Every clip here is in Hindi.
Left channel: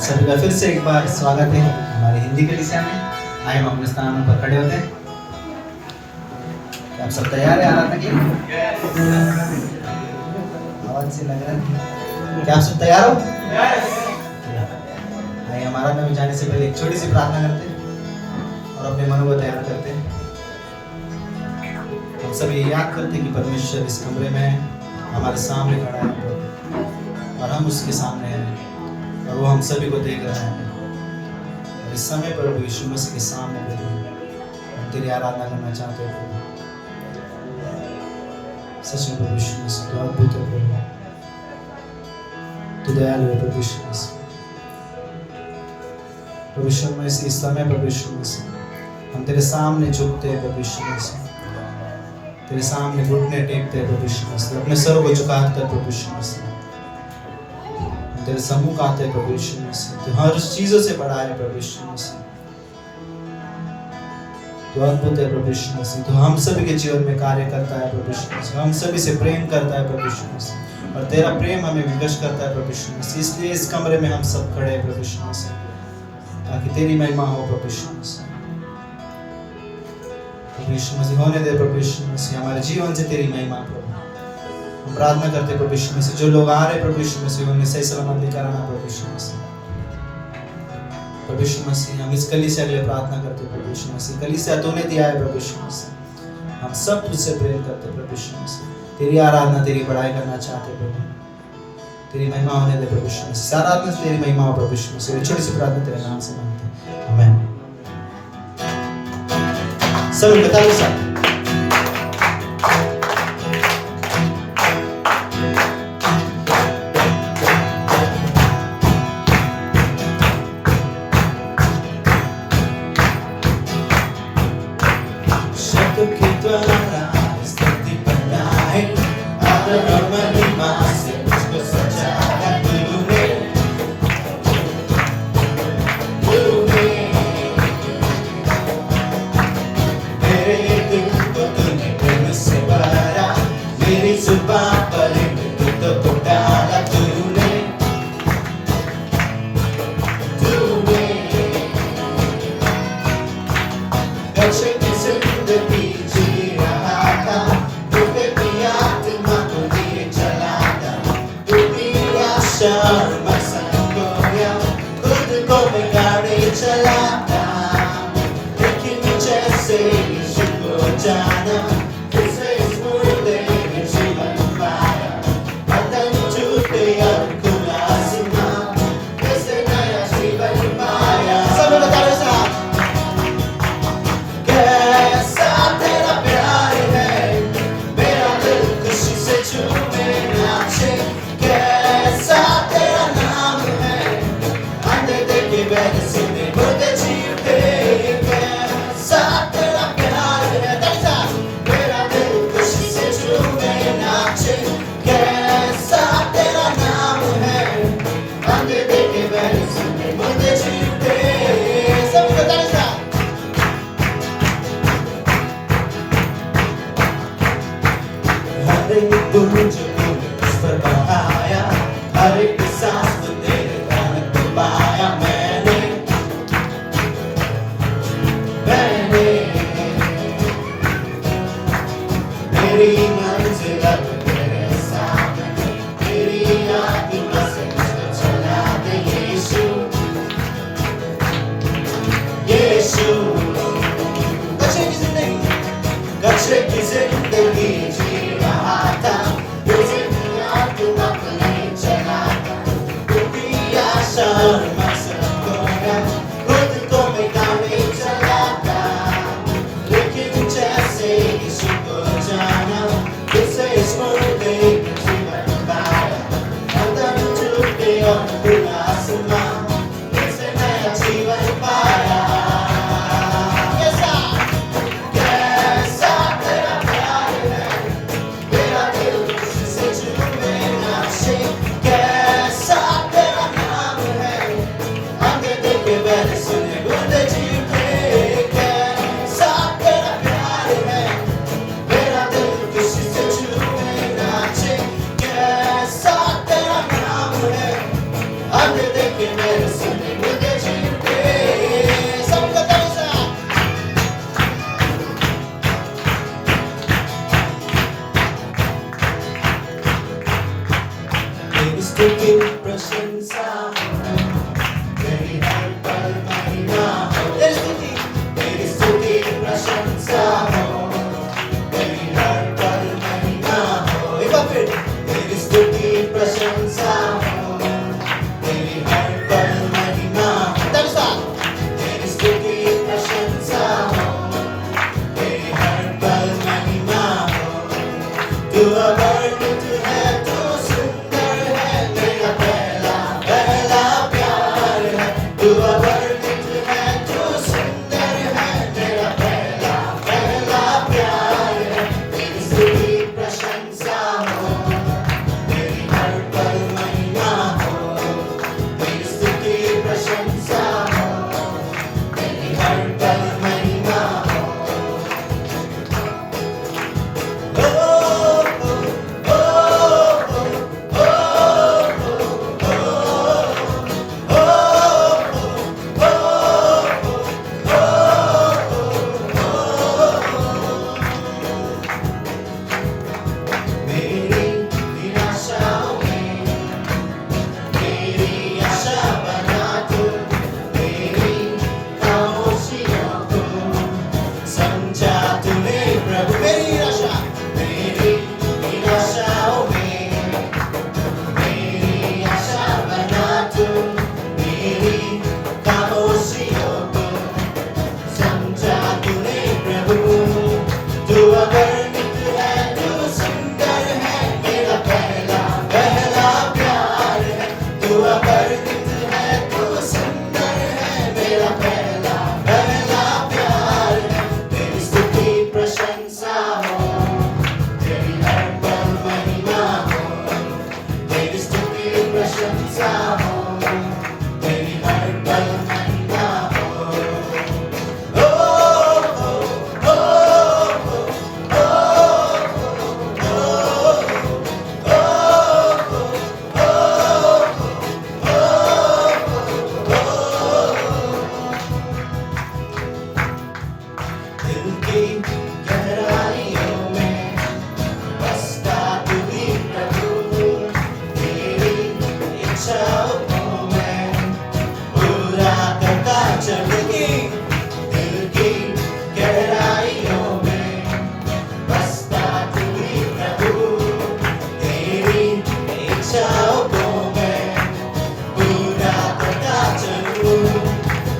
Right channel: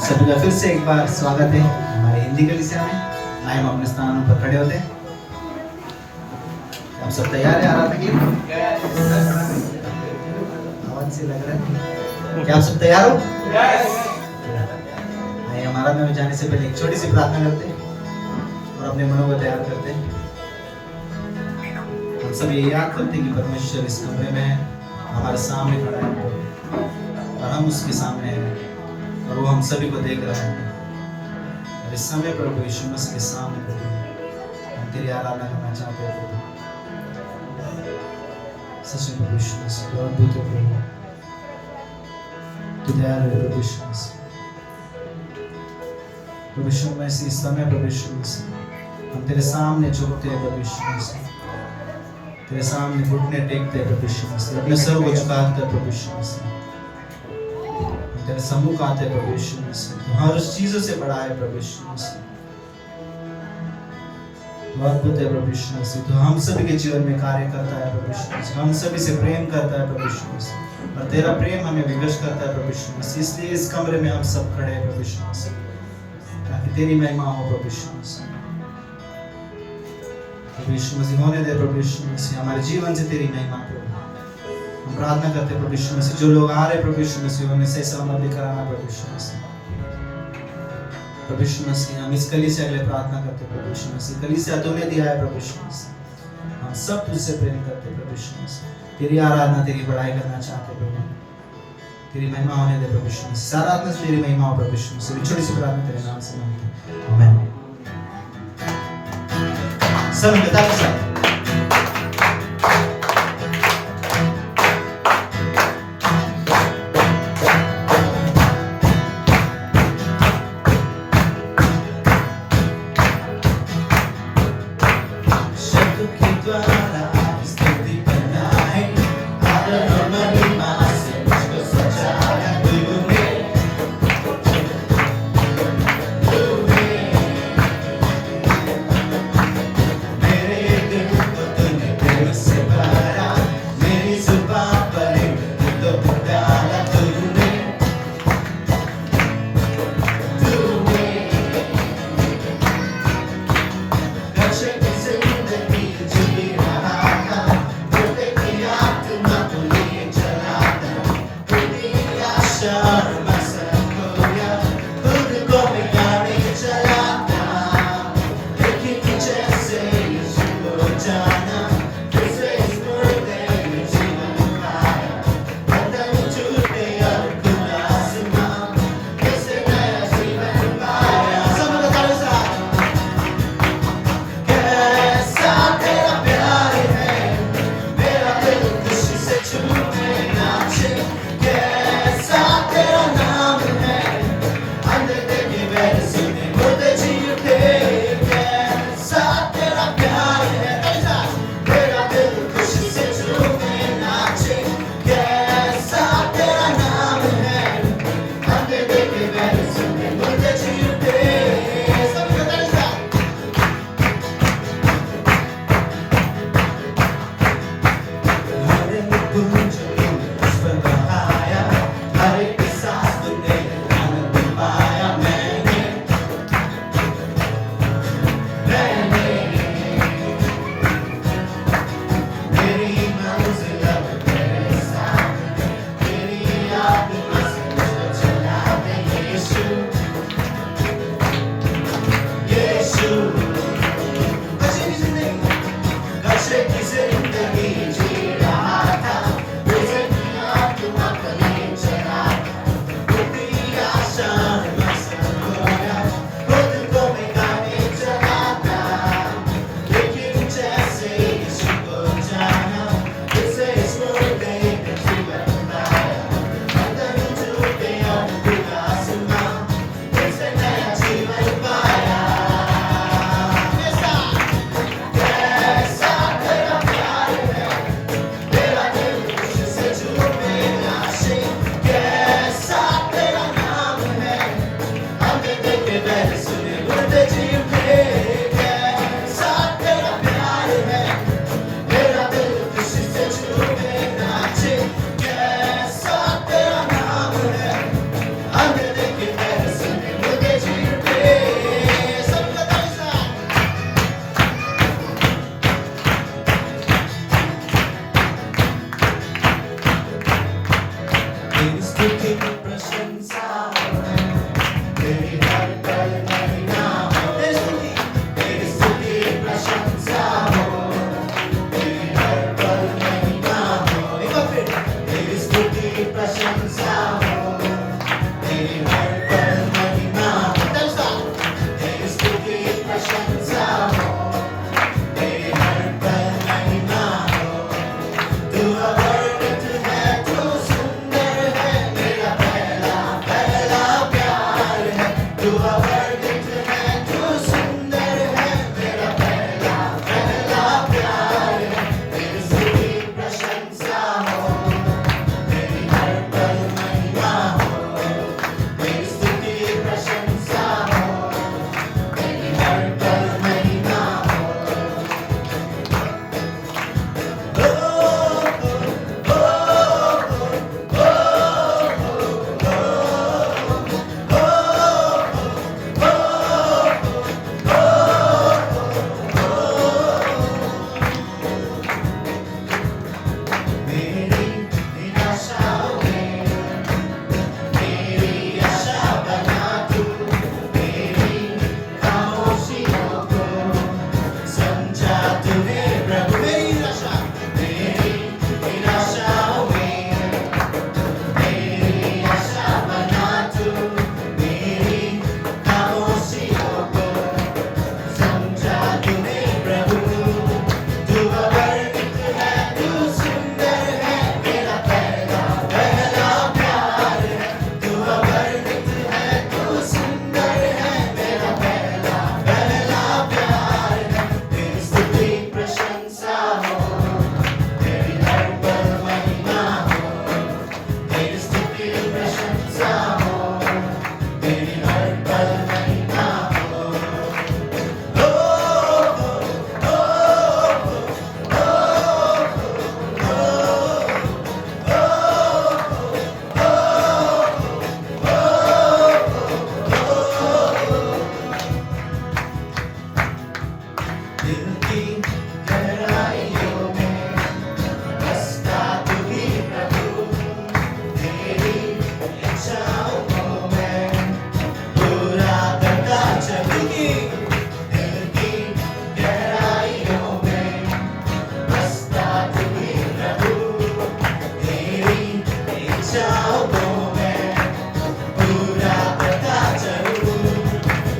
सभी का फिर से एक बार स्वागत है हमारे हिंदी कलीसिया में। आए हम अपने स्थानों पर खड़े होते हैं। क्या आप सब तैयार हैं आराधना के लिए? आवाज से लग रहा है। क्या आप सब तैयार हो? आइए हम आराधना में जाने से पहले एक छोटी सी प्रार्थना करते हैं और अपने मनों को तैयार करते हैं। हम सब ये याद करते हैं कि परमेश्वर इस कमरे में हमारे सामने खड़ा है और हम उसके सामने हैं और वो हम सभी को देख रहा है। और इस समय प्रभु यीशु मसीह के सामने प्रभु हम तेरी आराधना करना चाहते हैं प्रभु। सच में प्रभु यीशु मसीह तो अद्भुत है प्रभु, तू दयालु है प्रभु यीशु मसीह। प्रभु यीशु मसीह इस समय प्रभु यीशु मसीह हम तेरे सामने झुकते हैं प्रभु यीशु मसीह, तेरे सामने घुटने टेकते हैं प्रभु यीशु मसीह, अपने सर को झुकाते हैं प्रभु यीशु मसीह। तेरे सम्मुख आते हैं प्रभु यीशु मसीह, तू हर चीजों से बड़ा है प्रभु यीशु मसीह, तू अद्भुत है प्रभु यीशु मसीह। तू हम सभी के जीवन में कार्य करता है प्रभु यीशु मसीह, हम सभी से प्रेम करता है प्रभु यीशु मसीह और तेरा प्रेम हमें विवश करता है प्रभु यीशु मसीह। इसलिए इस कमरे में हम सब खड़े हैं प्रभु यीशु मसीह, ताकि तेरी महिमा हो प्रभु यीशु मसीह। प्रभु यीशु मसीह होने दे प्रभु यीशु मसीह, हमारे जीवन से तेरी महिमा प्रभु। हम प्रार्थना करते प्रभु यीशु मसीह, जो लोग आ रहे प्रभु यीशु मसीह उन्हें सही सलामत लेकर आना प्रभु यीशु मसीह। प्रभु यीशु मसीह हम इस कलीसिया के लिए प्रार्थना करते प्रभु यीशु मसीह, कलीसिया तूने दिया है प्रभु यीशु मसीह, हम सब तुझसे प्रेम करते प्रभु यीशु मसीह, तेरी आराधना तेरी बड़ाई करना चाहते प्रभु, तेरी महिमा होने दे प्रभु यीशु मसीह। आराधना से तेरी महिमा हो प्रभु यीशु मसीह। छोटी सी प्रार्थना तेरे नाम से मांगते हैं, आमीन। सब बता दो सब मेरे तेरी हर पल महिमा हो, तेरी स्तुति प्रशंसा हो, तेरी हर पल महिमा हो, एक बार फिर तेरी स्तुति प्रशंसा हो, तेरी हर पल महिमा हो, तेरी स्तुति प्रशंसा हो, तेरी हर पल महिमा हो। तू अवर्णित है, तू सुंदर है, मेरा पहला पहला प्यार है। तू अवर्णित है, तू सुंदर है, मेरा पहला पहला प्यार है। तेरी स्तुति प्रशंसा हो, तेरी हर पल महिमा हो, तेरी स्तुति प्रशंसा हो, तेरी हर पल महिमा हो। मेरी निराशाओं में मेरी आशा बना तू, मेरी खामोशियों को समझा तूने प्रभु। मेरी निराशाओं में मेरी आशा बना तू, मेरी खामोशियों को समझा तूने प्रभु। तू अवर्णित है, तू सुंदर है, मेरा पहला पहला प्यार है। तू अवर्णित है, तू सुंदर है, मेरा पहला पहला प्यार है। तेरी स्तुति प्रशंसा हो, तेरी हर पल महिमा हो, तेरी स्तुति प्रशंसा हो, तेरी हर पल महिमा हो। ओ ओ दिल की गहराइयों में बसता तू ही प्रभु, तेरी इच्छाओं को मैं पूरा करता चलूंगी। दिल की गहराइयों में बसता तू ही प्रभु, तेरी इच्छाओं को मैं पूरा करता चलूं।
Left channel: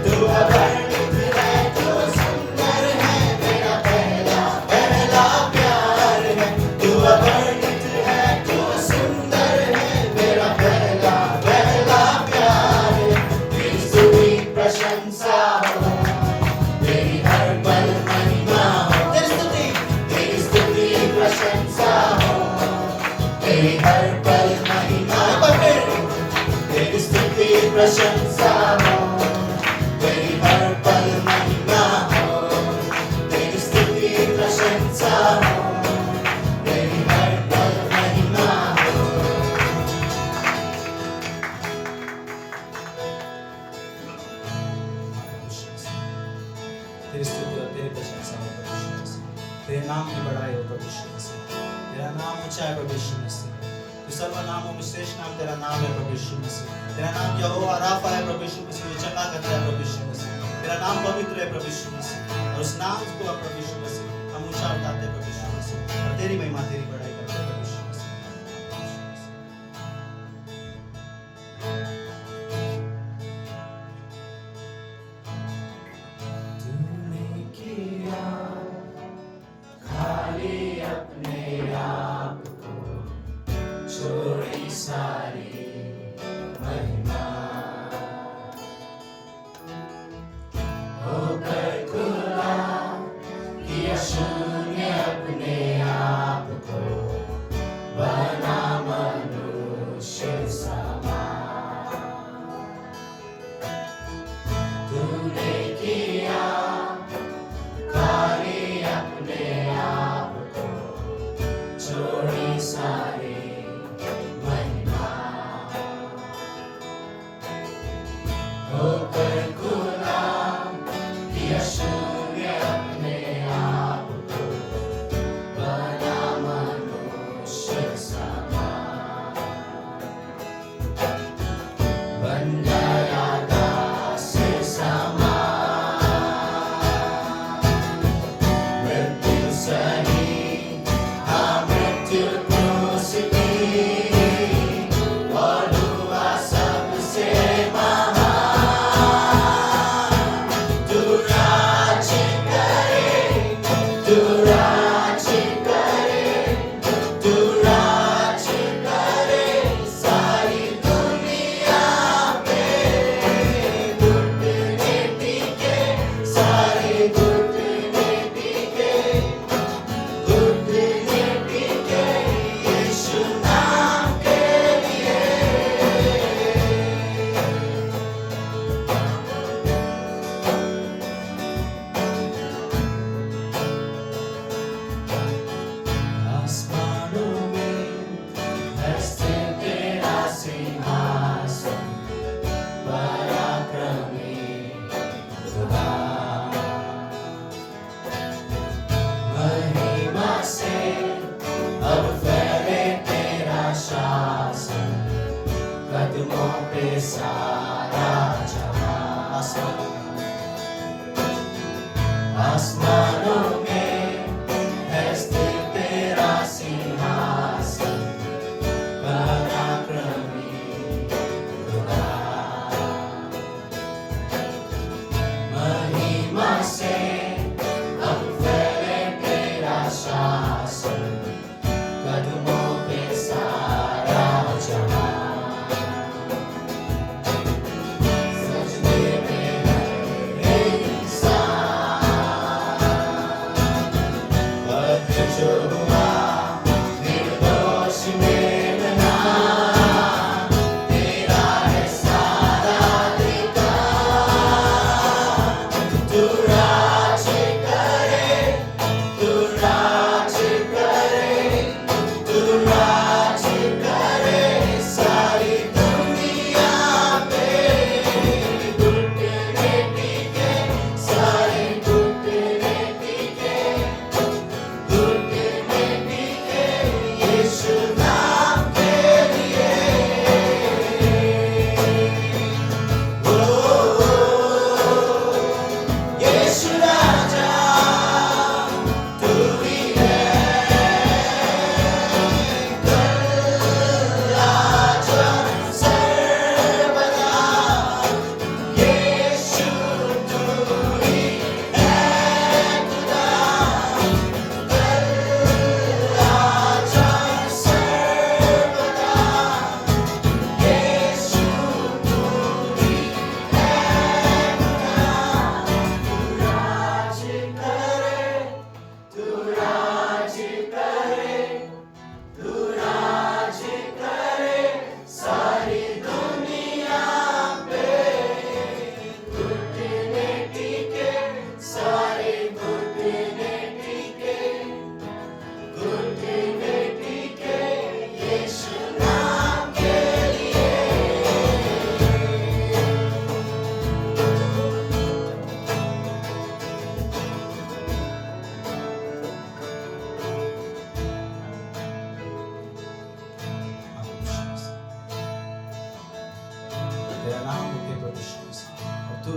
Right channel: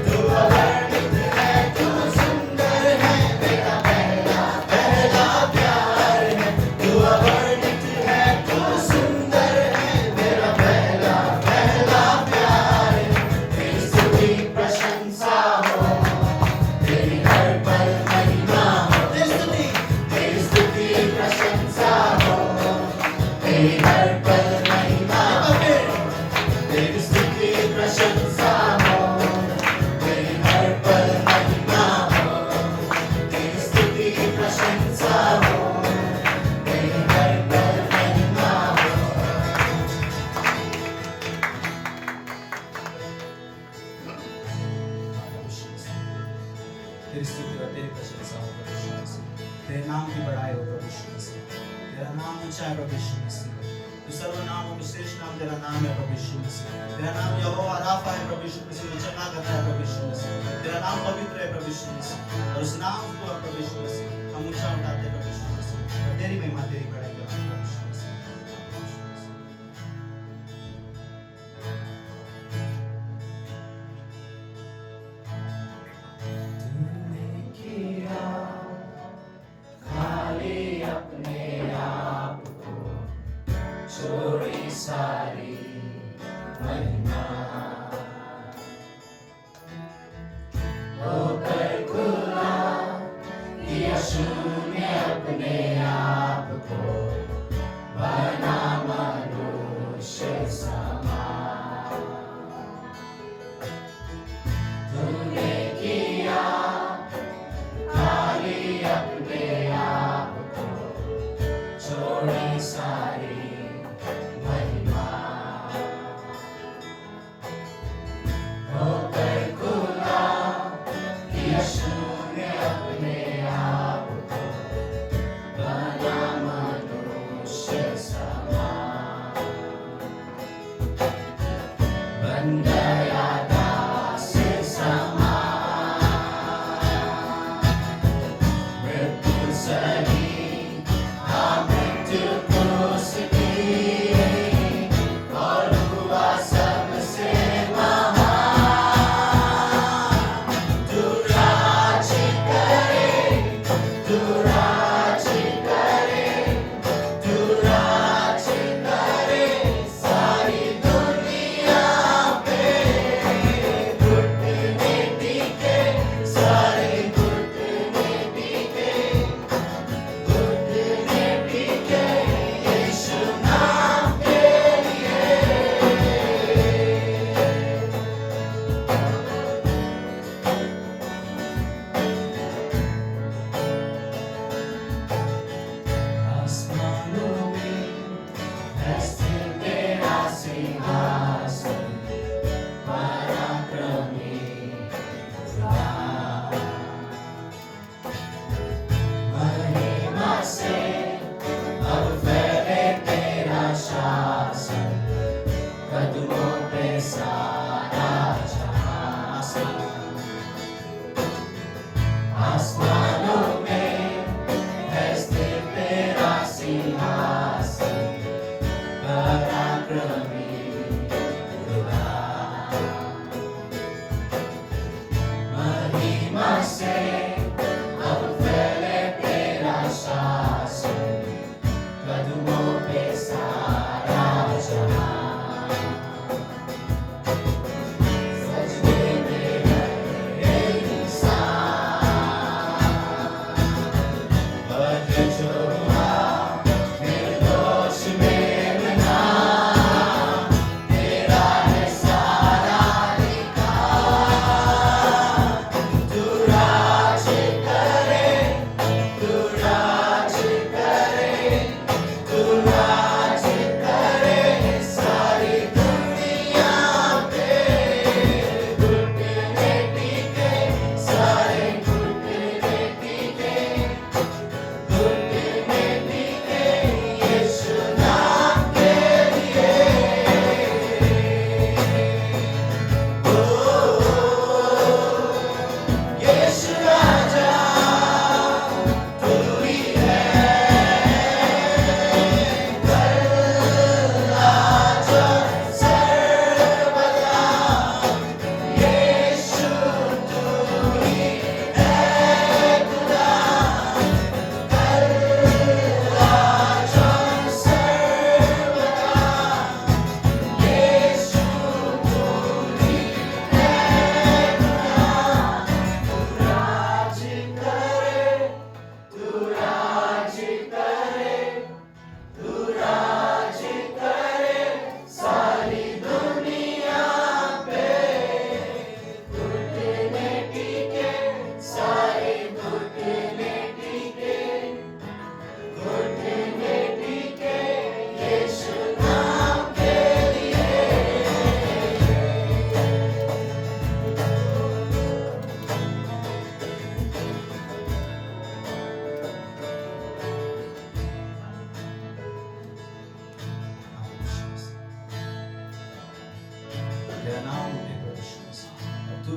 तू अवर्णित है, तू सुंदर है, मेरा पहला पहला प्यार है। तू अवर्णित है, तू सुंदर है, मेरा पहला पहला प्यार है। तेरी स्तुति प्रशंसा हो, तेरी हर पल महिमा हो, तेरी स्तुति प्रशंसा हो, तेरी हर पल महिमा हो। तेरी स्तुति प्रशंसा हो, तेरी हर पल महिमा हो, तेरी स्तुति प्रशंसा हो, तेरी हर पल महिमा हो। तेरी स्तुति और तेरी प्रशंसा हो प्रभु यीशु मसीह। तेरे नाम की बड़ाई हो प्रभु यीशु मसीह। तेरा नाम ऊंचा है प्रभु यीशु मसीह। तू सर्वनामों में श्रेष्ठ नाम तेरा नाम है प्रभु यीशु मसीह। तेरा नाम यहोवा राफा है प्रभु यीशु मसीह, जो चंगा करता है प्रभु यीशु मसीह। तेरा नाम पवित्र है प्रभु यीशु मसीह, और उस नाम को हम प्रभु यीशु मसीह हम ऊंचा उठाते हैं प्रभु यीशु मसीह, और तेरी महिमा तेरी बड़ाई करते हैं प्रभु यीशु मसीह। तूने किया खाली अपने आप को, छोड़ी सारी महिमा, होकर खुला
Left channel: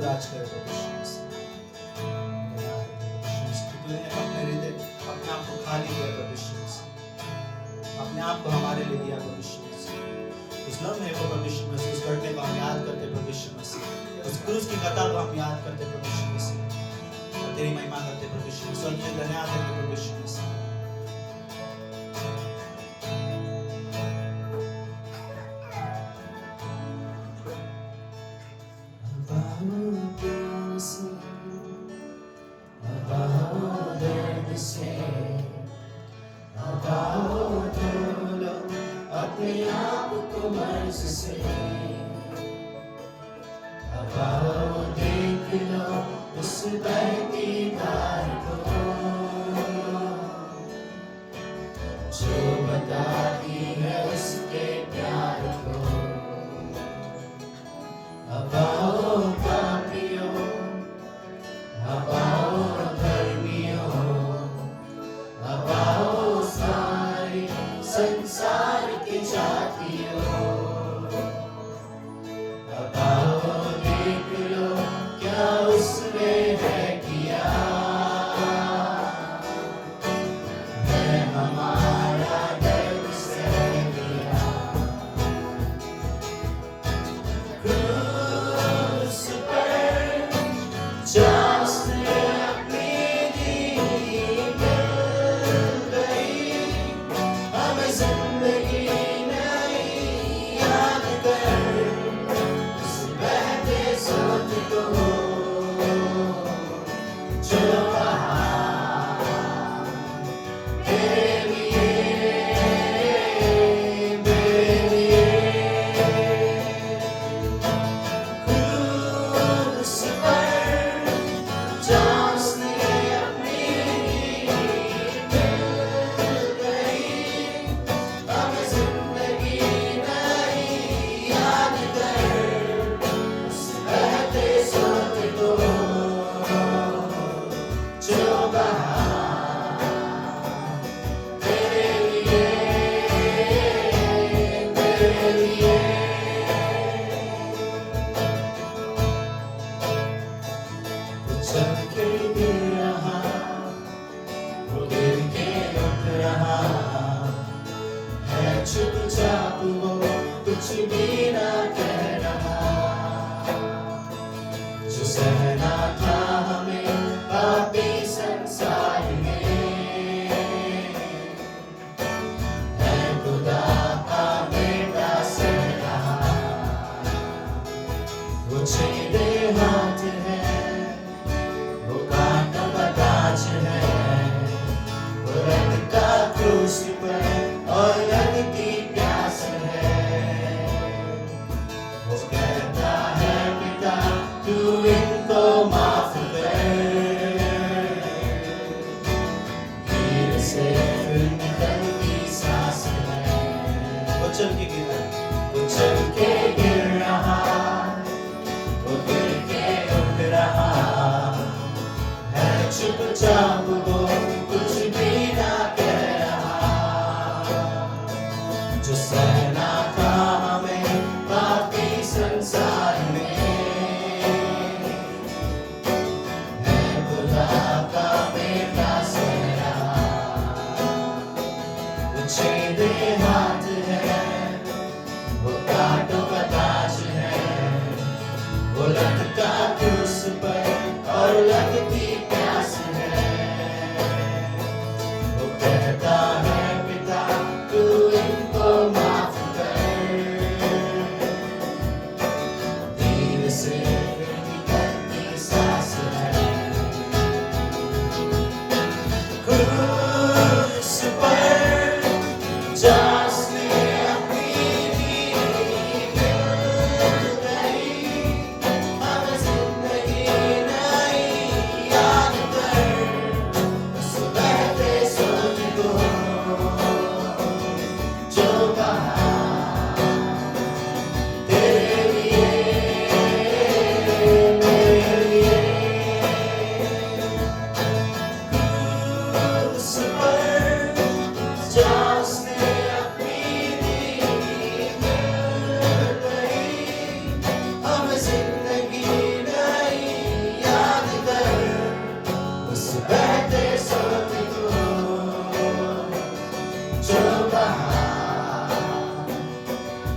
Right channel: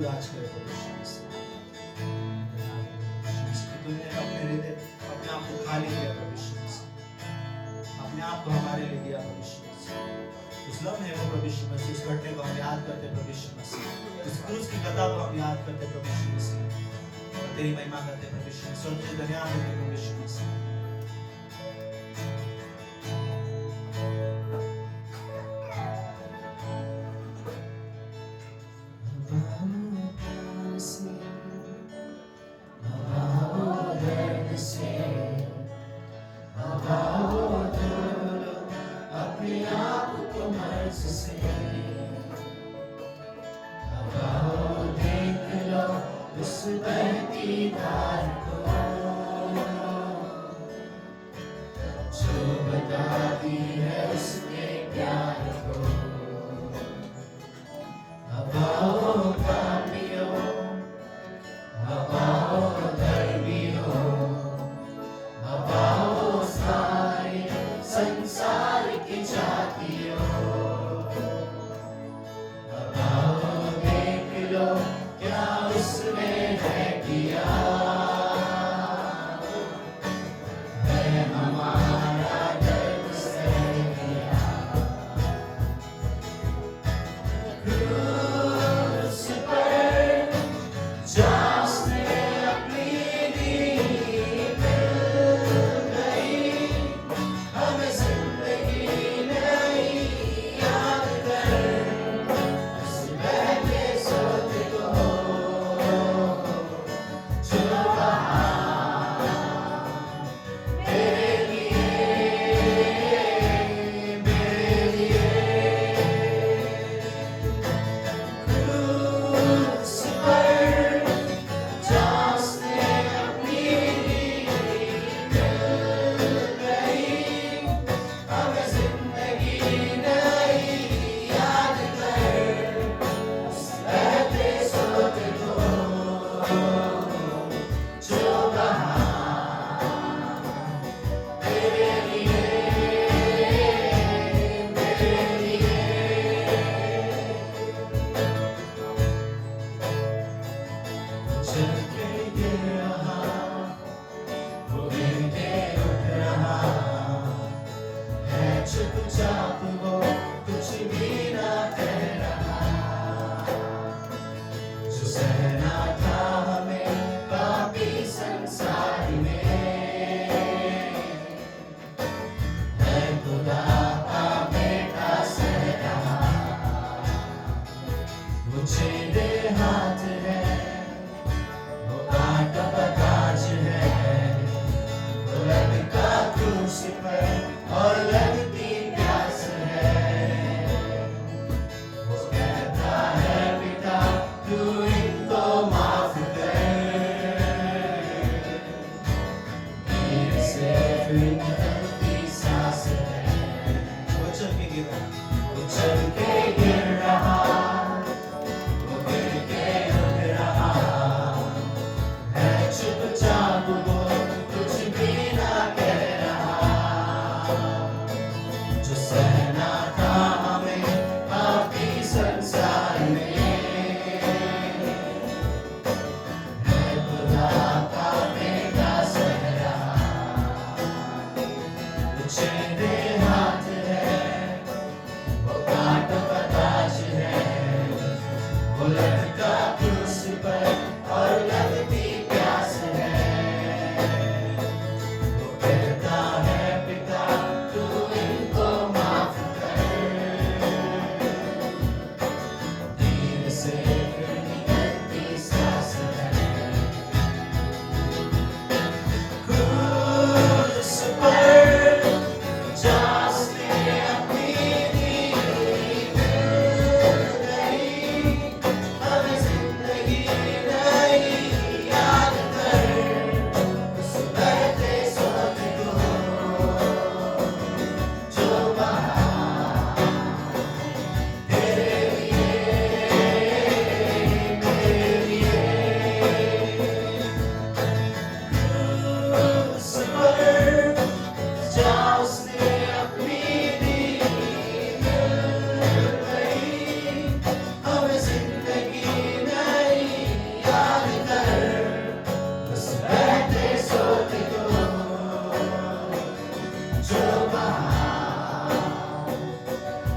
राज करे प्रभु यीशु मसीह। तूने अपने हृदय अपने आप को खाली किया प्रभु यीशु मसीह, अपने आप को हमारे लिए दिया प्रभु यीशु मसीह। उस लम्हे को प्रभु यीशु मसीह, उस घटने को हम याद करते प्रभु यीशु मसीह, उस क्रूस की कथा को हम याद करते प्रभु यीशु मसीह और तेरी महिमा करते प्रभु यीशु मसीह और तुझे धन्यवाद देते प्रभु यीशु मसीह। संसार की जातियों छेदे हाथ है, वो कांटों का ताज है, वो लटका क्रूस पर और लगती प्यास है। वो कहता है पिता तू इनको माफ कर, धीरे से फिर निकलती सांस है। वो चल के गिरा, वो चल के गिर रहा, वो गिर के उठ रहा है, चुपचाप वो कुछ भी ना कह रहा। जो सहना था हमें बाकी संसार में, है खुदा का बेटा सह रहा। वो छेदे हाथ है, वो कांटों का ताज है, वो लटका क्रूस पर और लगती प्यास है। वो कहता है पिता तू इनको माफ कर, धीरे से फिर निकलती सांस है। क्रूस पर जा उसने अपनी नींव गई, हमें जिंदगी नई याद कर, उस बहते सोच को जो बहा तेरे लिए मेरे लिए। क्रूस पर जा उसने अपनी नींव गई, हमें जिंदगी नई याद कर, उस बहते सोच को जो बहा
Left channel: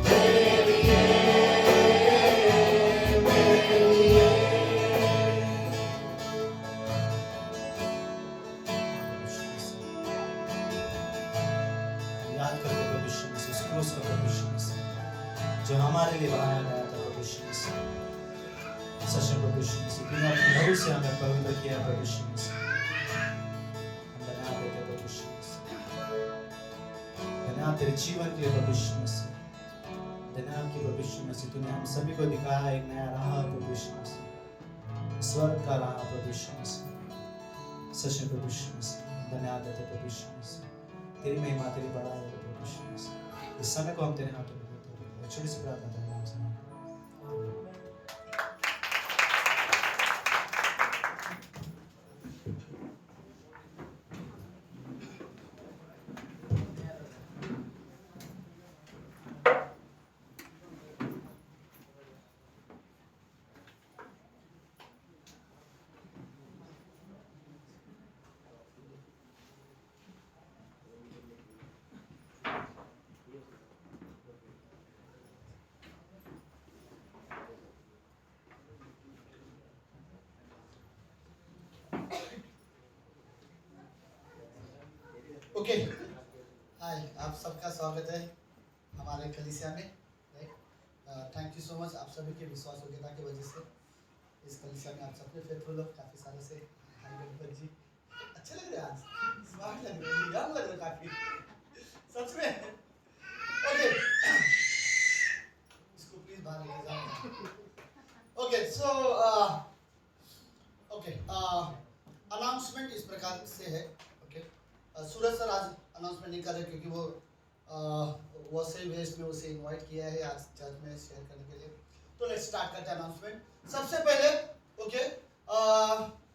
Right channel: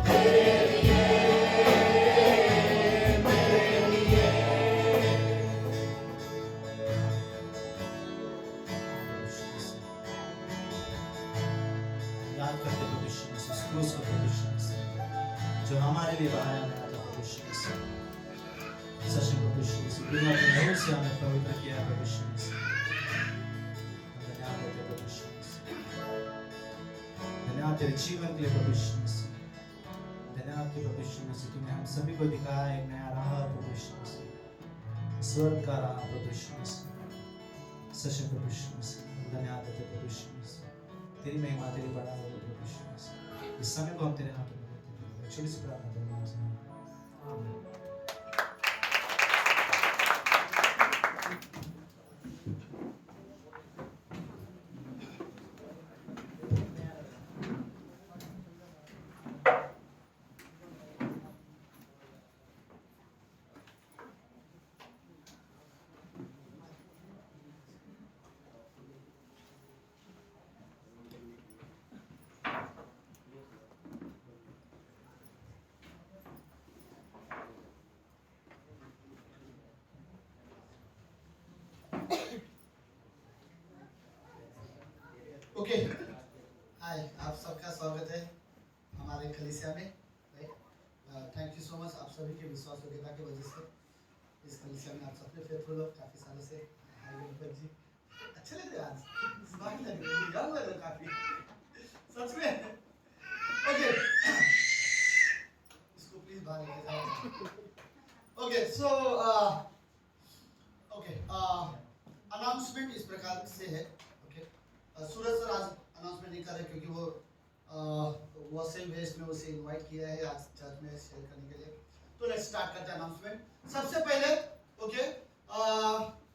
तेरे लिए मेरे लिए। याद करते प्रभु यीशु मसीह उस क्रूस को, प्रभु यीशु मसीह जो हमारे लिए बहाया गया था, प्रभु यीशु मसीह। सच में प्रभु यीशु मसीह तूने अपने लहू से हमें पवित्र किया, प्रभु यीशु मसीह। हम धन्यवाद देते हैं प्रभु यीशु मसीह, धन्यवाद तेरे जीवन के लिए प्रभु यीशु मसीह, धन्यवाद कि प्रभु यीशु मसीह तूने हम सभी को दिखाया एक नया राह, प्रभु यीशु मसीह, स्वर्ग का राह, प्रभु यीशु मसीह। सच में प्रभु यीशु मसीह धन्यवाद देते हैं प्रभु यीशु मसीह, तेरी महिमा तेरी बड़ाई हो प्रभु यीशु मसीह। इस समय को हम तेरे हाथों में देते हैं, छोटी सी प्रार्थना करते हैं। आमीन। ओके, हाय, आप सबका स्वागत है हमारे कलीसिया में। Right, thank you so much आप सभी के विश्वास योग्यता की वजह से इस कलीसिया में आप सबके फेथफुल हो काफ़ी सालों से। हाय गणपत जी, अच्छे लग रहे हैं आज, स्मार्ट लग रहे हैं, यंग लग रहे हैं काफ़ी, सच में। ओके, इसको प्लीज बाहर लेके जाओ। ओके, सो अनाउंसमेंट इस प्रकार से है। ओके, सूरज सर आज अनाउंसमेंट नहीं कर रहे क्योंकि वो वॉसेल वेस्ट में उसे इनवाइट किया है आज चर्च में शेयर करने के लिए। तो लेट्स स्टार्ट करते हैं अनाउंसमेंट। सबसे पहले ओके,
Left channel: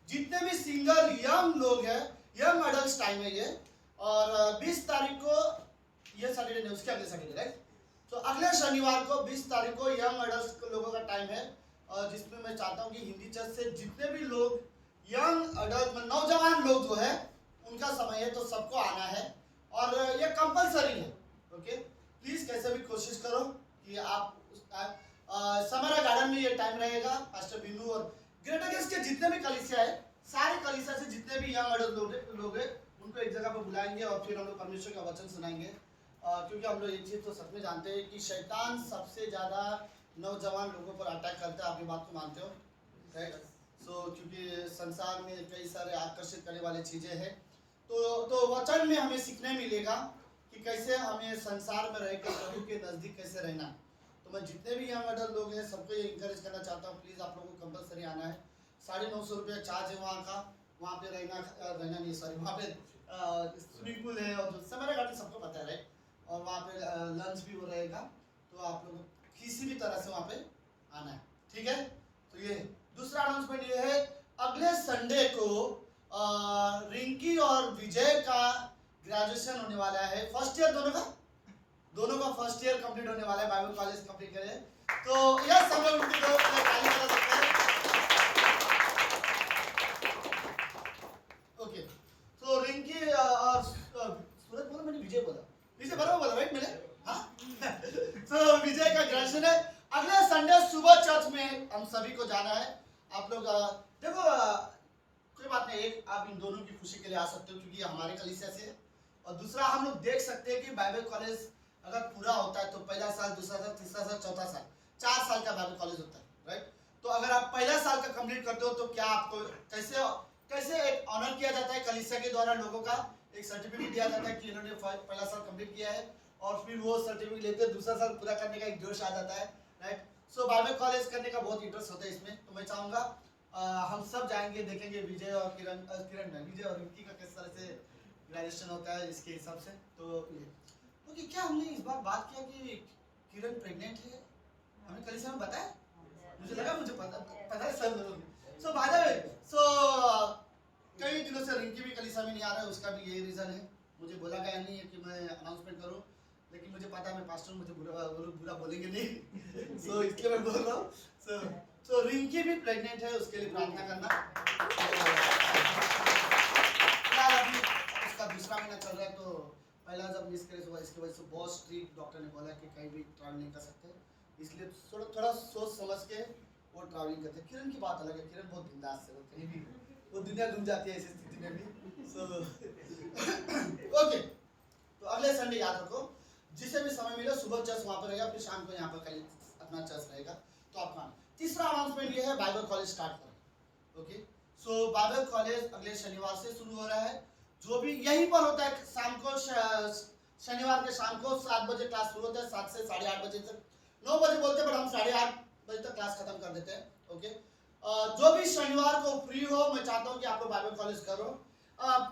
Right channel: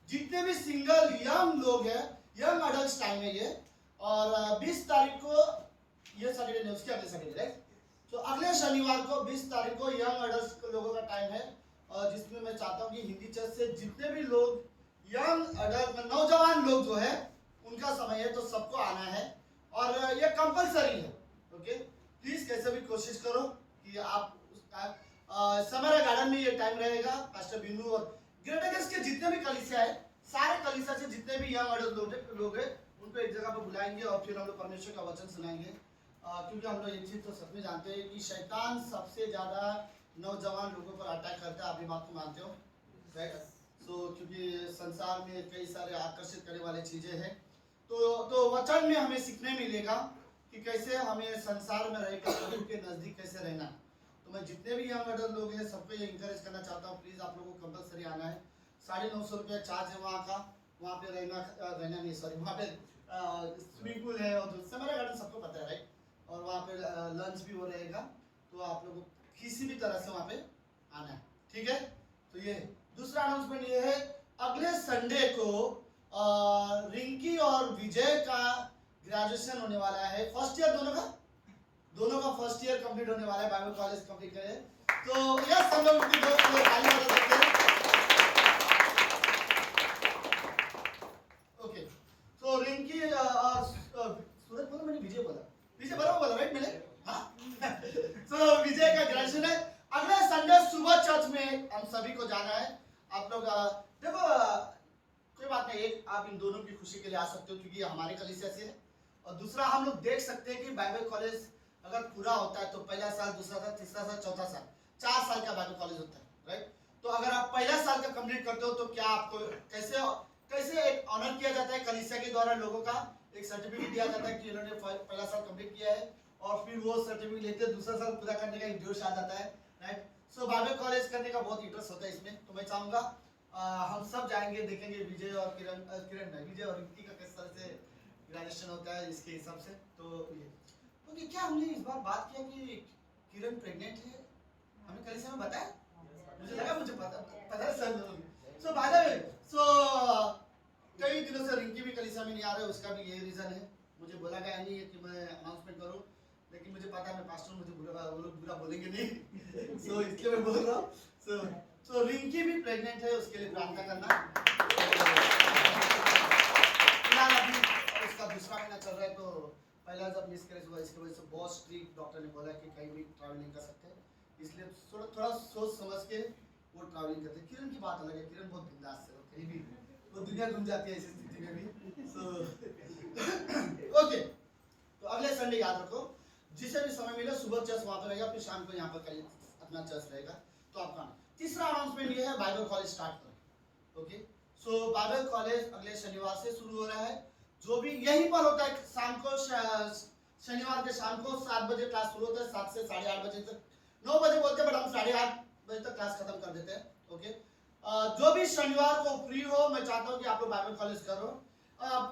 जितने भी सिंगल यंग लोग हैं, यंग अडल्ट टाइम है ये, और 20 तारीख को ये सैटरडे नहीं, उसके अगले सैटरडे, राइट। तो अगले शनिवार को 20 तारीख को यंग अडल्ट लोगों का टाइम है, जिसमें मैं चाहता हूँ कि हिंदी चर्च से जितने भी लोग यंग अडल्ट में नौजवान लोग जो है उनका समय है, तो सबको आना है और ये कंपलसरी है। ओके, प्लीज कैसे भी कोशिश करो कि आप समरा गार्डन में ये टाइम रहेगा। पास्टर बिनू और ग्रेटर गेट्स के जितने भी कलीसिया है, सारे कलीसिया से जितने भी यंग अडल्ट लोग हैं उनको एक जगह पर बुलाएंगे और फिर हम लोग परमेश्वर का वचन सुनाएंगे। क्योंकि हम लोग एक चीज़ तो सच में जानते हैं कि शैतान सबसे ज़्यादा नौजवान लोगों पर अटैक करता है, आप ये बात को मानते हो, राइट? सो क्योंकि संसार में कई सारे आकर्षित करने वाली चीज़ें हैं, तो वचन में हमें सीखने मिलेगा कि कैसे हमें संसार में रहकर प्रभु के नज़दीक कैसे रहना। तो मैं जितने भी यंग अडल्ट लोग हैं सबको ये इंकरेज करना चाहता हूँ, प्लीज़ आप लोगों को कंपलसरी आना है। 950 रुपये चार्ज है वहाँ का, वहाँ पे रहना नहीं, सॉरी, वहाँ पे स्विमिंग पूल है और समर गार्डन सबको पता है, राइट? और वहाँ पे लंच भी हो रहेगा, तो आप लोगों को किसी भी तरह से वहाँ पे आना है, ठीक है? तो ये दूसरा अनाउंसमेंट ये है, अगले संडे को रिंकी और विजय का ग्रेजुएशन होने वाला है, फर्स्ट ईयर दोनों का फर्स्ट ईयर कंप्लीट होने वाला है, बाइबल कॉलेज कंप्लीट करे। तो यस, हम लोग उनकी दो ताली बजा सकते हैं। ओके, तो रिंकी और सूरज बोला, मैंने विजय बोला, विजय बराबर बोला, राइट? मैंने, हाँ। तो विजय का ग्रेजुएशन है, अगले संडे सुबह चर्च में हम सभी को जाना है। आप लोग देखो, कोई बात नहीं, एक आप इन दोनों की खुशी के लिए आ सकते हो क्योंकि हमारे कलीसिया से है, और दूसरा हम लोग देख सकते हैं कि बाइबल कॉलेज अगर पूरा होता है तो पहला साल, दूसरा साल, तीसरा साल, चौथा साल, 4 साल का बाइबल कॉलेज होता है, राइट? तो अगर आप पहला साल का कंप्लीट करते हो तो क्या आपको कैसे एक ऑनर किया जाता है कलीसिया के द्वारा, लोगों का एक सर्टिफिकेट दिया जाता है कि इन्होंने पहला साल कंप्लीट किया है, और फिर वो सर्टिफिकेट लेते दूसरा साल पूरा करने का एक जोश आ जाता है, राइट? सो बाइबल कॉलेज करने का बहुत इंटरेस्ट होता है इसमें। तो मैं चाहूँगा हम सब जाएंगे, देखेंगे विजय और विजय और रिंकी का किस तरह से ग्रेजुएशन होता है इसके हिसाब से। तो ओके, क्या हमने इस बार बात किया कि किरण प्रेग्नेंट है? हमें कल से हमें बताया, मुझे लगा मुझे पता है sir. So by the way, so कई दिनों से रिंकी भी कलीसिया में नहीं आ रहा है, उसका भी यही रीजन है। मुझे बोला गया नहीं है कि मैं अनाउंसमेंट करूं, लेकिन मुझे पता है मैं पास्टर, मुझे बुरा बोलेंगे नहीं। सो इसलिए मैं बोल रहा हूँ। सो रिंकी भी प्रेग्नेंट है, उसके लिए प्रार्थना करना। फिलहाल अभी उसका दूसरा महीना चल रहा है, तो पहला जब मिसकैरेज हुआ इसकी वजह से बहुत स्ट्रिक्ट डॉक्टर ने बोला कि कहीं भी ट्रैवल नहीं कर सकते, इसलिए थोड़ा सोच समझ के वो ट्रैवलिंग करते हैं। किरण की बात अलग है, किरण बहुत बिंदास है, वो कहीं भी वो दुनिया घूम जाती है ऐसी स्थिति में भी। सो ओके, तो अगले संडे याद रखो, जिसे भी समय मिले सुबह चर्च वहाँ पर रहेगा, फिर शाम को यहाँ पर कल अपना चर्च रहेगा, तो आपका। तीसरा अनाउंसमेंट ये है, बाइबल कॉलेज स्टार्ट करें। ओके, सो बाइबल कॉलेज अगले शनिवार से शुरू हो रहा है, जो भी यहीं पर होता है शाम को, शनिवार के शाम को 7 बजे क्लास शुरू होता है, 7 से 8:30 बजे तक, 9 बजे बोलते हैं बट हम 8:30 बजे तक क्लास खत्म कर देते हैं। ओके, जो भी शनिवार को फ्री हो, मैं चाहता हूँ कि आप लोग बाइबल कॉलेज करो।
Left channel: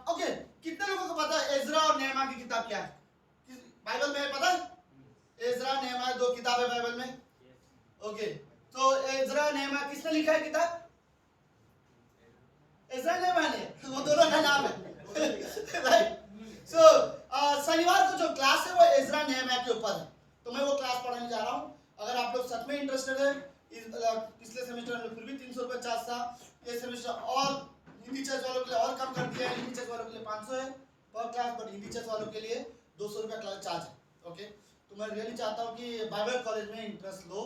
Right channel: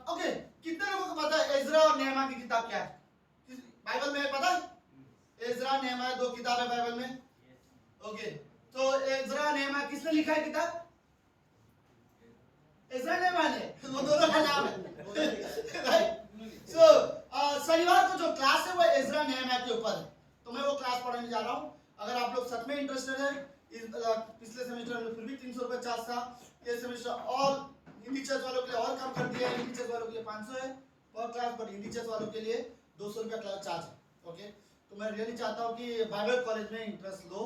ओके, कितने लोगों को पता है एजरा और नेहमा की किताब क्या है? बाइबल में पता है? एजरा नेहमा 2 किताब है बाइबल में। ओके, तो एजरा नेहमा किसने लिखा है किताब? एजरा नेहमा ने, वो दोनों का नाम है। राइट? सो शनिवार को जो क्लास है वो एजरा नेहमा के ऊपर है, तो मैं वो क्लास पढ़ाने जा रहा हूँ। अगर आप लोग सच में इंटरेस्टेड है, पिछले सेमेस्टर में फिर भी 300 रुपये चार्ज था, ये सेमेस्टर और हिंदी चर्च वालों के लिए और कम कर दिया है, हिंदी चर्च वालों के लिए 500 है पर क्लास, बट हिंदी चर्च वालों के लिए 200 रुपये क्लास चार्ज है। ओके, तो मैं रियली चाहता हूँ कि बाइबल कॉलेज में इंटरेस्ट लो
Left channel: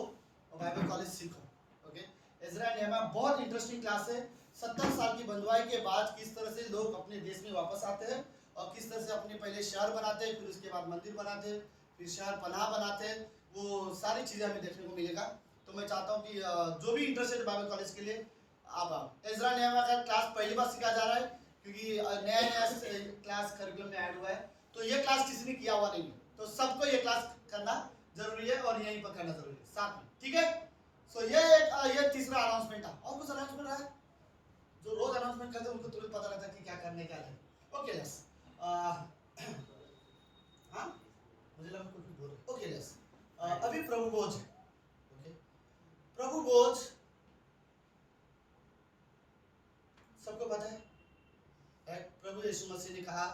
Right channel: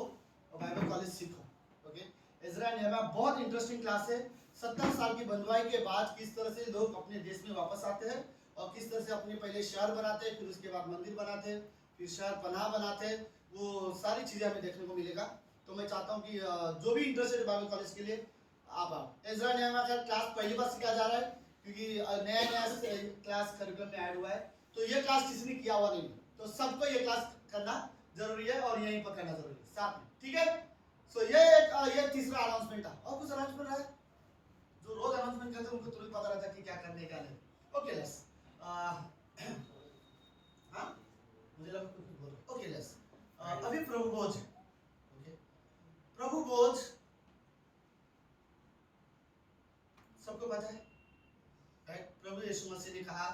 और बाइबल कॉलेज सीखो। ओके, एजरा नेहमा बहुत इंटरेस्टिंग क्लास है। 70 साल की बंधुआई के बाद किस तरह से लोग अपने देश में वापस आते हैं और किस तरह से अपने पहले शहर बनाते हैं, फिर उसके बाद मंदिर बनाते हैं, फिर शहर पनाह बनाते हैं, वो सारी चीज़ें हमें देखने को मिलेगा। तो मैं चाहता हूँ कि जो भी इंटरेस्टेड है बाइबल कॉलेज के लिए आप आओ। एजरा नेहमा का क्लास पहली बार सिखाया जा रहा है क्योंकि नया क्लास करिकुलम में ऐड हुआ है, तो ये क्लास किसी ने किया हुआ नहीं है, तो सबको ये क्लास करना जरूरी है और यहीं पर करना जरूरी है साथ में, ठीक है? सो ये तीसरा अनाउंसमेंट था। और कुछ अनाउंसमेंट है जो रोज अनाउंसमेंट करते हैं उनको तुरंत पता रहता है कि क्या करने क्या नहीं। ओके लेट्स हाँ, मुझे लगा कुछ बोल। ओके लेट्स अभी प्रभु भोज है। ओके, प्रभु भोज सबको पता है, राइट? प्रभु यीशु मसीह ने कहा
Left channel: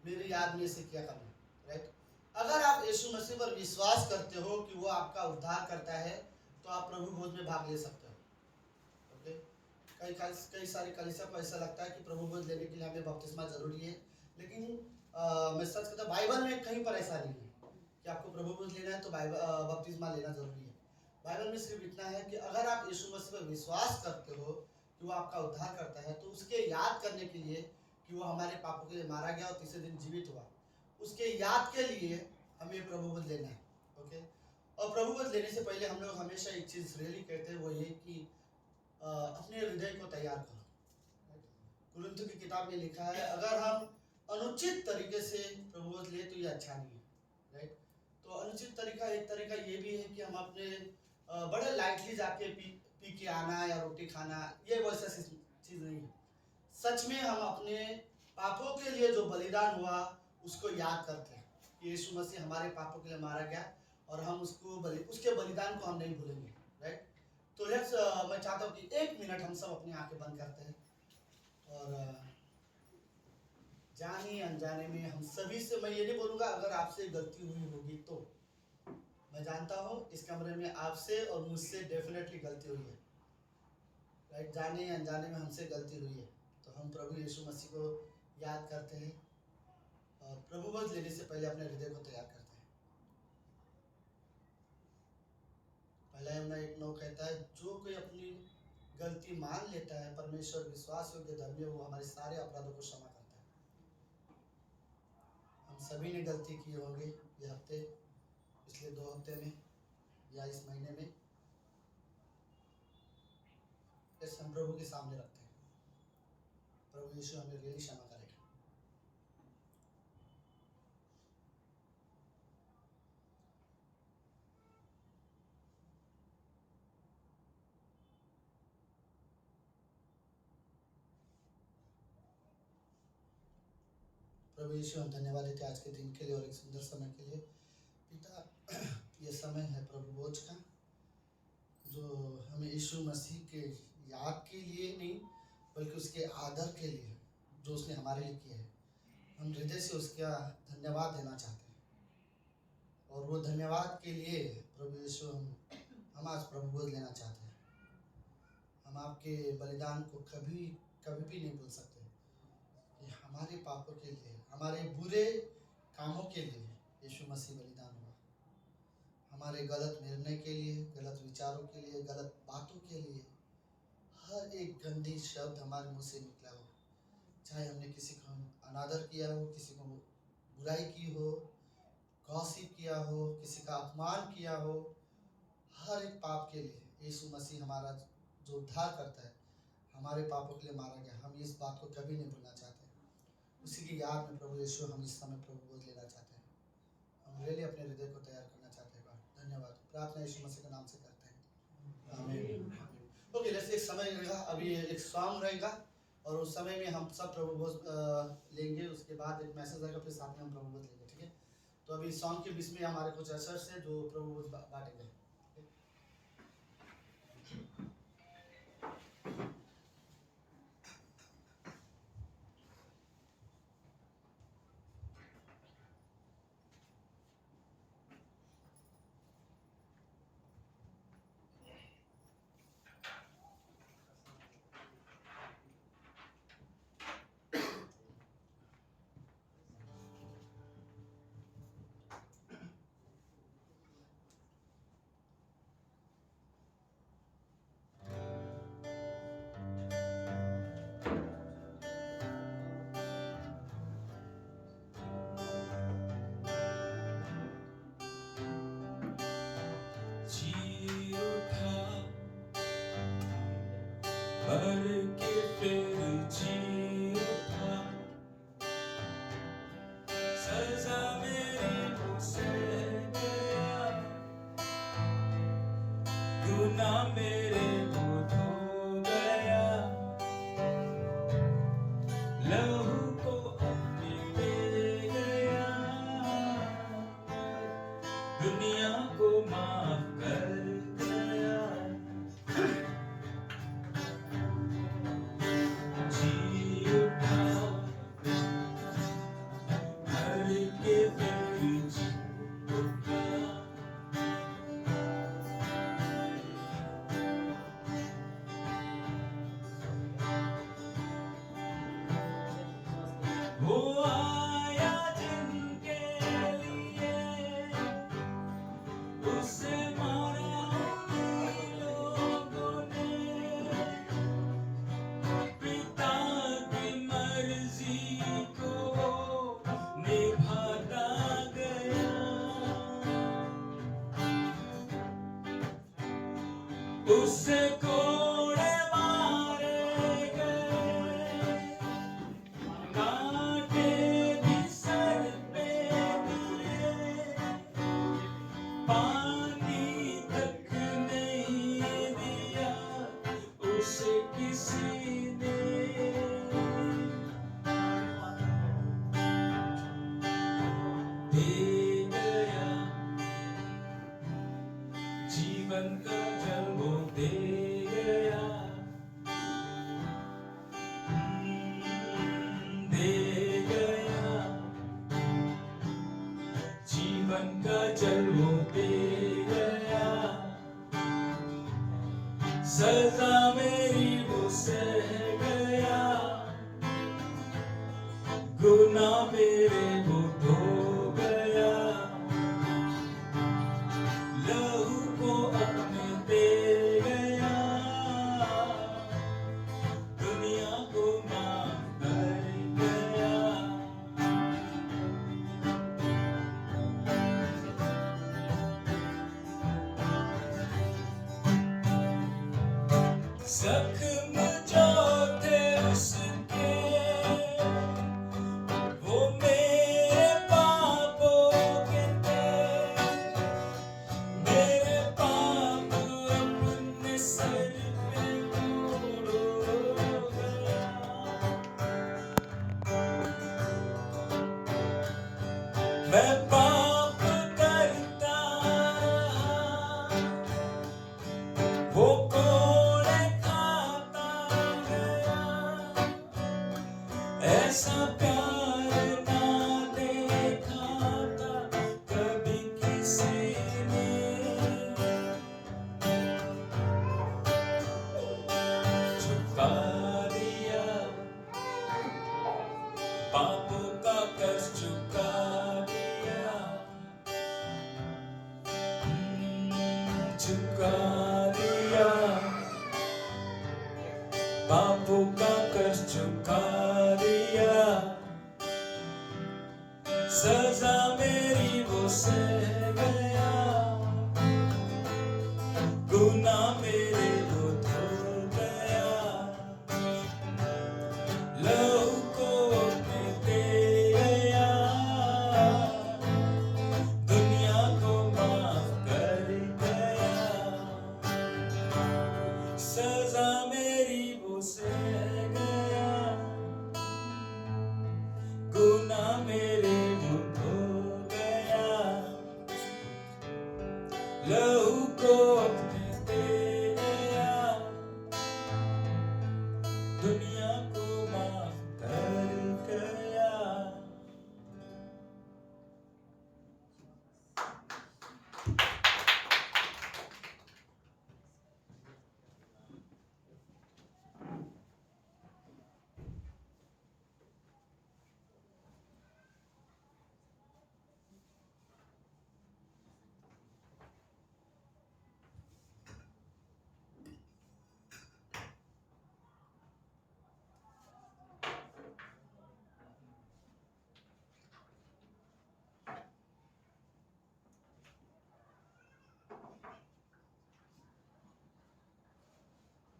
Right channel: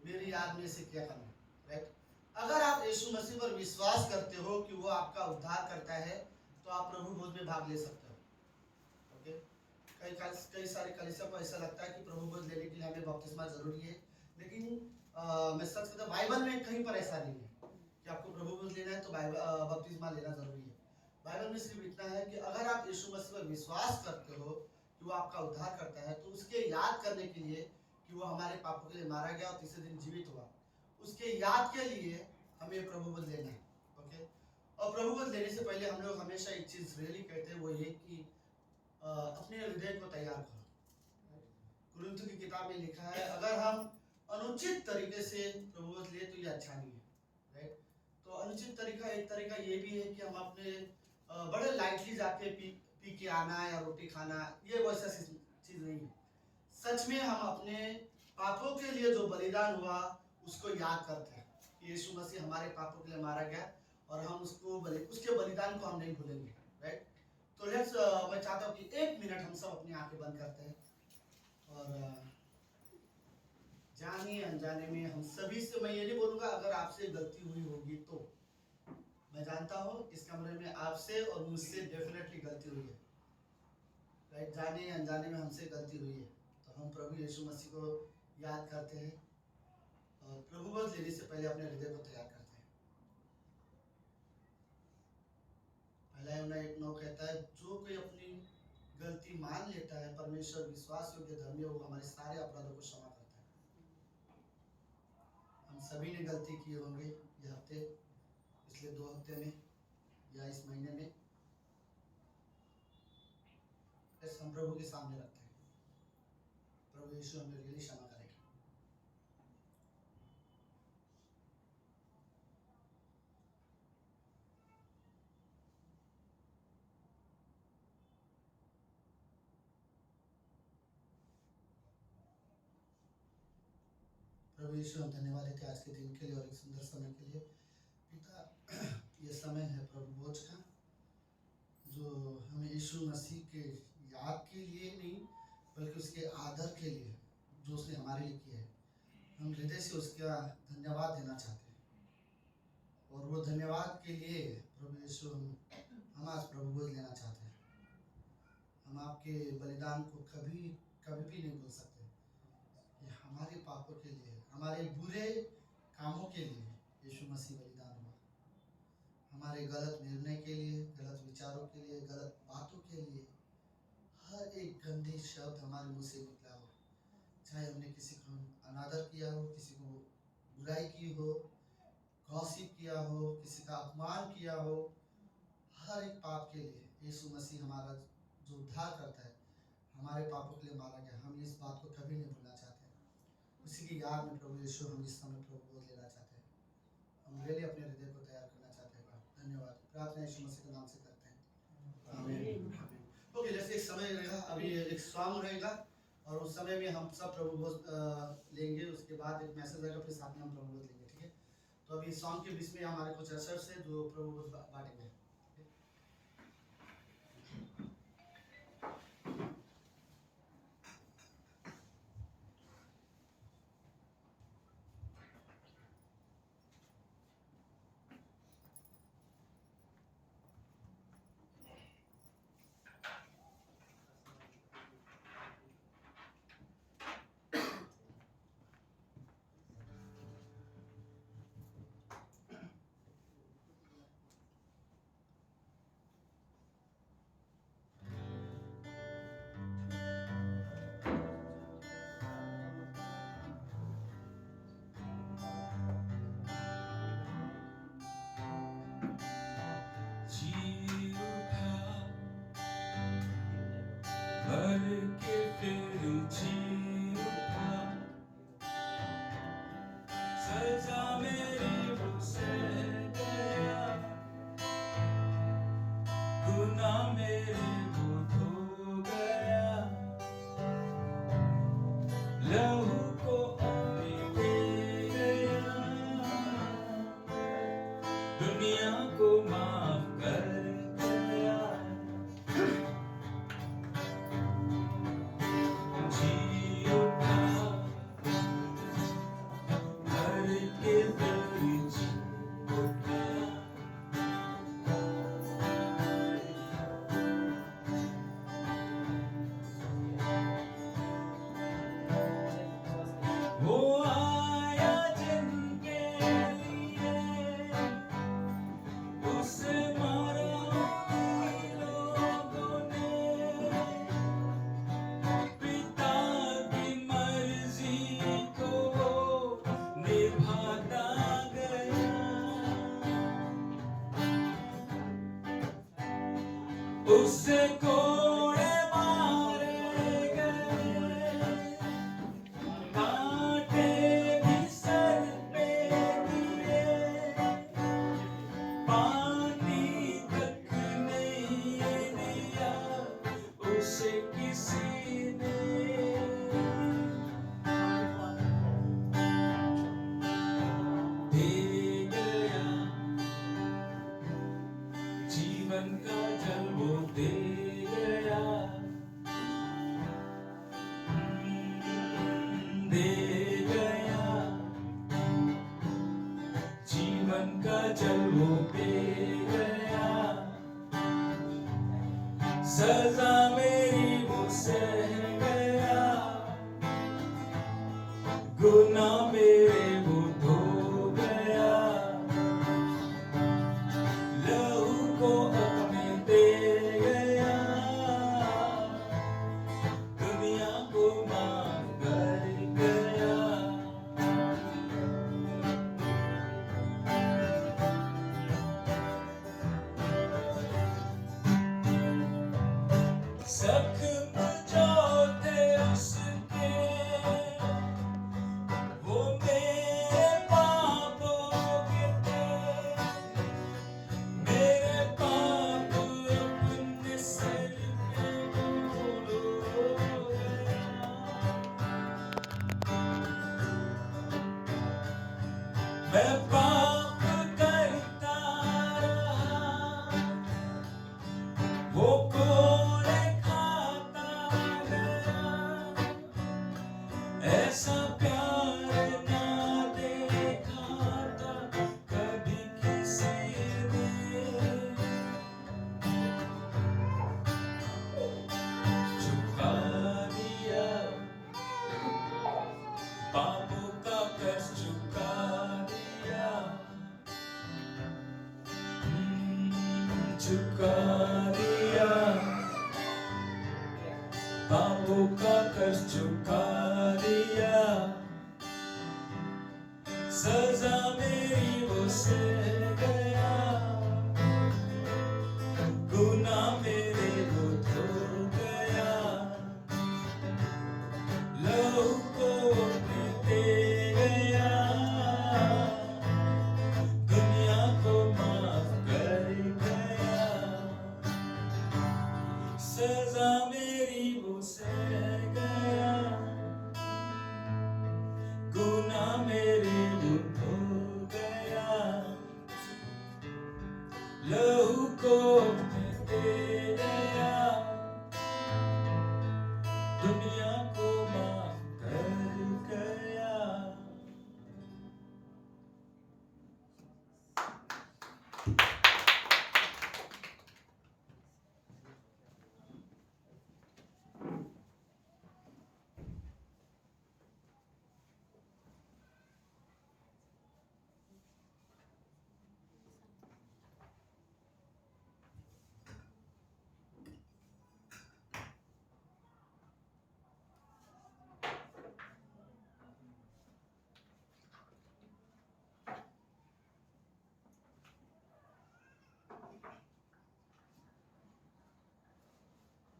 मेरी याद में से क्या करना है, राइट? अगर आप यीशु मसीह पर विश्वास करते हो कि वो आपका उद्धार करता है, तो आप प्रभु भोज में भाग ले सकते हो। ओके, कई सारे कलीसिया को ऐसा लगता है कि प्रभु भोज लेने के लिए हमें बपतिस्मा जरूरी है, लेकिन मैं सच कहता हूं बाइबल में कहीं पर ऐसा नहीं है कि आपको प्रभु भोज लेना है तो बपतिस्मा लेना जरूरी है। बाइबल में सिर्फ इतना है कि अगर आप यीशु मसीह पर विश्वास करते हो कि वो आपका उद्धार करता है, तो उसके याद करने के लिए कि वो हमारे पापों के लिए मारा गया और तीसरे दिन जीवित हुआ, उसके याद के लिए हमें प्रभु भोज लेना है। ओके, और प्रभुपद लेने से पहले हम लोग हमेशा एक चीज़ रियली कहते हैं, वो ये कि अपने हृदय को तैयार करो। कुरिन्थियों की किताब में लिखा है, अगर हम अनुचित तरीके से प्रभुपद ले तो ये अच्छा नहीं है, राइट। तो अनुचित तरीका, एक तरीका ये भी है कि हम अपने बड़े लाइटली जाके पी के आना या रोटी खाना, ये वैसा चीज़ नहीं है। सच में हम अपने पापों के लिए जो बलिदान हुआ उसको याद करते हैं कि यीशु मसीह हमारे पापों के लिए मारा गया, और हम उसके बलिदान को हम नहीं भूलेंगे, राइट। तो मैं चाहता हूँ कि 1 मिनट हम सब अपनी आंखें बंद करते हैं, और जाने अनजाने में हम सभी से, मैं ये नहीं बोलूँगा अगर आपसे गलती हुई होगी तो, मैं जानता हूँ इस कमरे में आपसे और मुझसे डेफिनेटली गलती हुई है, राइट। जाने अनजाने में हमसे गलती हुई है, तो हम प्रभु यीशु मसीह को याद करते हैं और प्रभुपद लेने से पहले अपने हृदय को तैयार करते हैं। पहला यूहन्ना 1:9 कहता है, जो कोई अपनी गलती मान लेता है, परमेश्वर विश्वास योग्य धर्मी, वो हमारे सारे अपराधों को क्षमा करता है। हम सभी ने गलती की होगी ये हफ्ते, पिछले 2 हफ्ते में या इस महीने में, इस हम प्रभु के सामने रखते हैं। प्रभु यीशु हमें रियली क्षमा करेगा। प्रभु यीशु, हम धन्यवाद देते हैं आज के दिन के लिए और एक सुंदर समय के लिए। पिता, ये समय है प्रभु बोझ का, जो हमें यीशु मसीह के याद के लिए नहीं बल्कि उसके आदर के लिए जो उसने हमारे लिए किया है, हम हृदय से उसका धन्यवाद देना चाहते हैं। और वो धन्यवाद के लिए प्रभु यीशु हम आज प्रभु बोझ लेना चाहते हैं। हम आपके बलिदान को कभी कभी भी नहीं भूल सकते कि हमारे पापों के लिए, हमारे बुरे कामों के लिए यीशु मसीह बलिदान हुआ। हमारे गलत निर्णय के लिए, गलत विचारों के लिए, गलत बातों के लिए, हर एक गंदी शब्द हमारे मुंह से निकला हो, चाहे हमने किसी को अनादर किया हो, किसी को बुराई की हो, गॉसिप किया हो, किसी का अपमान किया हो, हर एक पाप के लिए यीशु मसीह हमारा जो उद्धार करता है, हमारे पापों के लिए मारा गया। हम इस बात को कभी नहीं भूलना चाहते। उसी की याद में प्रभु यीशु हम इस समय प्रभु बोझ लेना चाहते हैं। हम रियली अपने हृदय को तैयार करना चाहते हैं। धन्यवाद। प्रार्थना यीशु मसीह के नाम से करते हैं, आमीन। ओके, जैसे एक समय रहेगा, अभी एक सॉन्ग रहेगा और उस समय में हम सब प्रभु बोझ लेंगे। उसके बाद एक मैसेज आएगा, फिर साथ में हम प्रभु बोझ लेंगे, ठीक है। तो अभी सॉन्ग के बीच में हमारे कुछ असर्स है जो प्रभु बोझ बांटेंगे। मर के फिर जी उठा, सजा मेरी वो सह गया, गुनाह मेरे वो धो गया, लहू को अपने दे गया, दुनिया को माफ कर गया। जी उससे कोड़े मारे गए, कांटे भी सर पे दिए, पानी तक नहीं दिया उसे किसी ने। दे गया जीवन का जल वो दे गया, दे गया जीवन का जल वो दे गया, सजा मेरी वो सह गया, गुनाह मेरे वो धो गया, लहू को अपने दे गया, दुनिया को माफ कर गया। जख्म जो थे उसके वो मेरे पापों के थे, मेरे पाप अपने सर पे मोड़ गया। मैं पाप करता रहा, वो कोड़े खाता गया, ऐसा प्यार ना देखा था कभी किसी ने। चुका दिया पापों का कर्ज, चुका दिया, चुका दिया पापों का कर्ज, चुका दिया, सजा मेरी वो सह गया, गुनाह मेरे वो धो गया, लहू को अपने दे गया, दुनिया को माफ कर गया, सजा मेरी वो सह गया, गुनाह मेरे वो धो गया, लहू को अपने दे गया, दुनिया को माफ कर गया।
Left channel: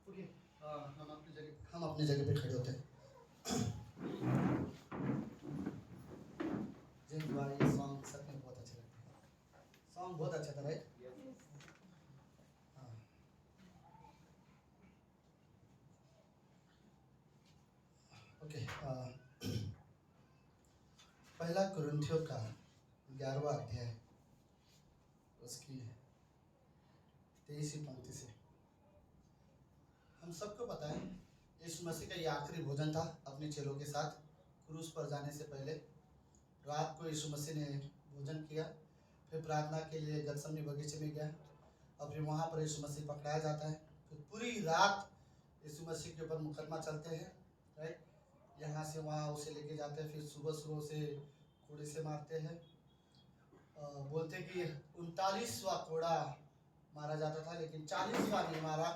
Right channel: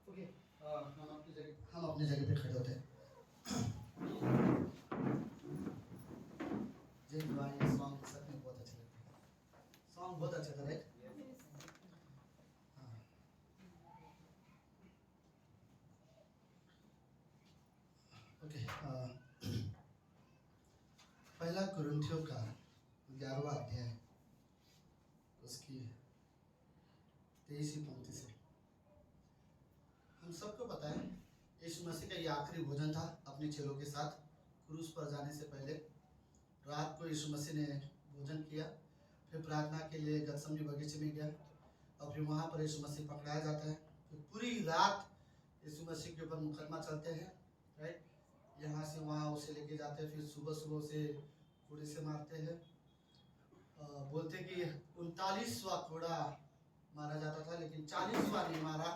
ओके, हम अपनी जगह पे खड़े होते हैं। जी भाई, सॉन्ग सच में बहुत अच्छा लगता है, सॉन्ग बहुत अच्छा था, राइट? हाँ। ओके, पहला कुरिन्थियों का 11वां अध्याय उसकी 23वीं पंक्ति से। हम सबको पता है यीशु मसीह का ये आखिरी भोजन था अपने चेलों के साथ। क्रूस पर जाने से पहले रात को यीशु मसीह ने भोजन किया, फिर प्रार्थना के लिए गतसमनी बगीचे में गया और फिर वहाँ पर यीशु मसीह पकड़ाया जाता है। फिर पूरी रात यीशु मसीह के ऊपर मुकदमा चलते हैं, राइट? यहाँ से वहाँ उसे लेके जाते हैं, फिर सुबह सुबह उसे कोड़े से मारते हैं। बोलते हैं कि 39वां कोड़ा मारा जाता था, लेकिन 40वां नहीं मारा,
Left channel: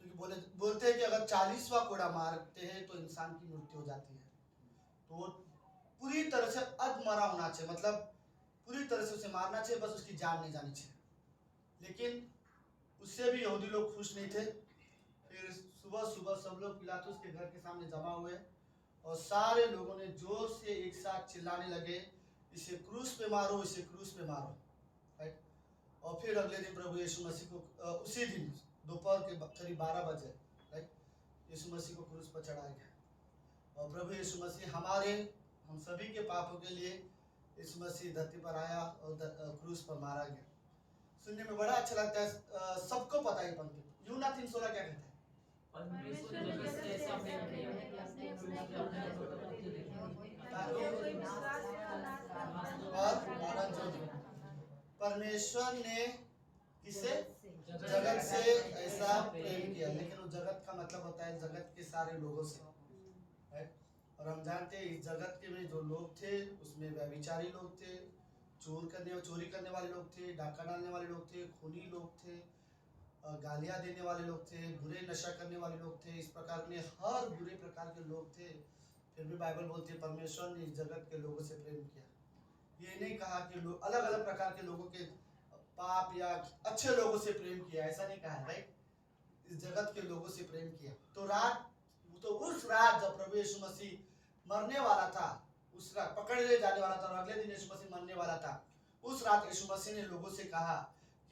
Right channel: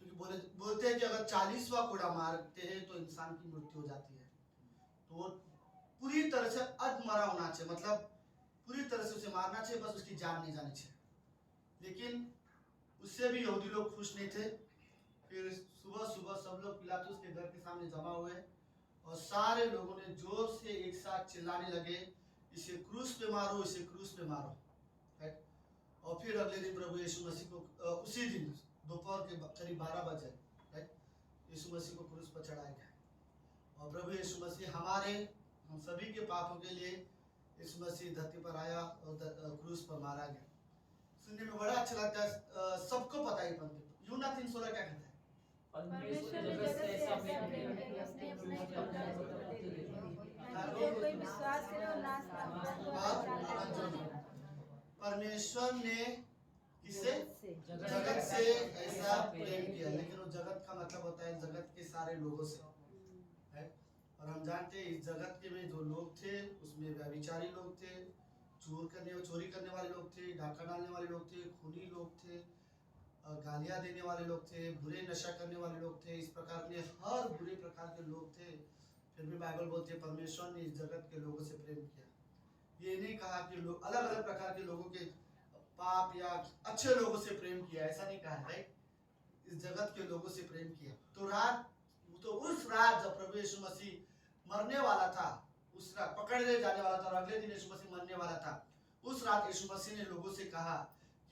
क्योंकि बोलते हैं कि अगर 40वां कोड़ा मारते हैं तो इंसान की मृत्यु हो जाती है। तो वो पूरी तरह से अधमरा होना चाहिए, मतलब पूरी तरह से उसे मारना चाहिए, बस उसकी जान नहीं जानी चाहिए। लेकिन उससे भी यहूदी लोग खुश नहीं थे। फिर सुबह सुबह सब लोग पिलातुस के घर के सामने जमा हुए और सारे लोगों ने जोर से एक साथ चिल्लाने लगे, इसे क्रूस पे मारो, इसे क्रूस पे मारो। राइट। और फिर अगले दिन प्रभु यीशु मसीह को उसी दिन दोपहर के करीब 12 बजे, राइट, यीशु मसीह को क्रूस पर चढ़ाया गया। और प्रभु यीशु मसीह हम सभी के पापों के लिए यीशु मसीह धरती पर आया और क्रूस पर मारा गया। सुनने में बड़ा अच्छा लगता है। सबको पता है पंक्ति। यूहन्ना 3:16 क्या कहता है? परमेश्वर ने जगत से ऐसा प्रेम किया कि उसने अपने पुत्र को दे दिया। परमेश्वर ने किसे? जगत से ऐसा प्रेम किया। लेकिन वो जगत का मतलब होता है जगत के सारे लोगों से, राइट। और हम जानते हैं इस जगत के में जो लोग थे उसमें व्यभिचारी लोग थे, चोरी करने वाले लोग थे, डाका डालने वाले लोग थे, खूनी लोग थे, गालियां देने वाले लोग थे, बुरे नशा करने वाले लोग थे। इस प्रकार के हर बुरे प्रकार के लोग थे। फिर भी बाइबल बोलती है परमेश्वर ने इस जगत के लोगों से प्रेम किया। ये नहीं कहा कि लोग अलग अलग प्रकार के लोगों के पाप या अच्छे लोगों से प्रेम किया, ऐसा नहीं कहा है, राइट। इस जगत के लोगों से प्रेम किया। तो उस रात जब प्रभु यीशु मसीह मरने वाला था, उस रात पकड़े जाने वाला था और अगले दिन यीशु मसीह मरने वाला था, उस रात यीशु मसीह ने लोगों से कहा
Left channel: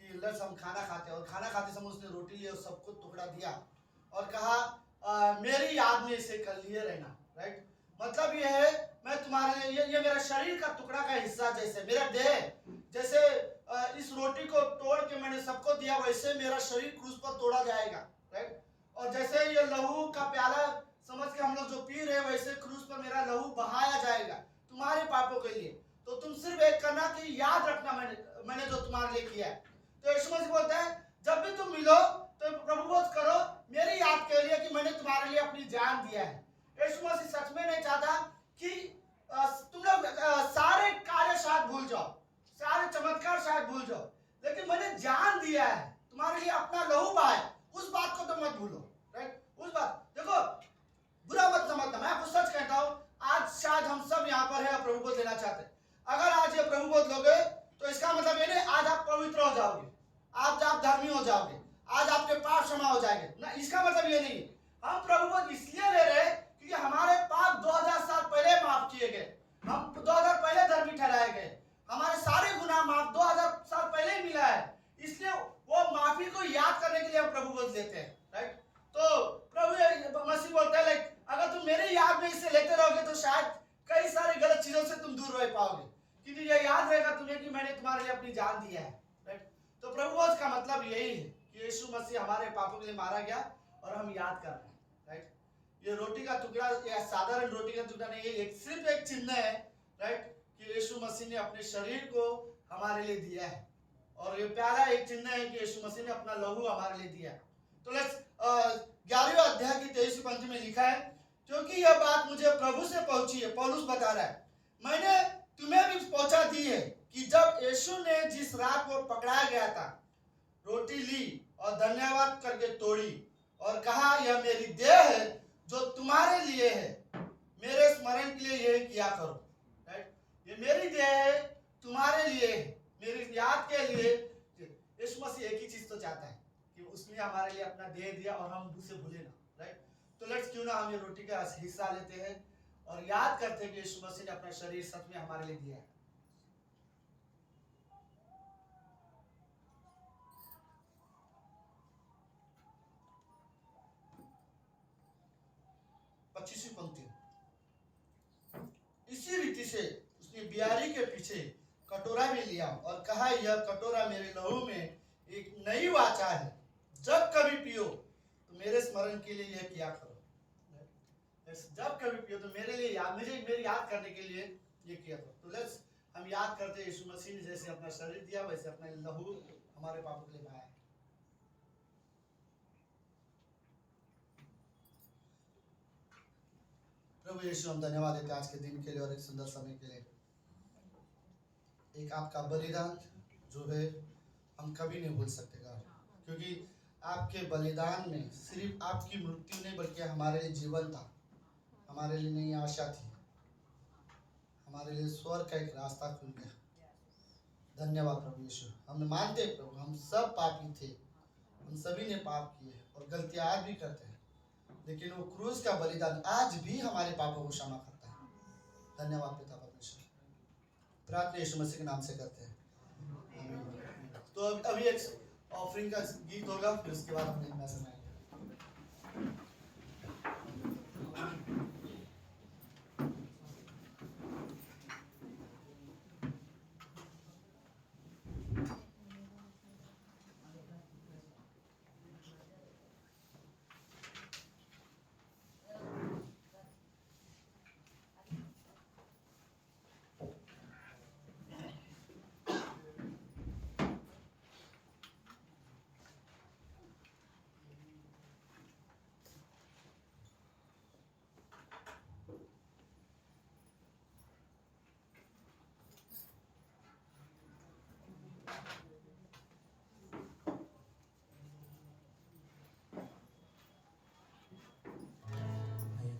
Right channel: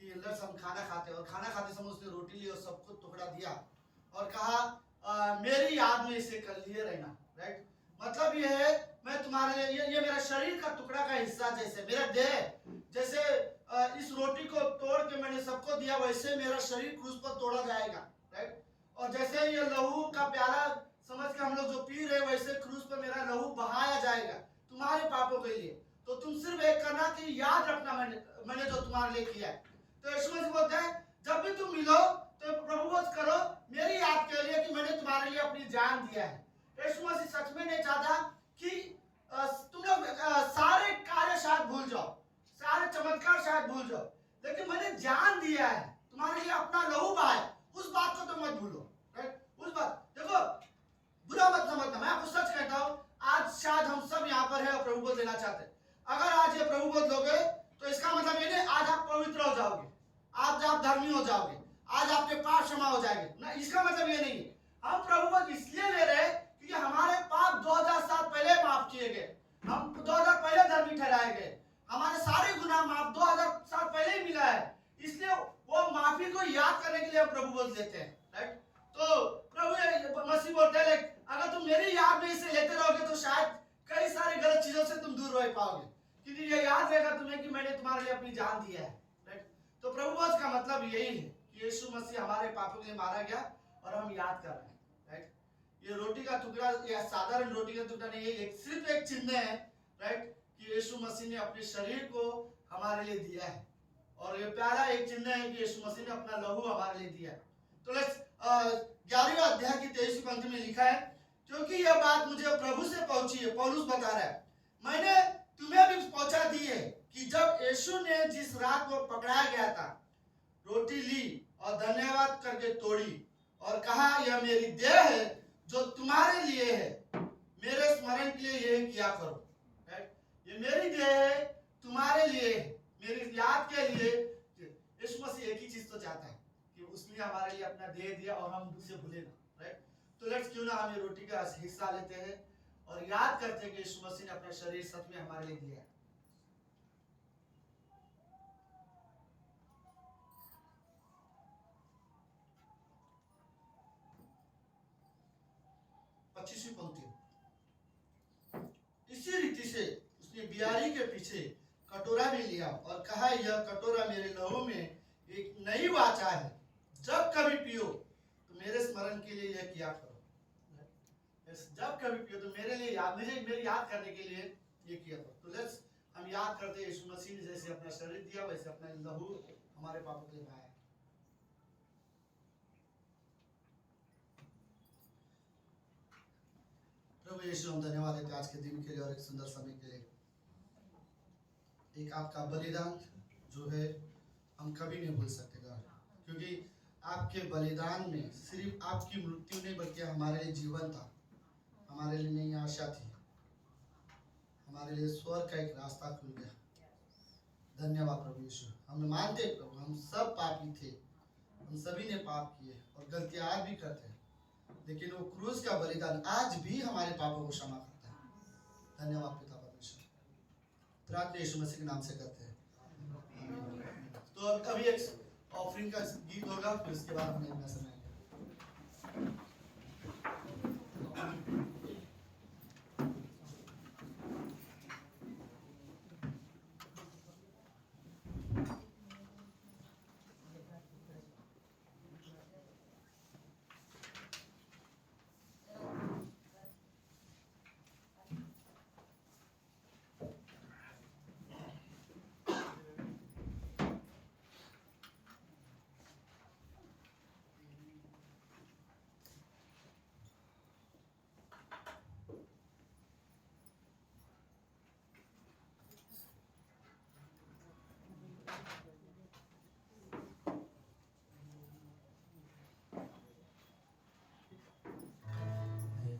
कि लेट्स हम खाना खाते हैं। और खाना खाते समय उसने रोटी ली और सबको टुकड़ा दिया और कहा मेरी याद में इसे कर लिए रहना, राइट। मतलब ये है मैं तुम्हारे लिए ये मेरा शरीर का टुकड़ा का हिस्सा, जैसे मेरा देह, जैसे इस रोटी को तोड़ के मैंने सबको दिया वैसे मेरा शरीर क्रूस पर तोड़ा जाएगा, राइट। और जैसे ये लहू का प्याला समझ के हम लोग जो पी रहे वैसे क्रूस पर मेरा लहू बहाया जाएगा तुम्हारे पापों के लिए। तो तुम सिर्फ एक करना कि याद रखना मैंने जो तुम्हारे लिए किया है। तो यीशु मसीह बोलता है जब भी तुम मिलो तो प्रभुवत करो मेरी याद के लिए कि मैंने तुम्हारे लिए अपनी जान दिया है। यीशु मसीह सच में नहीं चाहता कि तुम लोग सारे कार्य शायद भूल जाओ, सारे चमत्कार शायद भूल जाओ, लेकिन मैंने जान दिया है तुम्हारे लिए, अपना लहू बहाया, उस बात को तो मत भूलो, राइट। उस बात देखो, बुरा मत समझना, मैं आपको सच कहता हूं, आज शायद हम सब यहाँ पर है और प्रभु बोध लेना चाहते हैं। अगर आज ये प्रभु बोध लोगे तो इसका मतलब ये नहीं आज आप पवित्र हो जाओगे, आज आप धर्मी हो जाओगे, आज आपके पाप क्षमा हो जाएंगे ना, इसका मतलब ये नहीं है। हम प्रभु बोध इसलिए ले रहे हैं क्योंकि हमारे पाप 2000 साल पहले माफ किए गए, हम 2000 पहले धर्मी ठहराए गए, हमारे सारे गुनाह माफ 2000 साल पहले ही मिला है। इसलिए वो माफी को याद करने के लिए हम प्रभु बोध लेते हैं, राइट। तो प्रभु मसीह बोलता है अगर तुम मेरी याद में इसे लेते रहोगे तो शायद कई सारी गलत चीजों से तुम दूर रह पाओगे, क्योंकि ये याद रहेगा तुम्हें कि मैंने तुम्हारे लिए अपनी जान दी है, राइट। तो प्रभु बोध का मतलब यही है कि यीशु मसीह हमारे पापों के लिए मारा गया और हम याद कर रहे हैं, राइट। ये रोटी का टुकड़ा या साधारण रोटी का टुकड़ा नहीं है, एक सिर्फ एक चिन्ह है, राइट, कि यीशु मसीह ने अपने शरीर को हमारे लिए दिया है। और ये प्याला एक चिन्ह है कि यीशु मसीह ने अपना लहू हमारे लिए दिया। तो 11वें अध्याय की 23वीं पंक्ति में लिखा है, क्योंकि यह बात मुझे प्रभु से पहुंची है, पौलुस बता रहा है, मैंने तुम्हें भी पहुंचा दी है कि जब यीशु ने जिस रात को पकड़ाया गया था, रोटी ली और धन्यवाद करके तोड़ी और कहा यह मेरी देह है जो तुम्हारे लिए है, मेरे स्मरण के लिए यह किया करो, राइट। ये मेरी देह है तुम्हारे लिए, मेरी याद के लिए। यीशु मसीह एक ही चीज तो चाहता है कि उसने हमारे लिए अपना देह दिया और हम उसे भूले ना, राइट। तो लेट्स क्यों ना हम ये रोटी का हिस्सा लेते हैं और याद करते हैं कि यीशु मसीह ने अपना शरीर सच में हमारे लिए दिया है। पच्चीसवीं पंक्ति, इसी रीति से उसने बियारी के पीछे कटोरा भी लिया और कहा यह कटोरा मेरे लहू में एक नई वाचा है, जब कभी पियो तो मेरे स्मरण के लिए यह किया करो। जब कभी पियो तो मेरे लिए मेरे याद करने के लिए ये किया करो। तो लेट्स हम याद करते हैं यीशु मसीह ने जैसे अपना शरीर दिया वैसे अपना लहू हमारे पापों के लिए बहाया है। प्रभु यीशु हम धन्यवाद देते आज के दिन के लिए और एक सुंदर समय के लिए। एक आपका बलिदान जो है हम कभी नहीं भूल सकते, क्योंकि आपके बलिदान में सिर्फ आपकी मृत्यु नहीं बल्कि हमारे लिए जीवन था, हमारे लिए नई आशा थी, हमारे लिए स्वर्ग का एक रास्ता खुल गया। धन्यवाद प्रभु यीशु। हम मानते प्रभु हम सब पापी थे, हम सभी ने पाप किए और गलतियां आज भी करते हैं, लेकिन वो क्रूस का बलिदान आज भी हमारे पापों को क्षमा करता है। धन्यवाद पिता परमेश्वर। प्रार्थना यीशु मसीह के नाम से करते हैं, आमीन। तो अभी एक ऑफरिंग का गीत होगा, फिर उसके बाद हम नया सुनाएंगे।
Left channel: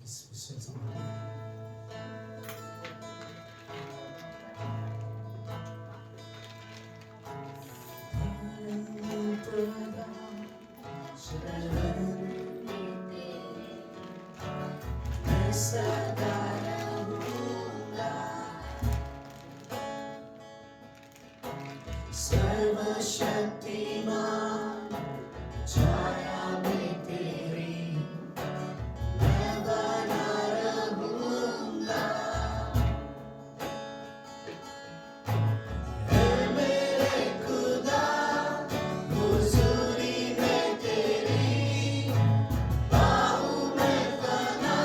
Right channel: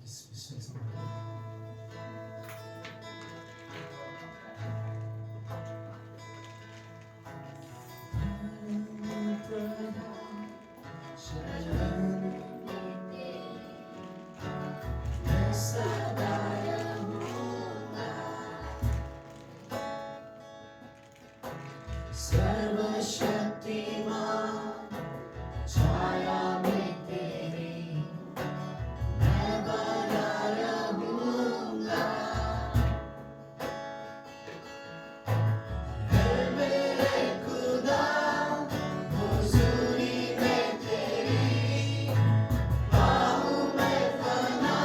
इस विषय से सर्वशक्तिमान छाया में तेरी मैं बना रहूंगा। हे मेरे खुदा, हुजूरी में तेरी बाहों में फना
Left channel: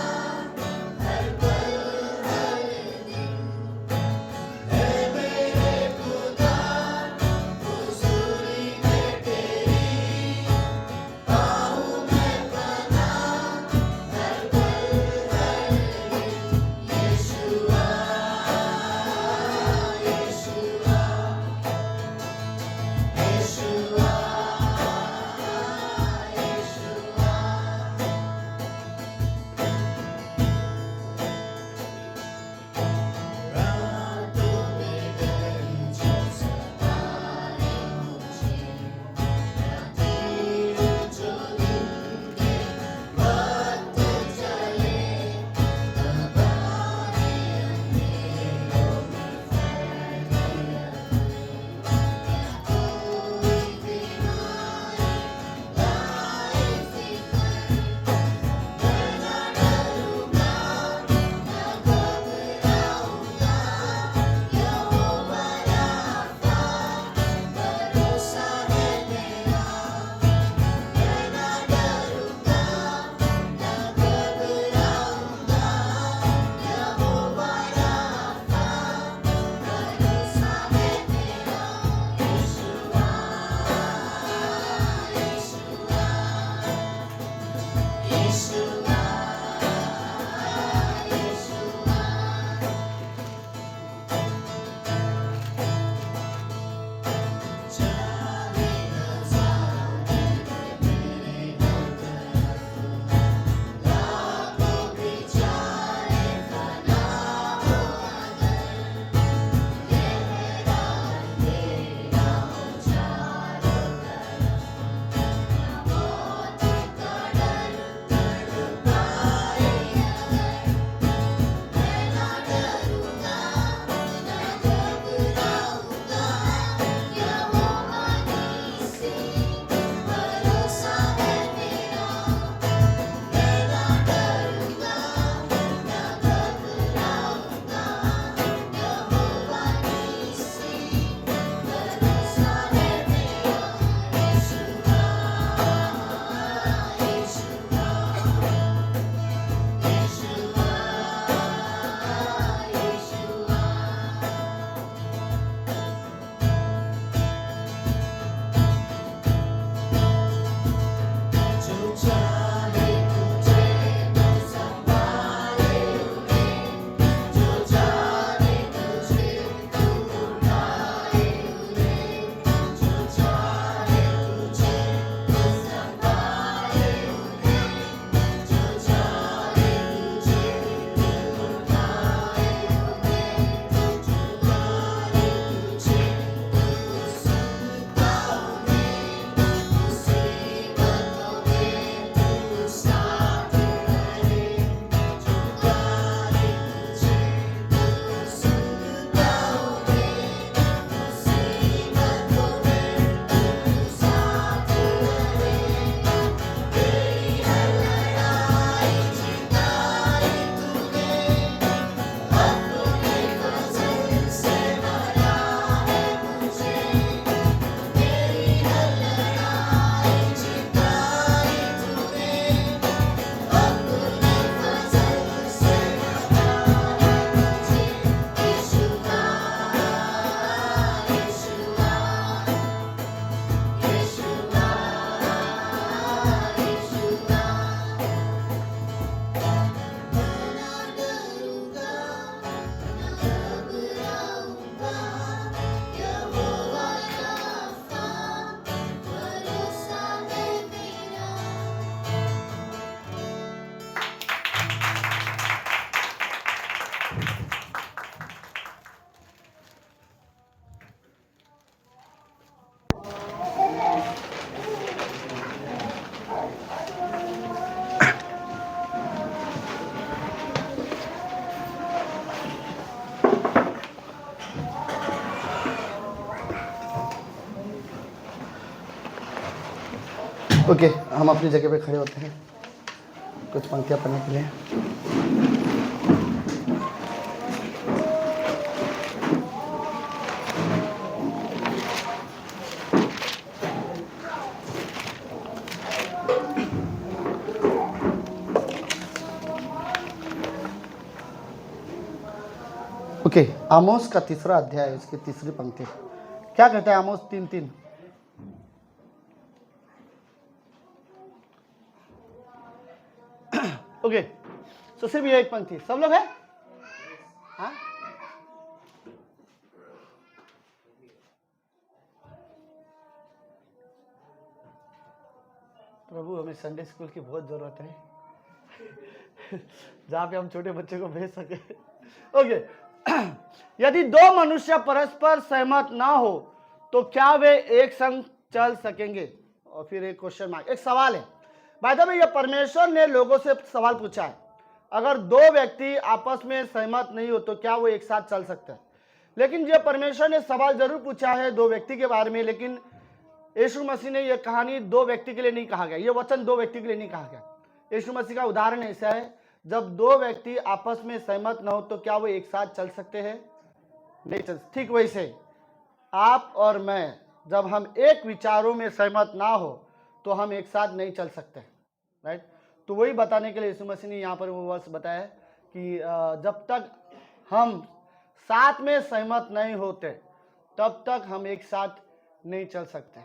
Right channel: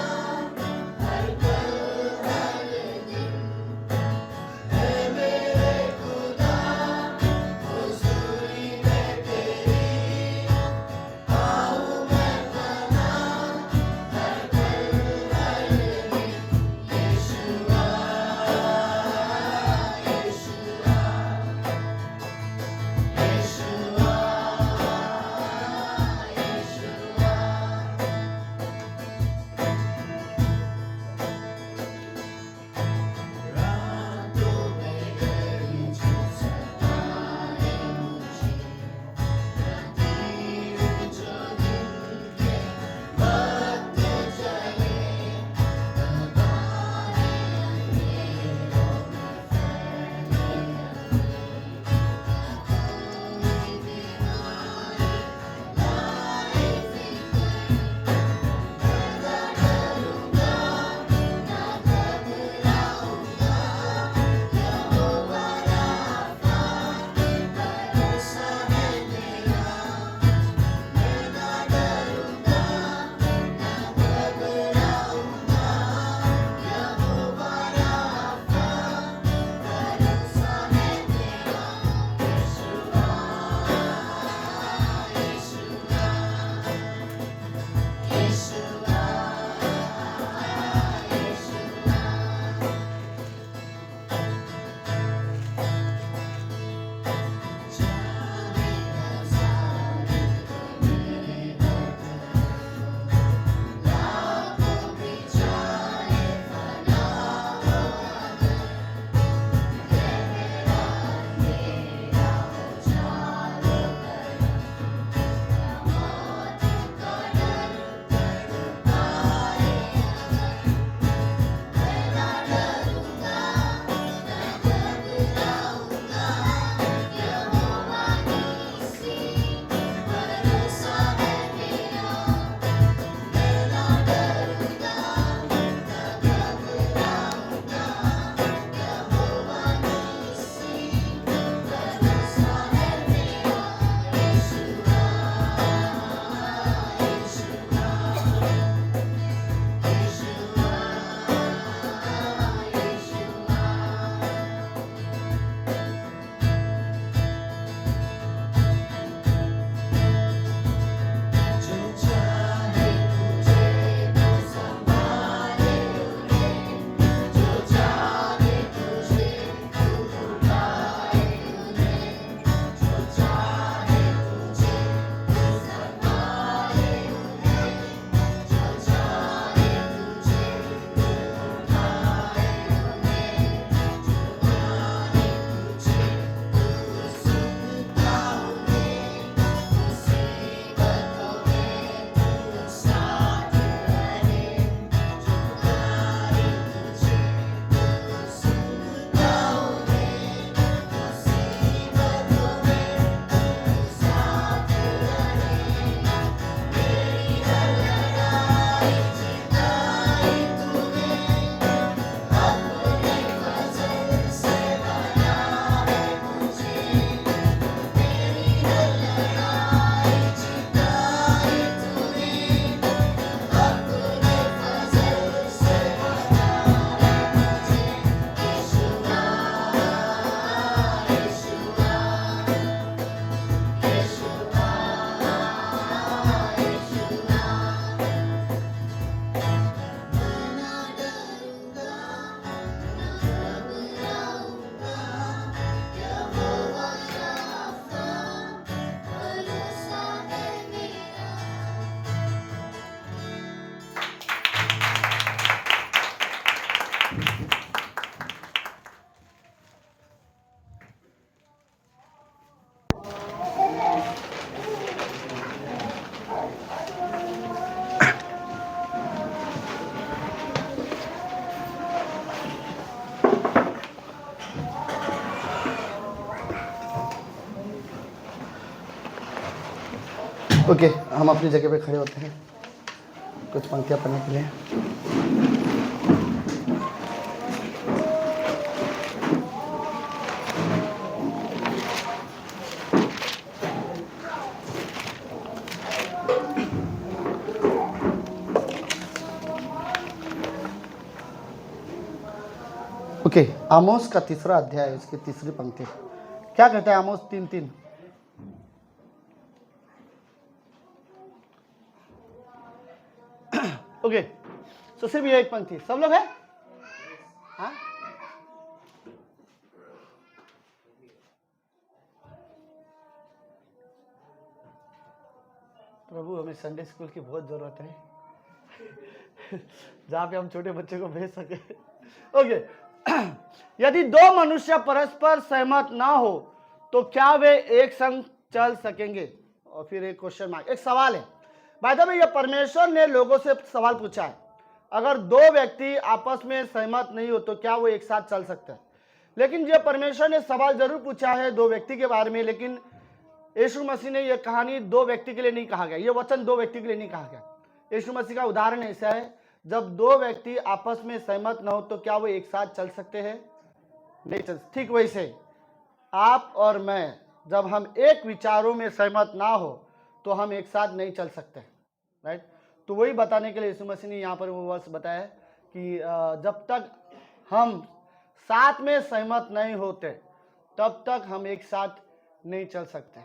ओके, हम अपनी जगह पे खड़े होते हैं कुछ पंक्तियाँ पढ़ने के लिए। ओके, आमोस का 3रा अध्याय, इसकी 3री पंक्ति क्या कहता है? आमोस 3:3। ओके, तो सिर्फ ये एक पंक्ति, सब लोग है? हाँ, प्रभु हमें संडे स्कूल की बहुत जरूरत है जहाँ पे हम छोटे बच्चे को भेज सके। ओके, यदि दो मनुष्य परस्पर सहमत ना हो तो क्या वे एक संग चल सकेंगे? और फिर एक क्वेश्चन मार्क, एक सवाल है। बाय द वे, ये परमेश्वर ने लोगों से सवाल पूछा है, अगर दो व्यक्ति आपस में सहमत नहीं हो तो क्या वो एक साथ चल सकते हैं? लेकिन ये परमेश्वर ने सवाल जरूर पूछा है दो व्यक्ति के बारे में, लेकिन यीशु मसीह ने यह कहानी दो व्यक्ति के लिए नहीं कहा गया, ये वचन दो व्यक्ति के लिए नहीं कहा गया। यीशु मसीह का उदाहरण ऐसा है, जब दो व्यक्ति आपस में सहमत न हो तो क्या वो एक साथ चल सकते हैं? नहीं चल। ठीक वैसे आप और मैं, जब हम एक विचारों में सहमत ना हो तो हम एक साथ नहीं चल सकते, राइट? तो वही बताने के लिए यीशु मसीह ने यहाँ पर वो वर्ष बताया कि जब तक हम साथ में सहमत नहीं होते तब तक हम एक साथ नहीं चल सकते,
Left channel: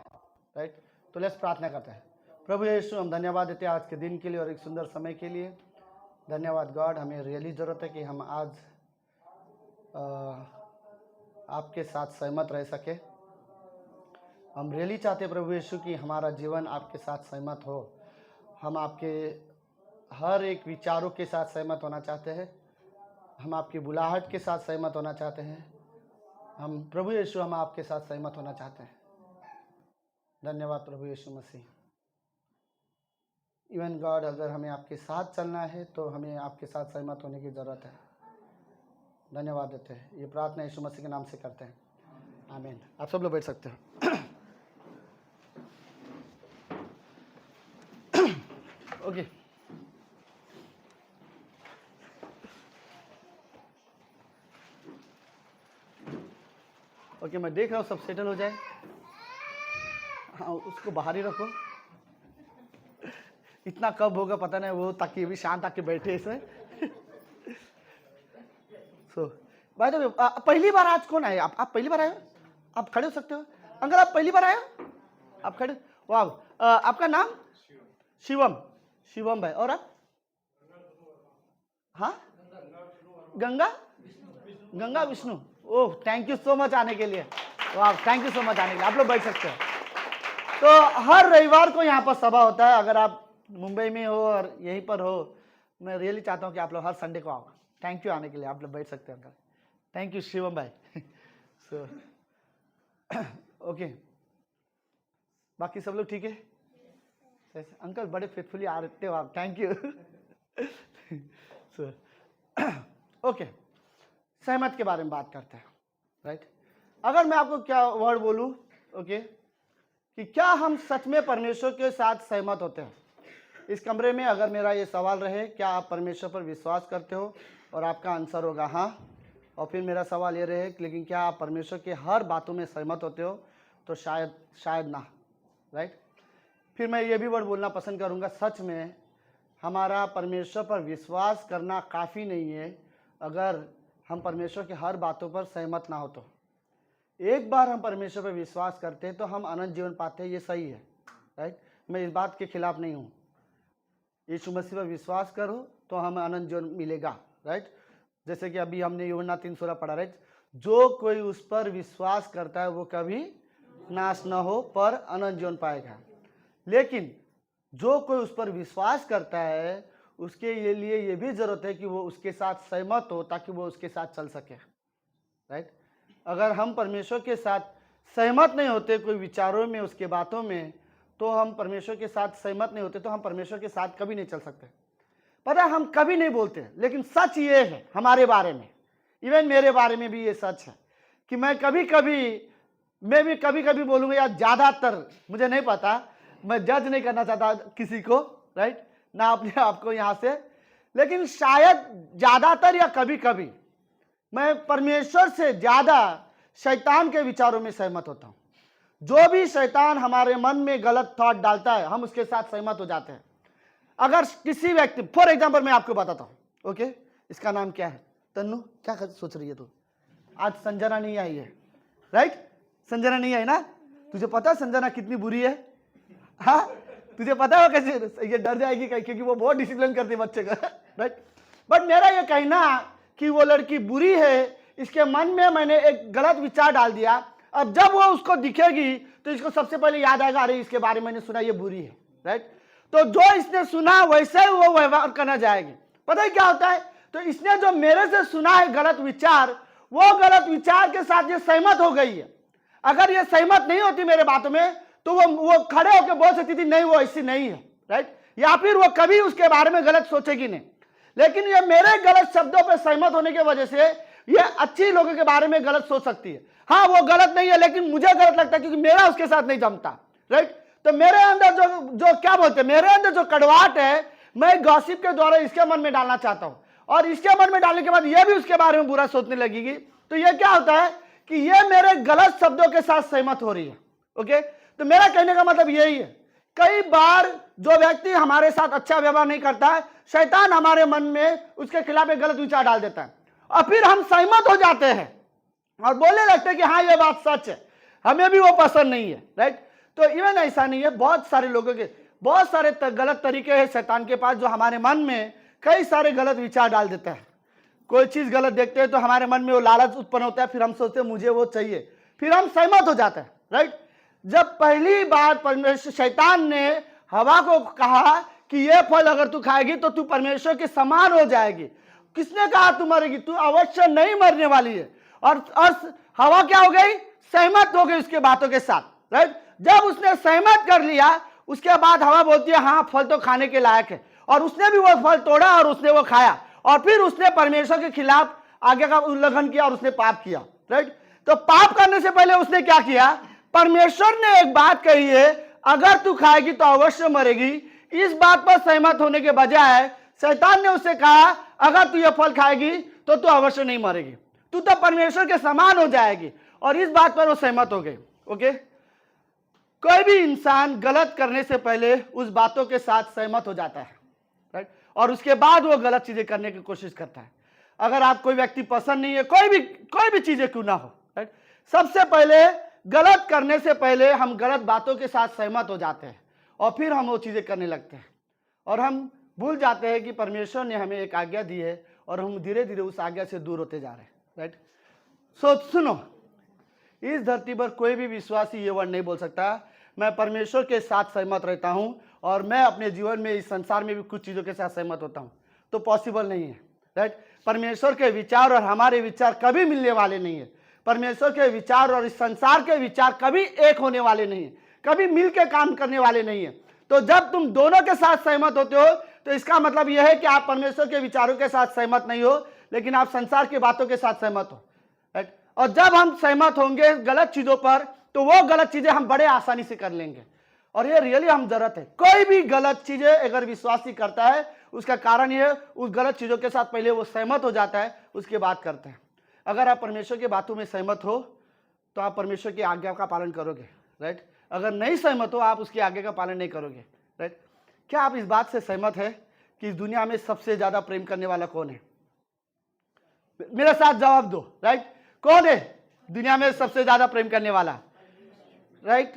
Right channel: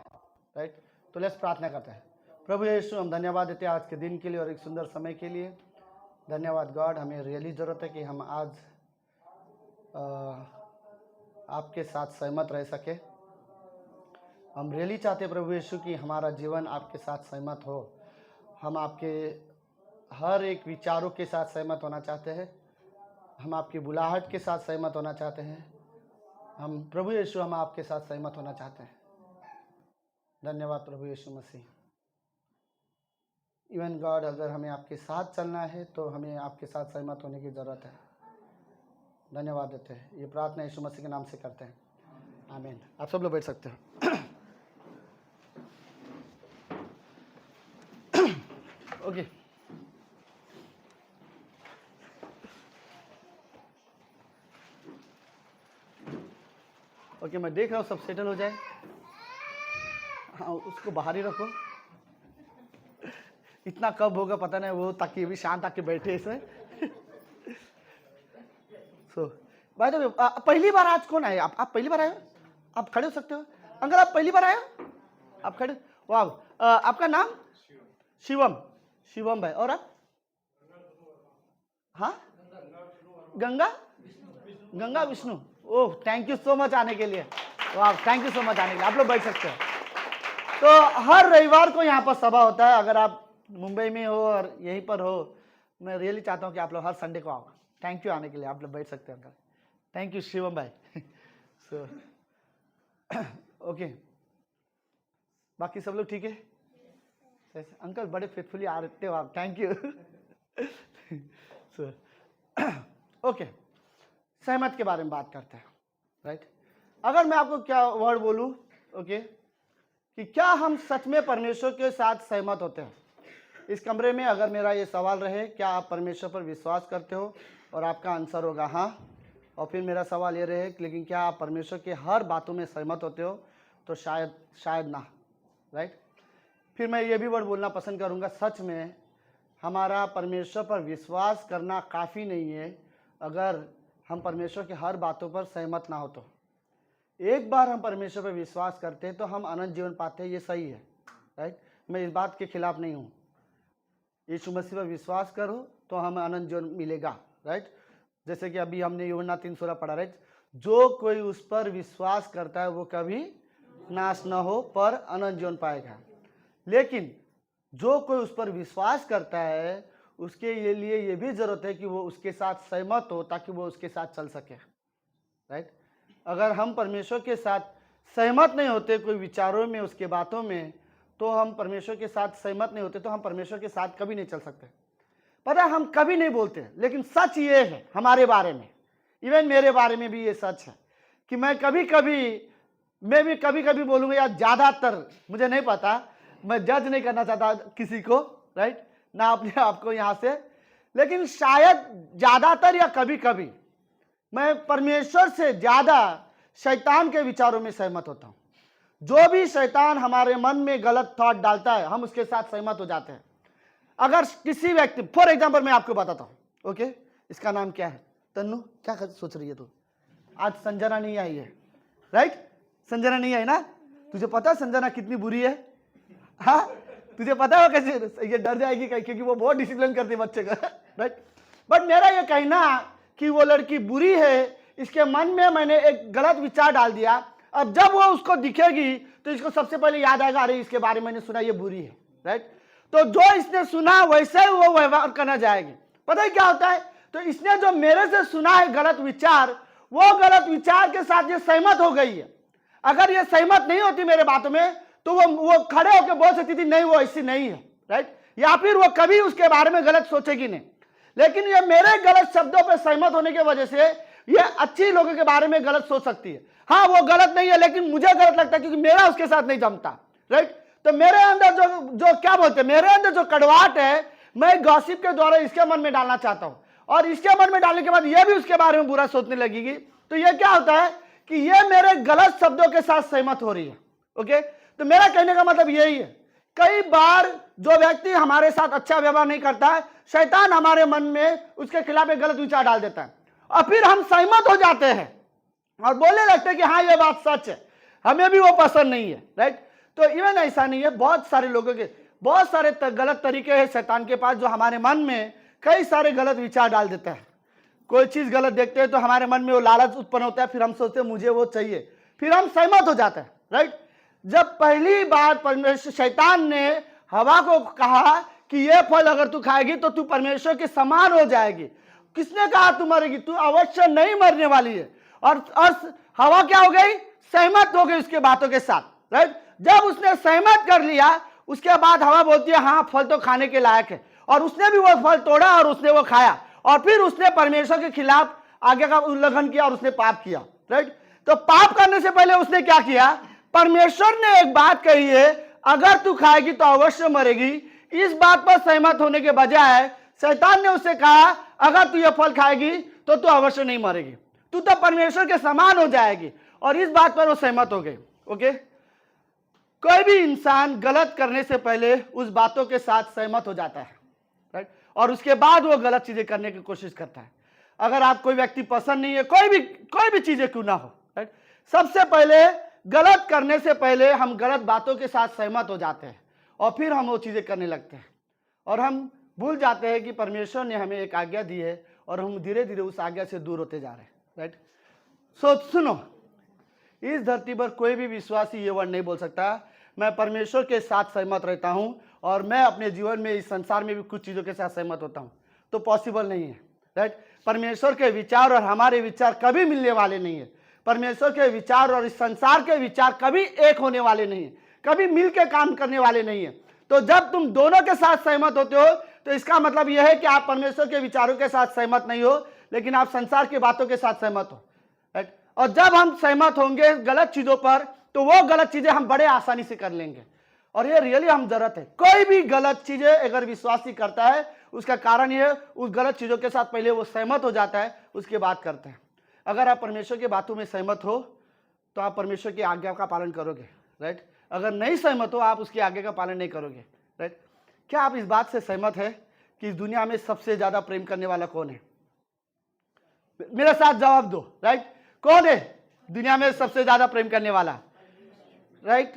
राइट? तो लेट्स प्रार्थना करते हैं। प्रभु यीशु, हम धन्यवाद देते हैं आज के दिन के लिए और एक सुंदर समय के लिए। धन्यवाद गॉड, हमें रियली ज़रूरत है कि हम आज आपके साथ सहमत रह सके। हम रियली चाहते हैं प्रभु यीशु कि हमारा जीवन आपके साथ सहमत हो। हम आपके हर एक विचारों के साथ सहमत होना चाहते हैं, हम आपकी बुलाहट के साथ सहमत होना चाहते हैं। हम प्रभु यीशु, हम आपके साथ सहमत होना चाहते हैं। धन्यवाद प्रभु यीशु मसीह। इवन गॉड, अगर हमें आपके साथ चलना है तो हमें आपके साथ सहमत होने की ज़रूरत है। धन्यवाद देते हैं, ये प्रार्थना यीशु मसीह के नाम से करते हैं, आमीन। आप सब लोग बैठ सकते हो। ओके, ओके, मैं देख रहा हूँ सब सेटल हो जाए। हाँ, उसको बाहर ही रखो, इतना कब होगा पता नहीं, वो ताकि अभी शांत आके बैठे इसमें। सो भाई, तो पहली बार आज कौन आए? आप पहली बार आए हो? आप खड़े हो सकते हो। अंकल, आप पहली बार आए हो? आप खड़े। वाह, आपका नाम? शिवम। शिवम भाई। और आप? हाँ, गंगा विष्णु। ओह, थैंक यू सो मच आने के लिए। वाह, थैंक यू सो मच आने के लिए। आप लोग बैठ सकते हो। तो हर रविवार को यहाँ पर सभा होता है। अगर आप मुंबई में हो और यहीं पर हो, मैं रियली चाहता हूँ कि आप लोग हर संडे को आओ। थैंक यू आने के लिए। आप लोग बैठ सकते हैं अंकल। थैंक यू शिवम भाई। सो ओके, बाकी सब लोग ठीक है? अंकल बड़े फेथफुली आ रहे हो आप, थैंक यू। सो ओके, सहमत के बारे में बात करते हैं, राइट? अगर मैं आपको क्या वर्ड बोलूं, ओके, कि क्या हम सच में परमेश्वर के साथ सहमत होते हैं? इस कमरे में अगर मेरा ये सवाल रहे, क्या आप परमेश्वर पर विश्वास करते हो? और आपका आंसर होगा हाँ। और फिर मेरा सवाल ये रहे, लेकिन क्या आप परमेश्वर के हर बातों में सहमत होते हो? तो शायद ना, राइट? फिर मैं ये भी वर्ड बोलना पसंद करूँगा, सच में हमारा परमेश्वर पर विश्वास करना काफ़ी नहीं है अगर हम परमेश्वर के हर बातों पर सहमत ना हो तो। एक बार हम परमेश्वर पर विश्वास करते हैं तो हम अनंत जीवन पाते हैं, ये सही है, राइट? मैं इस बात के खिलाफ नहीं हूँ। यीशु मसीह पर विश्वास करो तो हमें अनंत जीवन मिलेगा, राइट? जैसे कि अभी हमने यूहन्ना 3:16 पढ़ा, राइट? जो कोई उस पर विश्वास करता है वो कभी नाश न हो पर अनंत जीवन पाएगा। लेकिन जो कोई उस पर विश्वास करता है उसके लिए ये भी जरूरत है कि वो उसके साथ सहमत हो ताकि वो उसके साथ चल सके, राइट? अगर हम परमेश्वर के साथ सहमत नहीं होते कोई विचारों में, उसके बातों में, तो हम परमेश्वर के साथ सहमत नहीं होते तो हम परमेश्वर के साथ कभी नहीं चल सकते। पता है, हम कभी नहीं बोलते, लेकिन सच ये है हमारे बारे में, इवन मेरे बारे में भी ये सच है कि मैं भी कभी कभी बोलूँगा, या ज़्यादातर मुझे नहीं पता, मैं जज नहीं करना चाहता किसी को, राइट, ना अपने आप को यहाँ से, लेकिन शायद ज्यादातर या कभी कभी मैं परमेश्वर से ज्यादा शैतान के विचारों में सहमत होता हूं। जो भी शैतान हमारे मन में गलत थॉट डालता है हम उसके साथ सहमत हो जाते हैं। अगर किसी व्यक्ति, फॉर एग्जाम्पल मैं आपको बताता हूं, ओके, इसका नाम क्या है? तन्नू, क्या सोच रही है तू? आज संजना नहीं आई है, राइट? संजना नहीं आई ना? तुझे पता है संजना कितनी बुरी है? हाँ, तुझे पता है वो कैसे, ये डर जाएगी क्योंकि वो बहुत डिसिप्लिन करती है बच्चे का, राइट? बट मेरा ये कहना कि वो लड़की बुरी है, इसके मन में मैंने एक गलत विचार डाल दिया। अब जब वो उसको दिखेगी तो इसको सबसे पहले याद आएगा, अरे इसके बारे में मैंने सुना ये बुरी है, राइट? तो जो इसने सुना वैसे वो व्यवहार करना जाएगी। पता है क्या होता है? तो इसने जो मेरे से सुना है गलत विचार, वो गलत विचार के साथ ये सहमत हो गई है। अगर ये सहमत नहीं होती मेरे बातों में तो वो खड़े होकर बोल सकती थी नहीं वो ऐसी नहीं है, राइट? या फिर वो कभी उसके बारे में गलत सोचेगी नहीं। लेकिन ये मेरे गलत शब्दों पर सहमत होने की वजह से ये अच्छी लोगों के बारे में गलत सोच सकती है। हाँ, वो गलत नहीं है लेकिन मुझे गलत लगता है क्योंकि मेरा उसके साथ नहीं जमता, राइट? तो मेरे अंदर जो क्या बोलते हैं, मेरे अंदर जो कड़वाहट है, मैं गॉसिप के द्वारा इसके मन में डालना चाहता हूं, और इसके मन में डालने के बाद ये भी उसके बारे में बुरा सोचने लगेगी। तो ये क्या होता है कि ये मेरे गलत शब्दों के साथ सहमत हो रही है, ओके? तो मेरा कहने का मतलब यही है, कई बार जो व्यक्ति हमारे साथ अच्छा व्यवहार नहीं करता है, शैतान हमारे मन में उसके खिलाफ एक गलत विचार डाल देता है, और फिर हम सहमत हो जाते हैं और बोलने लगते हैं कि हाँ ये बात सच है, हमें भी वो पसंद नहीं है, राइट? तो इवन ऐसा नहीं है, बहुत सारे लोगों के बहुत सारे गलत तरीके हैं शैतान के पास, जो हमारे मन में कई सारे गलत विचार डाल देता है। कोई चीज गलत देखते हैं तो हमारे मन में वो लालच उत्पन्न होता है, फिर हम सोचते हैं मुझे वो चाहिए, फिर हम सहमत हो जाते हैं, राइट? जब पहली बार परमेश्वर शैतान ने हवा को कहा कि ये फल अगर तू खाएगी तो तू परमेश्वर के समान हो जाएगी, किसने कहा तू मरेगी? तू अवश्य नहीं मरने वाली है। और हवा क्या हो गई? सहमत हो गई उसके बातों के साथ, राइट? जब उसने सहमत कर लिया उसके बाद हवा बोलती है हाँ फल तो खाने के लायक है, और उसने भी वो फल तोड़ा और उसने वो खाया, और फिर उसने परमेश्वर के खिलाफ आज्ञा का उल्लंघन किया और उसने पाप किया, राइट? तो पाप करने से पहले उसने क्या किया? परमेश्वर ने एक बात कही है, अगर तू खाएगी तो अवश्य मरेगी। इस बात पर सहमत होने के बजाय शैतान ने उससे कहा अगर तू ये फल खाएगी तो तू अवश्य नहीं मरेगी, तू तो परमेश्वर के समान हो जाएगी, और इस बात पर वो सहमत हो गई, ओके? कोई भी इंसान गलत करने से पहले उस बातों के साथ सहमत हो जाता है, राइट? और उसके बाद वो गलत चीजें करने की कोशिश करता है। अगर आप कोई व्यक्ति पसंद नहीं है, कोई भी चीजें क्यों ना हो, राइट? सबसे पहले गलत करने से पहले हम गलत बातों के साथ सहमत हो जाते हैं और फिर हम वो चीजें करने लगते हैं, और हम भूल जाते हैं कि परमेश्वर ने हमें एक आज्ञा दी है और हम धीरे धीरे उस आज्ञा से दूर होते जा रहे हैं, राइट? सुनो, इस धरती पर कोई भी विश्वासी ये वर्ड नहीं बोल सकता मैं परमेश्वर के साथ सहमत रहता हूं और मैं अपने जीवन में इस संसार में भी कुछ चीजों के साथ सहमत होता हूं, तो पॉसिबल नहीं है, राइट? परमेश्वर के विचार और हमारे विचार कभी मिलने वाले नहीं है। परमेश्वर के विचार और इस संसार के विचार कभी एक होने वाले नहीं है, कभी मिलकर काम करने वाले नहीं है। तो जब तुम दोनों के साथ सहमत होते हो तो इसका मतलब यह है कि आप परमेश्वर के विचारों के साथ सहमत नहीं हो, लेकिन आप संसार की बातों के साथ सहमत हो, राइट? और जब हम सहमत होंगे गलत चीजों पर तो वो गलत चीजें हम बड़े आसानी से कर लेंगे, और ये रियली हम जरूरत है। कोई भी गलत चीजें अगर विश्वासी करता है उसका कारण ये उस गलत चीजों के साथ पहले वो सहमत हो जाता है, उसके बाद करता है। अगर आप परमेश्वर की बातों में सहमत हो तो आप परमेश्वर की आज्ञा का पालन करोगे, राइट? अगर नहीं सहमत हो आप उसकी आज्ञा का पालन नहीं करोगे, राइट? क्या आप इस बात से सहमत है कि इस दुनिया में सबसे ज्यादा प्रेम करने वाला कौन है? मेरे साथ जवाब दो, राइट? कौन है दुनिया में सबसे ज्यादा प्रेम करने वाला, राइट?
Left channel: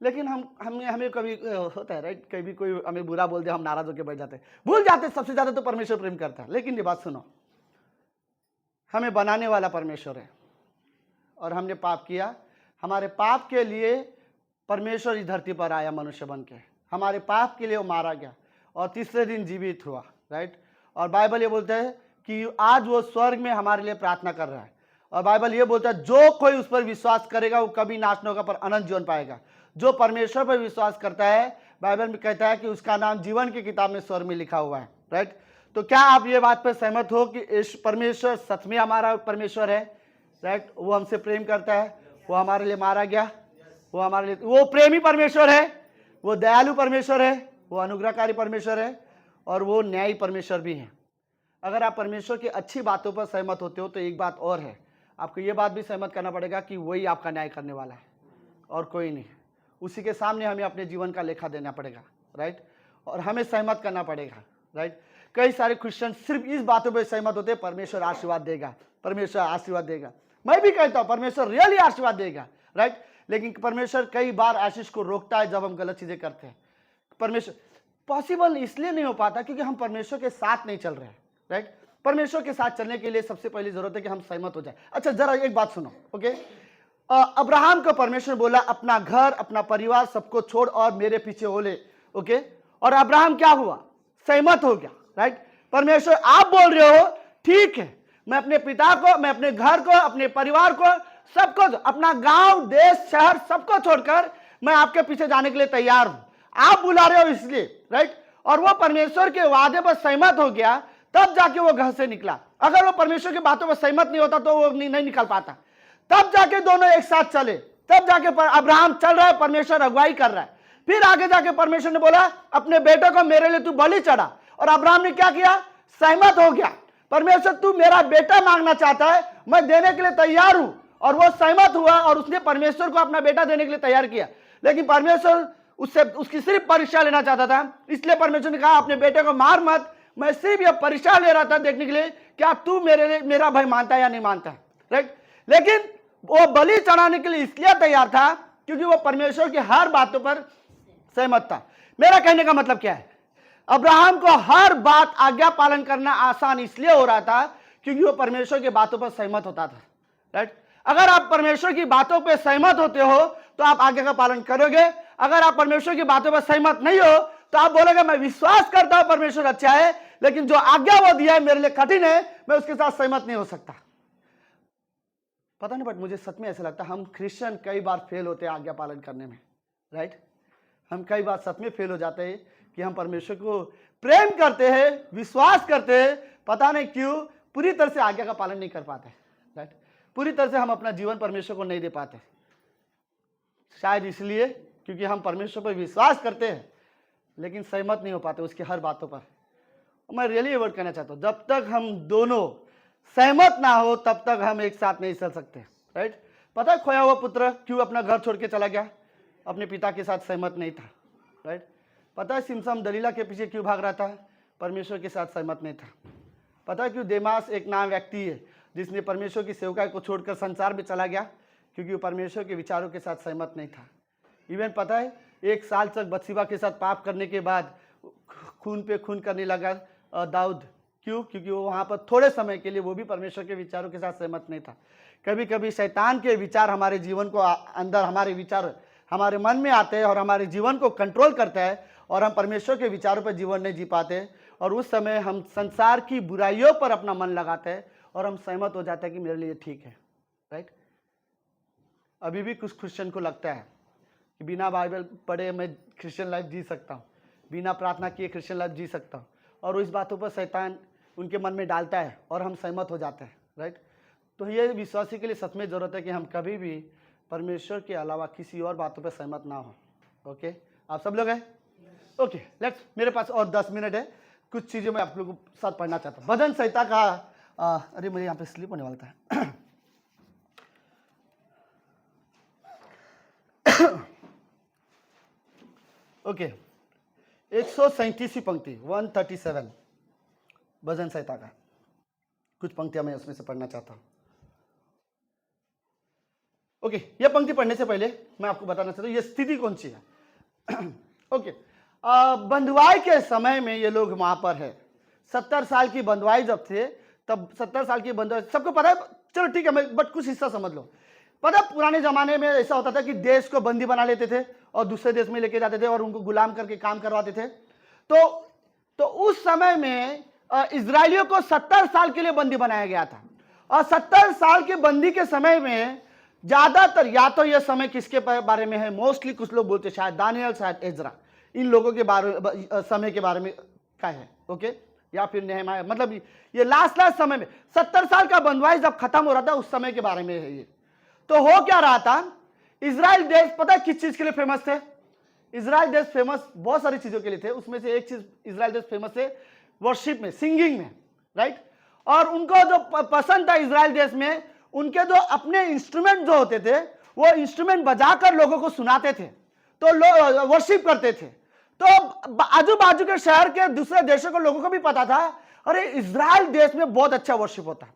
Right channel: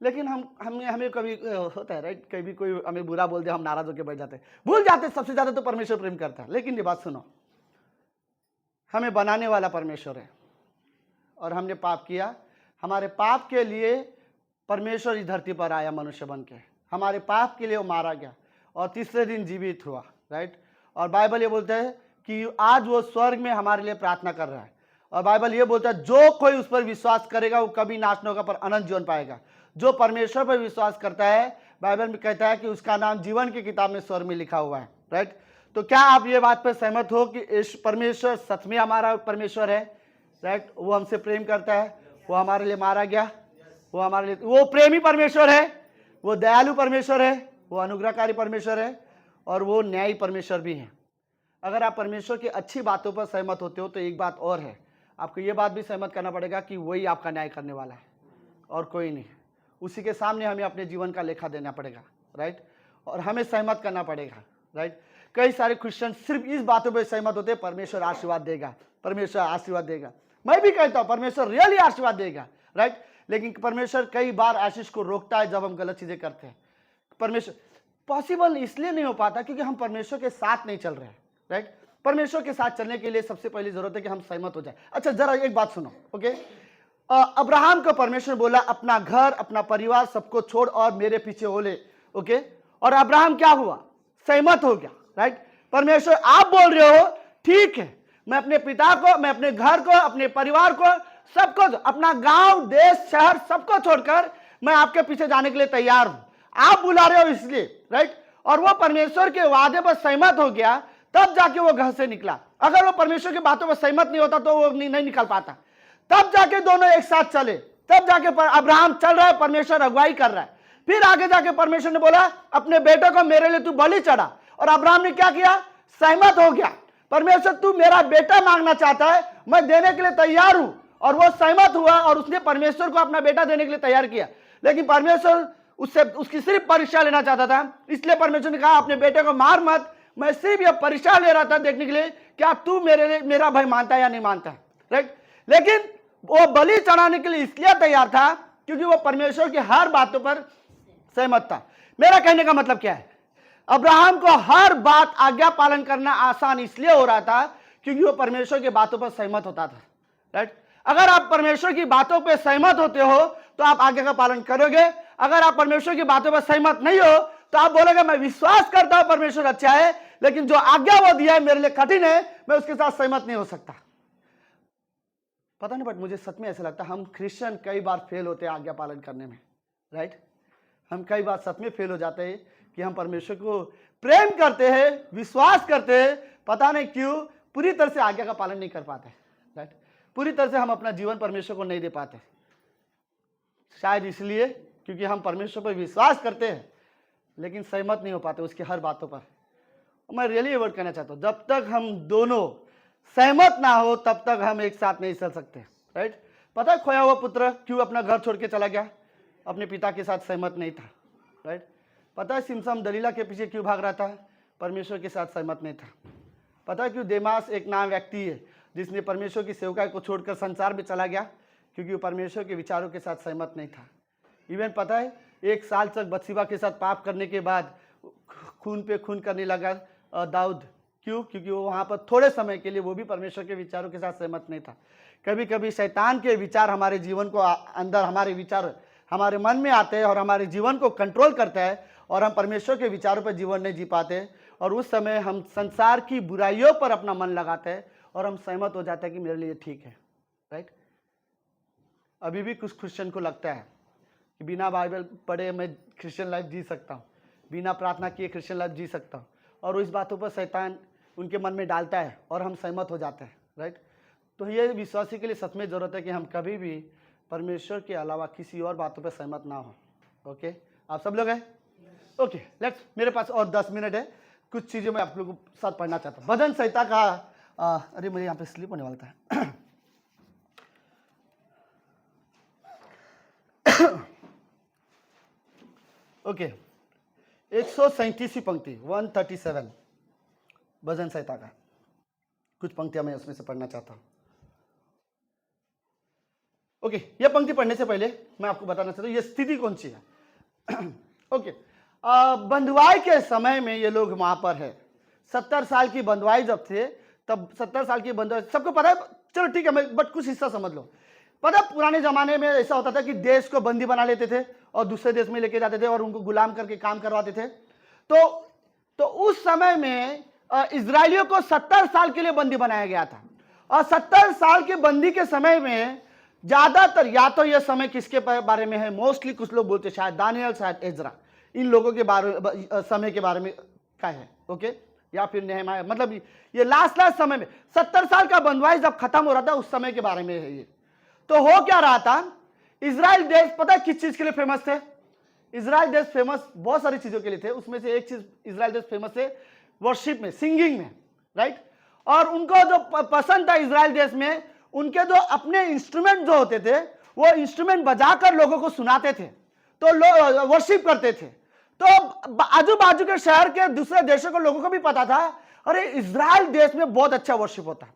लेकिन हमें कभी होता है, राइट? कभी कोई हमें बुरा बोल दे हम नाराज होकर बैठ जाते हैं, भूल जाते सबसे ज्यादा तो परमेश्वर प्रेम करता है। लेकिन ये बात सुनो, हमें बनाने वाला परमेश्वर है और हमने पाप किया। हमारे पाप के लिए परमेश्वर इस धरती पर आया मनुष्य बन के, हमारे पाप के लिए वो मारा गया और तीसरे दिन जीवित हुआ, राइट? और बाइबल ये बोलता है कि आज वो स्वर्ग में हमारे लिए प्रार्थना कर रहा है, और बाइबल ये बोलता है जो कोई उस पर विश्वास करेगा वो कभी नाश नहीं होगा पर अनंत जीवन पाएगा। जो परमेश्वर पर विश्वास करता है बाइबल में कहता है कि उसका नाम जीवन की किताब में स्वर्ग में लिखा हुआ है, राइट? तो क्या आप ये बात पर सहमत हो कि परमेश्वर सच में हमारा परमेश्वर है, राइट? वो हमसे प्रेम करता है, वो हमारे लिए मारा गया, वो हमारे लिए वो प्रेमी परमेश्वर है, वो दयालु परमेश्वर है, वो अनुग्रहकारी परमेश्वर है और वो न्यायी परमेश्वर भी है। अगर आप परमेश्वर की अच्छी बातों पर सहमत होते हो तो एक बात और है, आपको ये बात भी सहमत करना पड़ेगा कि वही आपका न्याय करने वाला है और कोई नहीं। उसी के सामने हमें अपने जीवन का लेखा देना पड़ेगा, राइट, और हमें सहमत करना पड़ेगा, राइट। कई सारे क्रिश्चियन सिर्फ इस बातों पर सहमत होते हैं, परमेश्वर आशीर्वाद देगा, परमेश्वर आशीर्वाद देगा। मैं भी कहता हूं परमेश्वर रियली आशीर्वाद देगा, राइट, लेकिन परमेश्वर कई बार आशीष को रोकता है जब हम गलत चीजें करते हैं। परमेश्वर पॉसिबल इसलिए नहीं हो पाता क्योंकि हम परमेश्वर के साथ नहीं चल रहे हैं, राइट। परमेश्वर के साथ चलने के लिए सबसे पहली जरूरत है कि हम सहमत हो जाए। अच्छा, जरा एक बात सुनो, ओके। अब्राहम को परमेश्वर बोला अपना घर, अपना परिवार सबको छोड़ और मेरे पीछे हो ले, ओके। और अब्राहम क्या हुआ? सहमत हो गया, राइट। परमेश्वर आप बोल रहे हो, ठीक है, मैं अपने पिता को, मैं अपने घर को, अपने परिवार को, सबको, अपना गांव, देश, शहर सबको छोड़कर मैं आपके पीछे जाने के लिए तैयार हूं, आप बुला रहे हो इसलिए, राइट। और वो परमेश्वर के वादे पर सहमत हो गया, तब जाके वो घर से निकला। अगर वो परमेश्वर की बातों पर सहमत नहीं होता तो वो नहीं निकल पाता। तब जाके दोनों एक साथ चले, तब जाके अब्राहम चल रहा है, परमेश्वर अगुवाई कर रहा है। फिर आगे जाके परमेश्वर ने बोला अपने बेटे को मेरे लिए तू बलि चढ़ा, और अब्राहम ने क्या किया? सहमत हो गया। परमेश्वर तू मेरा बेटा मांगना चाहता है, मैं देने के लिए तैयार हूं, और वो सहमत हुआ और उसने परमेश्वर को अपना बेटा देने के लिए तैयार किया। लेकिन परमेश्वर उससे उसकी सिर्फ परीक्षा लेना चाहता था, इसलिए परमेश्वर ने कहा अपने बेटे को मार मत, मैं सिर्फ यह परीक्षा ले रहा था देखने के लिए क्या तू मेरा भाई मानता है या नहीं मानता है, राइट। लेकिन वो बलि चढ़ाने के लिए इसलिए तैयार था क्योंकि वो परमेश्वर की हर बातों पर सहमत था। मेरा कहने का मतलब क्या है? अब्राहम को हर बात आज्ञा पालन करना आसान इसलिए हो रहा था क्योंकि वो परमेश्वर की बातों पर सहमत होता था, राइट। अगर आप परमेश्वर की बातों पर सहमत होते हो तो आप आज्ञा का पालन करोगे। अगर आप परमेश्वर की बातों पर सहमत नहीं हो तो आप बोलोगे मैं विश्वास करता हूं परमेश्वर अच्छा है, लेकिन जो आज्ञा वो दिया है मेरे लिए कठिन है, मैं उसके साथ सहमत नहीं हो सकता। पता नहीं, बट मुझे सच में ऐसा लगता है हम क्रिश्चियन कई बार फेल होते हैं आज्ञा पालन करने में, राइट। हम कई बार सच में फेल हो जाते हैं कि हम परमेश्वर को प्रेम करते हैं, विश्वास करते हैं, पता नहीं क्यों पूरी तरह से आज्ञा का पालन नहीं कर पाते, राइट। पूरी तरह से हम अपना जीवन परमेश्वर को नहीं दे पाते, शायद इसलिए क्योंकि हम परमेश्वर पर विश्वास करते हैं लेकिन सहमत नहीं हो पाते उसकी हर बातों पर। मैं रियली ये वर्ड कहना चाहता हूं, जब तक हम दोनों सहमत ना हो तब तक हम एक साथ नहीं चल सकते, राइट। पता है खोया हुआ पुत्र क्यों अपना घर छोड़ के चला गया? अपने पिता के साथ सहमत नहीं था, राइट। पता है सिमसम दलीला के पीछे क्यों भाग रहा था? परमेश्वर के साथ सहमत नहीं था। पता है क्यों देमास एक नाम व्यक्ति है जिसने परमेश्वर की सेवकाई को छोड़कर संसार में चला गया? क्योंकि वो परमेश्वर के विचारों के साथ सहमत नहीं था। इवन पता है 1 साल तक बत्सिबा के साथ पाप करने के बाद खून पे खून करने लगा दाऊद, क्यों? क्योंकि वो वहाँ पर थोड़े समय के लिए वो भी परमेश्वर के विचारों के साथ सहमत नहीं था। कभी कभी शैतान के विचार हमारे जीवन को अंदर, हमारे विचार हमारे मन में आते हैं और हमारे जीवन को कंट्रोल करता है और हम परमेश्वर के विचारों पर जीवन नहीं जी पाते, और उस समय हम संसार की बुराइयों पर अपना मन लगाते हैं और हम सहमत हो जाते हैं कि मेरे लिए ठीक है, राइट। अभी भी कुछ क्रिश्चियन को लगता है कि बिना बाइबल पढ़े मैं क्रिश्चियन लाइफ जी सकता हूँ, बिना प्रार्थना किए क्रिश्चियन लाइफ जी सकता हूँ, और इस बातों पर शैतान उनके मन में डालता है और हम सहमत हो जाते हैं, राइट। तो ये विश्वासी के लिए सच में ज़रूरत है कि हम कभी भी परमेश्वर के अलावा किसी और बातों पर सहमत ना हो। ओके, आप सब लोग हैं? ओके, लेट्स, मेरे पास और 10 मिनट है, कुछ चीज़ें मैं आप लोगों के साथ पढ़ना चाहता हूँ। भजन संहिता का अरे मुझे यहाँ पे स्लिप होने वाला था। ओके, 137 पंक्ति 137 भजन संहिता का कुछ पंक्तियां मैं उसमें से पढ़ना चाहता हूं। ओके, यह पंक्ति पढ़ने से पहले मैं आपको बताना चाहता हूं यह स्थिति कौन सी है। ओके, बंधुआई के समय में ये लोग वहां पर है। 70 साल की बंधुआई जब थे तब 70 साल की बंधुआई सबको पता है, चलो ठीक है, मैं बट कुछ हिस्सा समझ लो। पता पुराने जमाने में ऐसा होता था कि देश को बंदी बना लेते थे और दूसरे देश में लेके जाते थे और उनको गुलाम करके काम करवाते थे। तो उस समय में इजरायलियों को 70 साल के लिए बंदी बनाया गया था, और 70 साल के बंदी के समय में ज्यादातर, या तो यह समय किसके बारे में है, मोस्टली कुछ लोग बोलते शायद दानियल, शायद एजरा, इन लोगों के बारे समय के बारे में क्या है, ओके, या फिर नेहमाया, मतलब ये लास्ट समय में 70 साल का बंधुआई जब खत्म हो रहा था उस समय के बारे में है ये। तो हो क्या रहा था, इजराइल देश पता है किस चीज के लिए फेमस थे? इजराइल देश फेमस बहुत सारी चीजों के लिए थे, उसमें से एक चीज इजराइल देश फेमस है वर्शिप में, सिंगिंग में, राइट। और उनको जो पसंद था इजराइल देश में, उनके जो अपने इंस्ट्रूमेंट जो होते थे वो इंस्ट्रूमेंट बजाकर लोगों को सुनाते थे, तो लोग वर्शिप करते थे। तो आजू बाजू के शहर के दूसरे देशों के लोगों को भी पता था, अरे इजराइल देश में बहुत अच्छा वर्शिप होता है,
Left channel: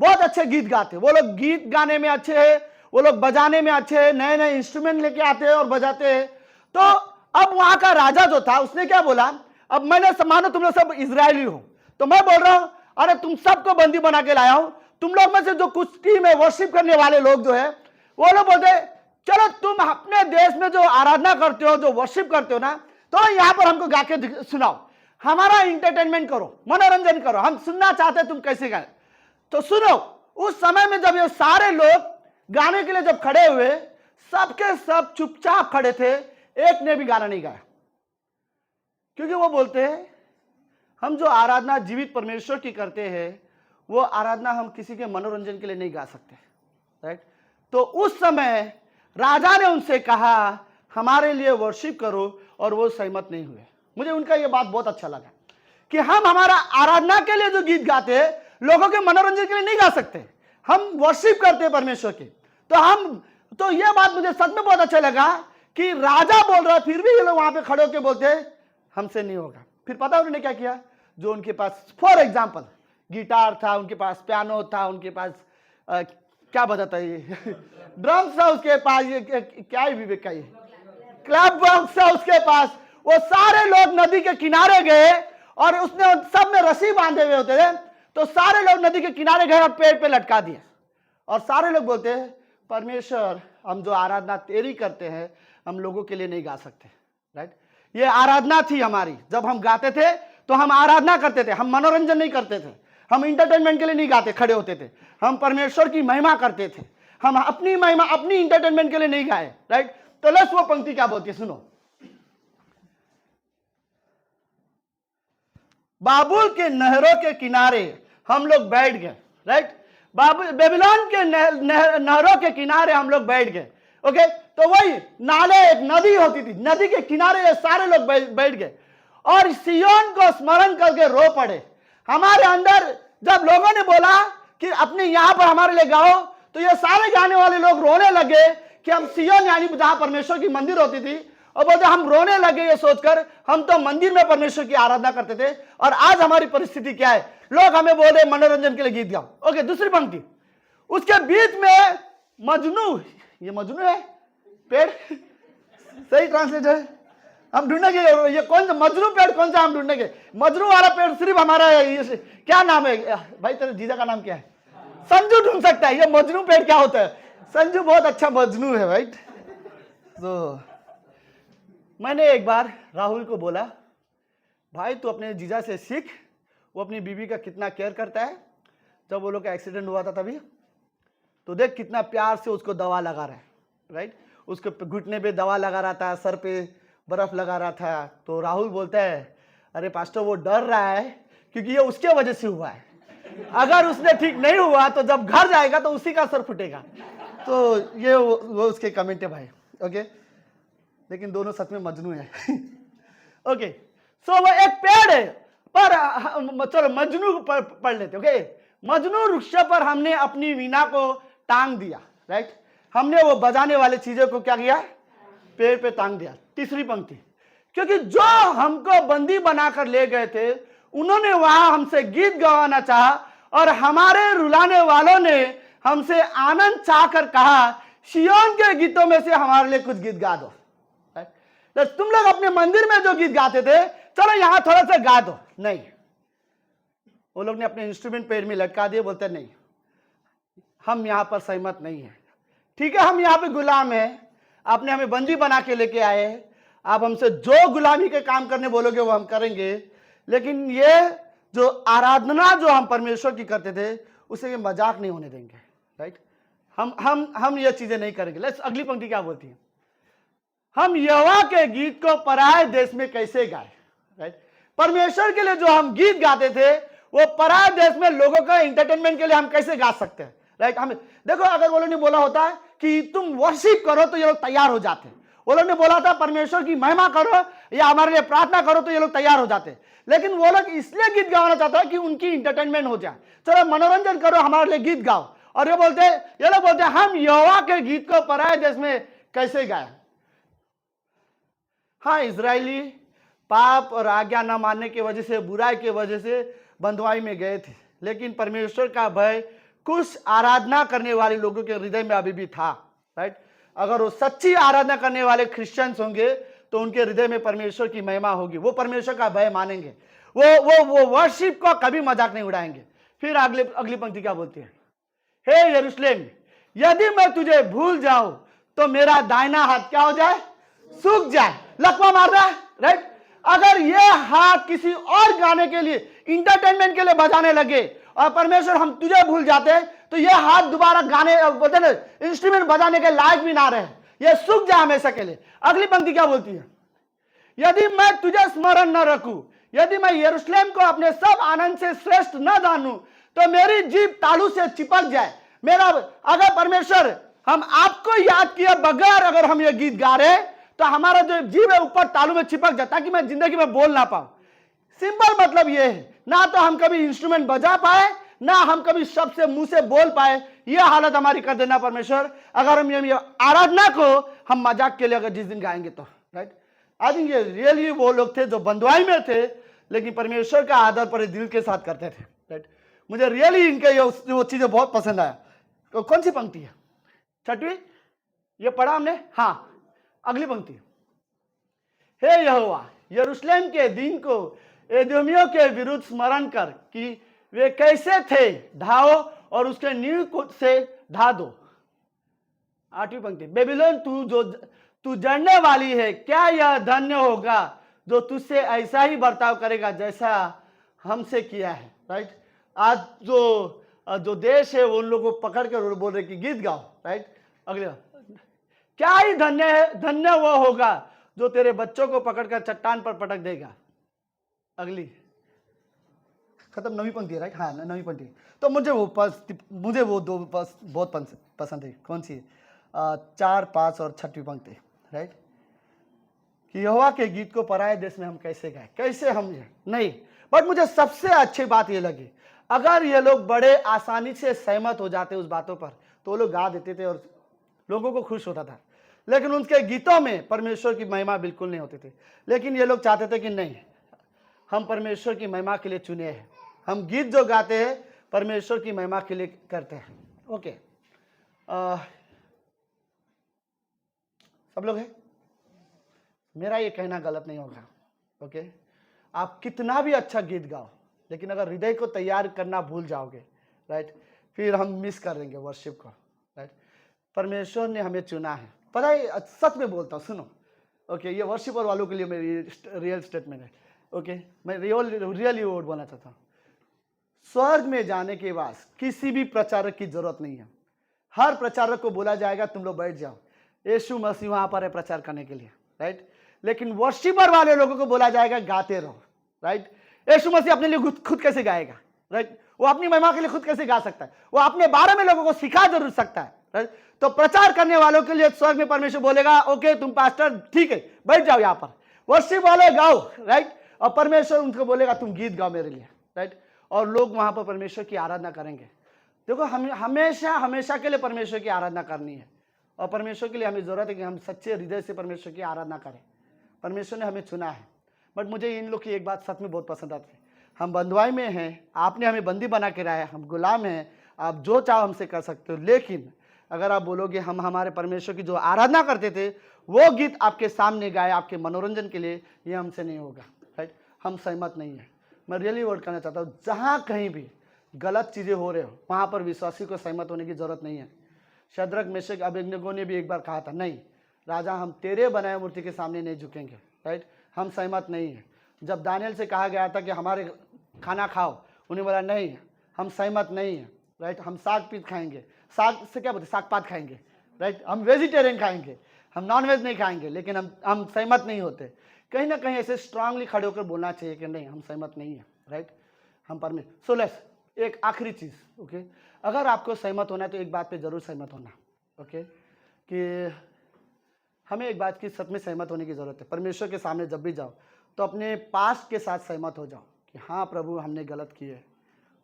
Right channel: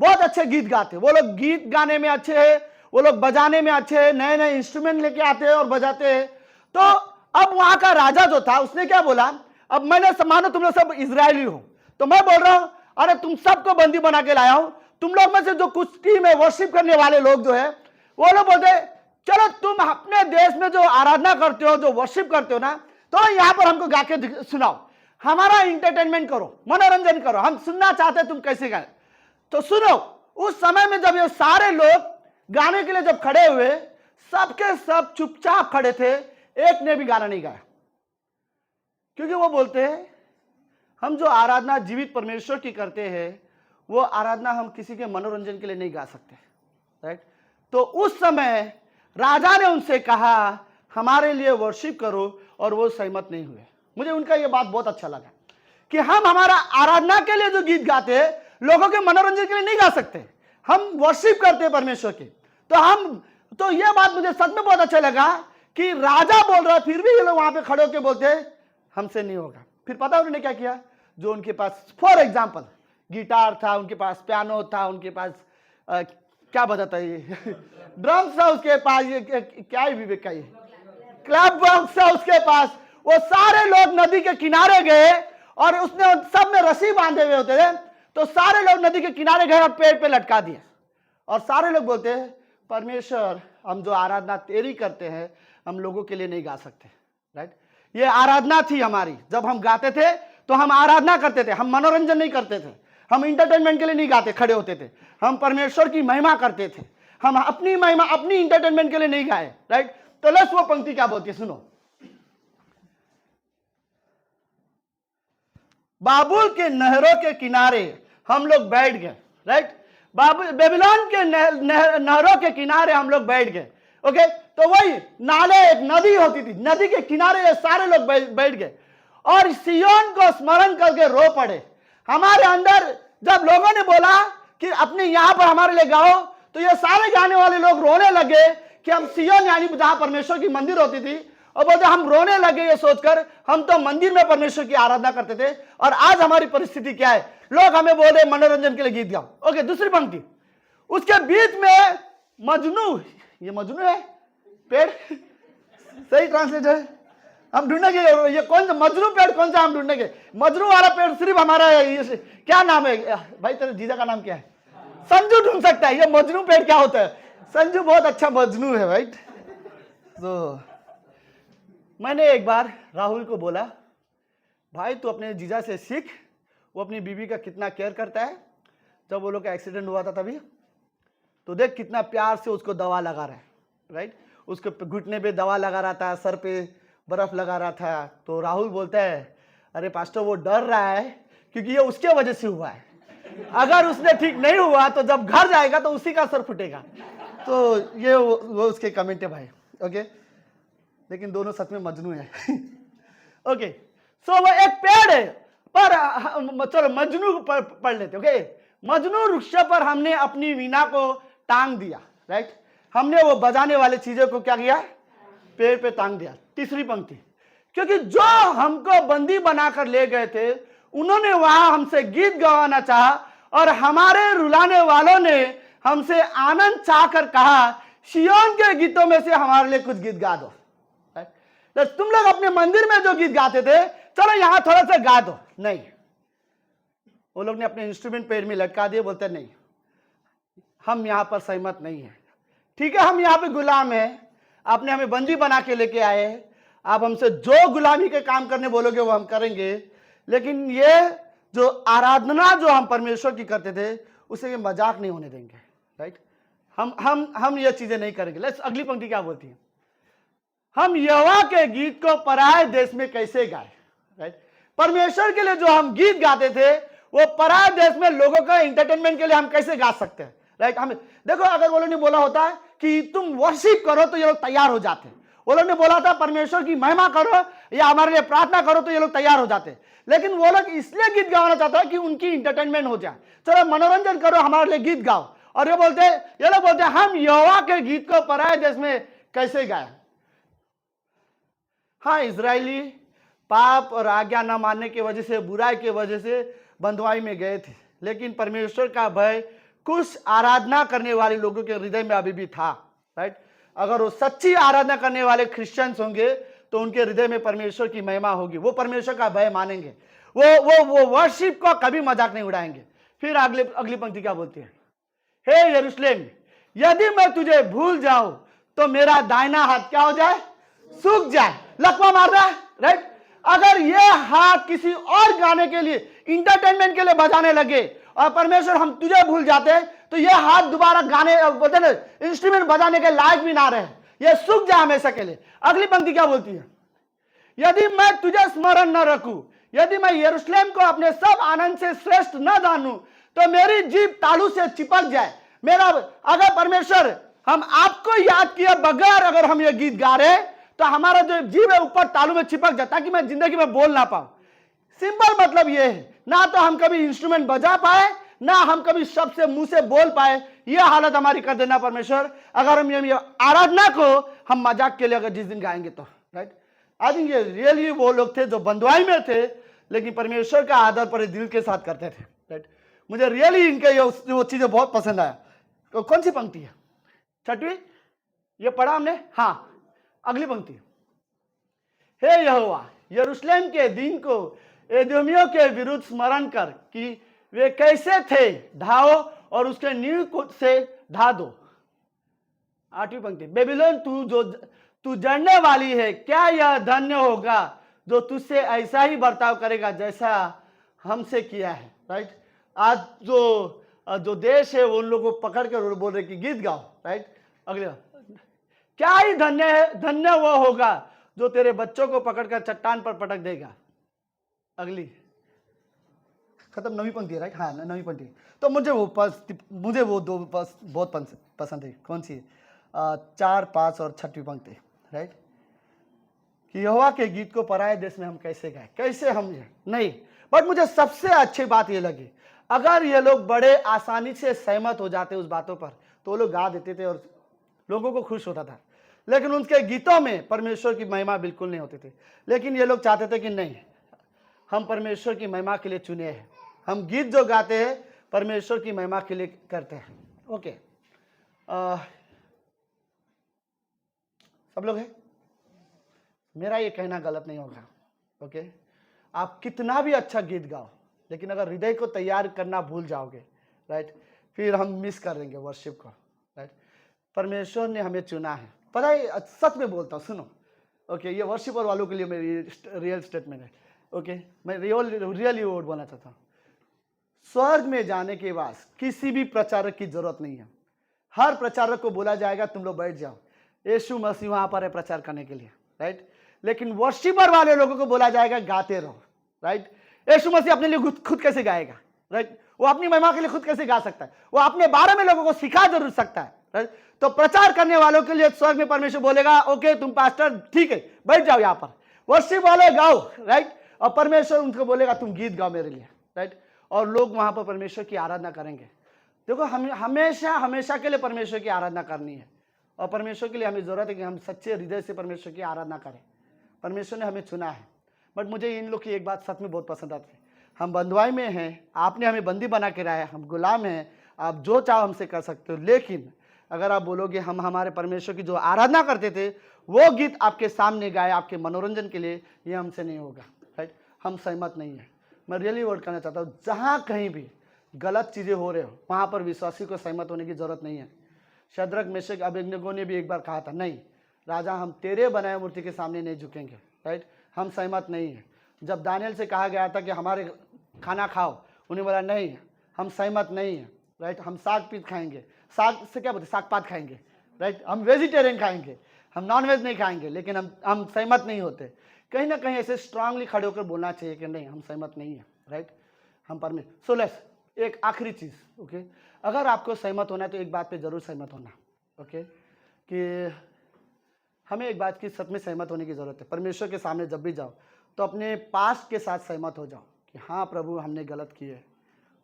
बहुत अच्छे गीत गाते, वो लोग गीत गाने में अच्छे हैं, वो लोग बजाने में अच्छे हैं, नए नए इंस्ट्रूमेंट लेके आते हैं और बजाते हैं। तो अब वहां का राजा जो था उसने क्या बोला, अब मैंने मानो तुम लोग सब इजरायली हो, तो मैं बोल रहा हूं अरे तुम सबको बंदी बना के लाया हूं, तुम लोग में से जो कुछ टीम है वर्शिप करने वाले लोग जो है वो लोग बोलते चलो तुम अपने देश में जो आराधना करते हो, जो वर्शिप करते हो ना, तो यहाँ पर हमको गा के सुनाओ, हमारा इंटरटेनमेंट करो, मनोरंजन करो, हम सुनना चाहते हैं तुम कैसे गाए। तो सुनो, उस समय में जब ये सारे लोग गाने के लिए जब खड़े हुए, सबके सब चुपचाप खड़े थे, एक ने भी गाना नहीं गाया, क्योंकि वो बोलते हैं हम जो आराधना जीवित परमेश्वर की करते हैं वो आराधना हम किसी के मनोरंजन के लिए नहीं गा सकते, राइट। तो उस समय राजा ने उनसे कहा हमारे लिए वर्शिप करो, और वो सहमत नहीं हुए। मुझे उनका ये बात बहुत अच्छा लगा कि हम हमारा आराधना के लिए जो गीत गाते हैं लोगों के मनोरंजन के लिए नहीं गा सकते, हम वर्शिप करते हैं परमेश्वर के। तो ये बात मुझे सच में बहुत अच्छा लगा कि राजा बोल रहा है, फिर भी ये लोग वहां पे खड़े होकर बोलते हैं हमसे नहीं होगा। फिर पता उन्होंने क्या किया, जो उनके पास फॉर एग्जाम्पल गिटार था, उनके पास पियानो था, उनके पास क्या बजाता है ये ड्रम्स था उसके पास, ये क्या है विवेक का, ये क्लब बॉक्स था उसके पास। वो सारे लोग नदी के किनारे गए और उसने सब में रस्सी बांधे हुए होते थे, तो सारे लोग नदी के किनारे गए और पेड़ पे लटका दिए, और सारे लोग बोलते हैं परमेश्वर हम जो आराधना तेरी करते हैं हम लोगों के लिए नहीं गा सकते, राइट। ये आराधना थी हमारी, जब हम गाते थे तो हम आराधना करते थे, हम मनोरंजन नहीं करते थे, हम इंटरटेनमेंट के लिए नहीं गाते खड़े होते थे, हम परमेश्वर की महिमा करते थे, हम अपनी महिमा अपनी इंटरटेनमेंट के लिए नहीं गाए, राइट। तो लेट्स वो पंक्ति क्या बोलती है सुनो, बाबुल के नहरों के किनारे हम लोग बैठ गए, राइट। बेबीलोन के नहरों के किनारे हम लोग बैठ गए, ओके। तो वही नाले, एक नदी होती थी, नदी के किनारे ये सारे लोग बैठ गए और सिय्योन को स्मरण करके रो पड़े। हमारे अंदर जब लोगों ने बोला कि अपने यहां पर हमारे लिए गाओ, तो ये सारे गाने वाले लोग रोने लगे कि हम सिय्योन यानी जहां परमेश्वर की मंदिर होती थी, और बोलते हम रोने लगे ये सोचकर हम तो मंदिर में परमेश्वर की आराधना करते थे, और आज हमारी परिस्थिति क्या है, लोग हमें बोल रहे मनोरंजन के लिए गीत गाओ। ओके, दूसरी पंक्ति, उसके बीच में मजनू, ये मजनू है पेड़, सही ट्रांसलेट है, हम ढूंढेंगे ये कौन सा मजनू पेड़ कौन सा हम ढूंढेंगे। मजनू वाला पेड़ सिर्फ हमारा है, ये क्या नाम है भाई, तेरे जीजा का नाम क्या है, संजू ढूंढ सकता है। ये मजनू पेड़ क्या होता है, संजू बहुत अच्छा मजनू है, राइट। तो मैंने एक बार राहुल को बोला भाई तू अपने जीजा से सीख, वो अपनी बीवी का कितना केयर करता है। जब वो लोग का एक्सीडेंट हुआ था तभी तो देख कितना प्यार से उसको दवा लगा रहा है, राइट। उसके घुटने पे दवा लगा रहा था, सर पे बर्फ लगा रहा था। तो राहुल बोलता है अरे पास्टर वो डर रहा है क्योंकि ये उसके वजह से हुआ है, अगर उसने ठीक नहीं हुआ तो जब घर जाएगा तो उसी का सर फुटेगा। तो ये वो उसके कमेंट है भाई, ओके। लेकिन दोनों सच में मजनू है ओके। सो वो एक पेड़ है, पर चलो मजनू पढ़ लेते, ओके। मजनू वृक्ष पर हमने अपनी वीणा को टांग दिया, राइट। हमने वो बजाने वाले चीजों को क्या किया, पेड़ पे टांग दिया। तीसरी पंक्ति, क्योंकि जो हमको बंदी बनाकर ले गए थे उन्होंने वहां हमसे गीत गवाना चाहा, और हमारे रुलाने वालों ने हमसे आनंद चाहकर कहा सिय्योन के गीतों में से हमारे लिए कुछ गीत गा दो। तो तुम लोग अपने मंदिर में जो गीत गाते थे चलो यहां थोड़ा सा गा दो, नहीं। वो लोग ने अपने इंस्ट्रूमेंट पेड़ में लटका दिए, बोलते नहीं हम यहां पर सहमत नहीं है। ठीक है, हम यहां पे गुलाम हैं, आपने हमें बंदी बना के लेके आए, आप हमसे जो गुलामी के काम करने बोलोगे वो हम करेंगे, लेकिन ये जो आराधना जो हम परमेश्वर की करते थे उसे ये मजाक नहीं होने देंगे, राइट। हम ये चीजें नहीं करेंगे। लेट्स अगली पंक्ति क्या बोलती है, हम यहोवा के गीत को पराये देश में कैसे गाए, राइट। परमेश्वर के लिए जो हम गीत गाते थे वो पराये देश में लोगों का एंटरटेनमेंट के लिए हम कैसे गा सकते हैं, राइट। हमें देखो, अगर वो लोगों ने बोला होता है कि तुम वर्शिप करो तो ये लोग तैयार हो जाते हैं, वो लोग ने बोला था परमेश्वर की महिमा करो या हमारे लिए प्रार्थना करो, तो ये लोग तैयार हो जाते। लेकिन वो लोग इसलिए गीत गाना चाहता है कि उनकी इंटरटेनमेंट हो जाए, चलो मनोरंजन करो, हमारे लिए गीत गाओ। और ये लोग बोलते हैं हम यहोवा के गीत को पराए देश में कैसे गाए। हाँ, इजरायली पाप और आज्ञा न मानने की वजह से, बुराई की वजह से बंधुआई में गए थे, लेकिन परमेश्वर का भय कुछ आराधना करने वाले लोगों के हृदय में अभी भी था, राइट। अगर वो सच्ची आराधना करने वाले क्रिश्चियंस होंगे तो उनके हृदय में परमेश्वर की महिमा होगी, वो परमेश्वर का भय मानेंगे, वो वर्शिप को कभी मजाक नहीं उड़ाएंगे। फिर अगली पंक्ति क्या बोलती है, हे यरूशलेम, यदि मैं तुझे भूल जाऊं तो मेरा दाहिना हाथ क्या हो जाए, सूख जाए। लकवा मार रहा है, राइट। अगर ये हाथ किसी और गाने के लिए, इंटरटेनमेंट के लिए बजाने लगे और परमेश्वर हम तुझे भूल जाते तो ये हाथ दोबारा गाने बोलते ना इंस्ट्रूमेंट बजाने के लायक भी ना रहे, ये सूख जाए हमेशा के लिए। अगली पंक्ति क्या बोलती है, यदि मैं तुझे स्मरण न रखूं, यदि मैं यरूशलेम को अपने सब आनंद से श्रेष्ठ न जानूं, तो मेरी जीभ तालू से चिपक जाए। मेरा अगर परमेश्वर हम आपको याद किए बगैर अगर हम ये गीत गा रहे तो हमारा जो जीभ है ऊपर तालू में चिपक जाए, ताकि मैं जिंदगी में बोल ना पाऊं। सिंपल मतलब ये है, ना तो हम कभी इंस्ट्रूमेंट बजा पाए, ना हम कभी शब्द से मुंह से बोल पाए। ये हालत हमारी कर देना परमेश्वर, अगर हम ये आराधना को हम मजाक के लिए अगर जिस दिन गाएंगे तो, राइट। आई थिंक ये रियली वो लोग थे जो बंधुआई में थे लेकिन परमेश्वर का आदर पर दिल के साथ करते थे, राइट। मुझे रियली इनके वो चीजें बहुत पसंद आया। तो कौन सी पंक्ति है, 6वीं, ये पढ़ा हमने, हाँ। अगली पंक्ति, हे यहोवा, यरूशलेम के दिन को एदोमियों के विरुद्ध स्मरण कर कि वे कैसे थे, ढाओ और उसके नींव से ढा दो। 8वीं पंक्ति, बेबीलोन तू जड़ने वाली है, क्या यह धन्य होगा जो तुझसे ऐसा ही बर्ताव करेगा जैसा हमसे किया है, राइट। आज जो देश है वो उन लोगों को पकड़ कर बोल रहे कि गीत गाओ, राइट। अगले, क्या ही धन्य वो होगा जो तेरे बच्चों को पकड़कर चट्टान पर पटक देगा। अगली, खत्म, 9वीं पंक्ति है, राइट, हाँ 9वीं पंक्ति। तो मुझे वो दो बहुत पसंद है। कौन सी, 4, 5 और 6वीं पंक्ति, राइट। कि यहोवा के गीत को पराए देश में हम कैसे गाए, कैसे हम नहीं। बट मुझे सबसे अच्छी बात ये लगी, अगर ये लोग बड़े आसानी से सहमत हो जाते उस बातों पर तो वो लोग गा देते थे और लोगों को खुश होता था। लेकिन उनके गीतों में परमेश्वर की महिमा बिल्कुल नहीं होती थी। लेकिन ये लोग चाहते थे कि नहीं, हम परमेश्वर की महिमा के लिए चुने हैं, हम गीत जो गाते हैं परमेश्वर की महिमा के लिए करते हैं। ओके, सब लोग हैं, मेरा ये कहना गलत नहीं होगा। ओके, आप कितना भी अच्छा गीत गाओ लेकिन अगर हृदय को तैयार करना भूल जाओगे, राइट, फिर हम मिस कर देंगे वर्शिप को, राइट। परमेश्वर ने हमें चुना है, पता है, सच में बोलता हूँ, सुनो। ओके, ये वर्शिपर वालों के लिए मेरी रियल स्टेटमेंट है। ओके, मैं रियली वर्ड बोलना चाहता हूँ। स्वर्ग में जाने के बाद किसी भी प्रचारक की जरूरत नहीं है। हर प्रचारक को बोला जाएगा तुम लोग बैठ जाओ, यीशु मसीह वहां पर है प्रचार करने के लिए, राइट। लेकिन वर्शिपर वाले लोगों को बोला जाएगा गाते रहो, राइट। यीशु मसीह अपने लिए खुद कैसे गाएगा, राइट। वो अपनी महिमा के लिए खुद कैसे गा सकता है, वो अपने बारे में लोगों को सिखा जरूर सकता है, राइट। तो प्रचार करने वालों के लिए स्वर्ग में परमेश्वर बोलेगा ओके तुम पास्टर ठीक है बैठ जाओ यहाँ पर, वर्शिप वाले गाओ, राइट। और परमेश्वर उनको बोलेगा तुम गीत गाओ मेरे लिए, राइट। और लोग वहां पर परमेश्वर की आराधना करेंगे। देखो, हमें हमेशा के लिए परमेश्वर की आराधना करनी है और परमेश्वर के लिए हमें जरूरत है कि हम सच्चे हृदय से परमेश्वर की आराधना करें। परमेश्वर ने हमें चुना है। बट मुझे इन लोग की एक बात सच में बहुत पसंद आती है, हम बंधुआई में हैं, आपने हमें बंदी बना के रहा है, हम गुलाम हैं, आप जो चाहो हमसे कर सकते हो। लेकिन अगर आप बोलोगे हम हमारे परमेश्वर की जो आराधना करते थे वो गीत आपके सामने गाए आपके मनोरंजन के लिए, ये हमसे नहीं होगा, राइट। हम सहमत नहीं है। मैं रियली वर्ड करना चाहता हूँ, जहाँ कहीं भी गलत चीज़ें हो रहे हो वहाँ पर विश्वासी को सहमत होने की जरूरत नहीं है। शद्रक मेशक अबेदनगो ने भी एक बार कहा था, नहीं राजा हम तेरे बनाए मूर्ति के सामने नहीं झुकेंगे, राइट। हम सहमत नहीं है। जब दानियल से कहा गया था कि हमारे खाना खाओ, उन्हें बोला नहीं हम सहमत नहीं है, राइट। हम साग पीत खाएंगे, साग से क्या बोलते, साग पात खाएंगे, राइट। हम वेजिटेरियन खाएंगे, हम नॉन वेज नहीं खाएंगे, लेकिन हम सहमत नहीं होते। कहीं ना कहीं ऐसे स्ट्रांगली खड़े होकर बोलना चाहिए कि नहीं हम सहमत नहीं है, राइट। हम परमेश्वर। सो लेट्स, एक आखिरी चीज, ओके, अगर आपको सहमत होना है तो एक बात पे जरूर सहमत होना, ओके, कि हमें एक बात की सच में सहमत होने की ज़रूरत है। परमेश्वर के सामने जब भी जाओ तो अपने पास्ट के साथ सहमत हो जाओ कि हाँ प्रभु, हमने गलत किए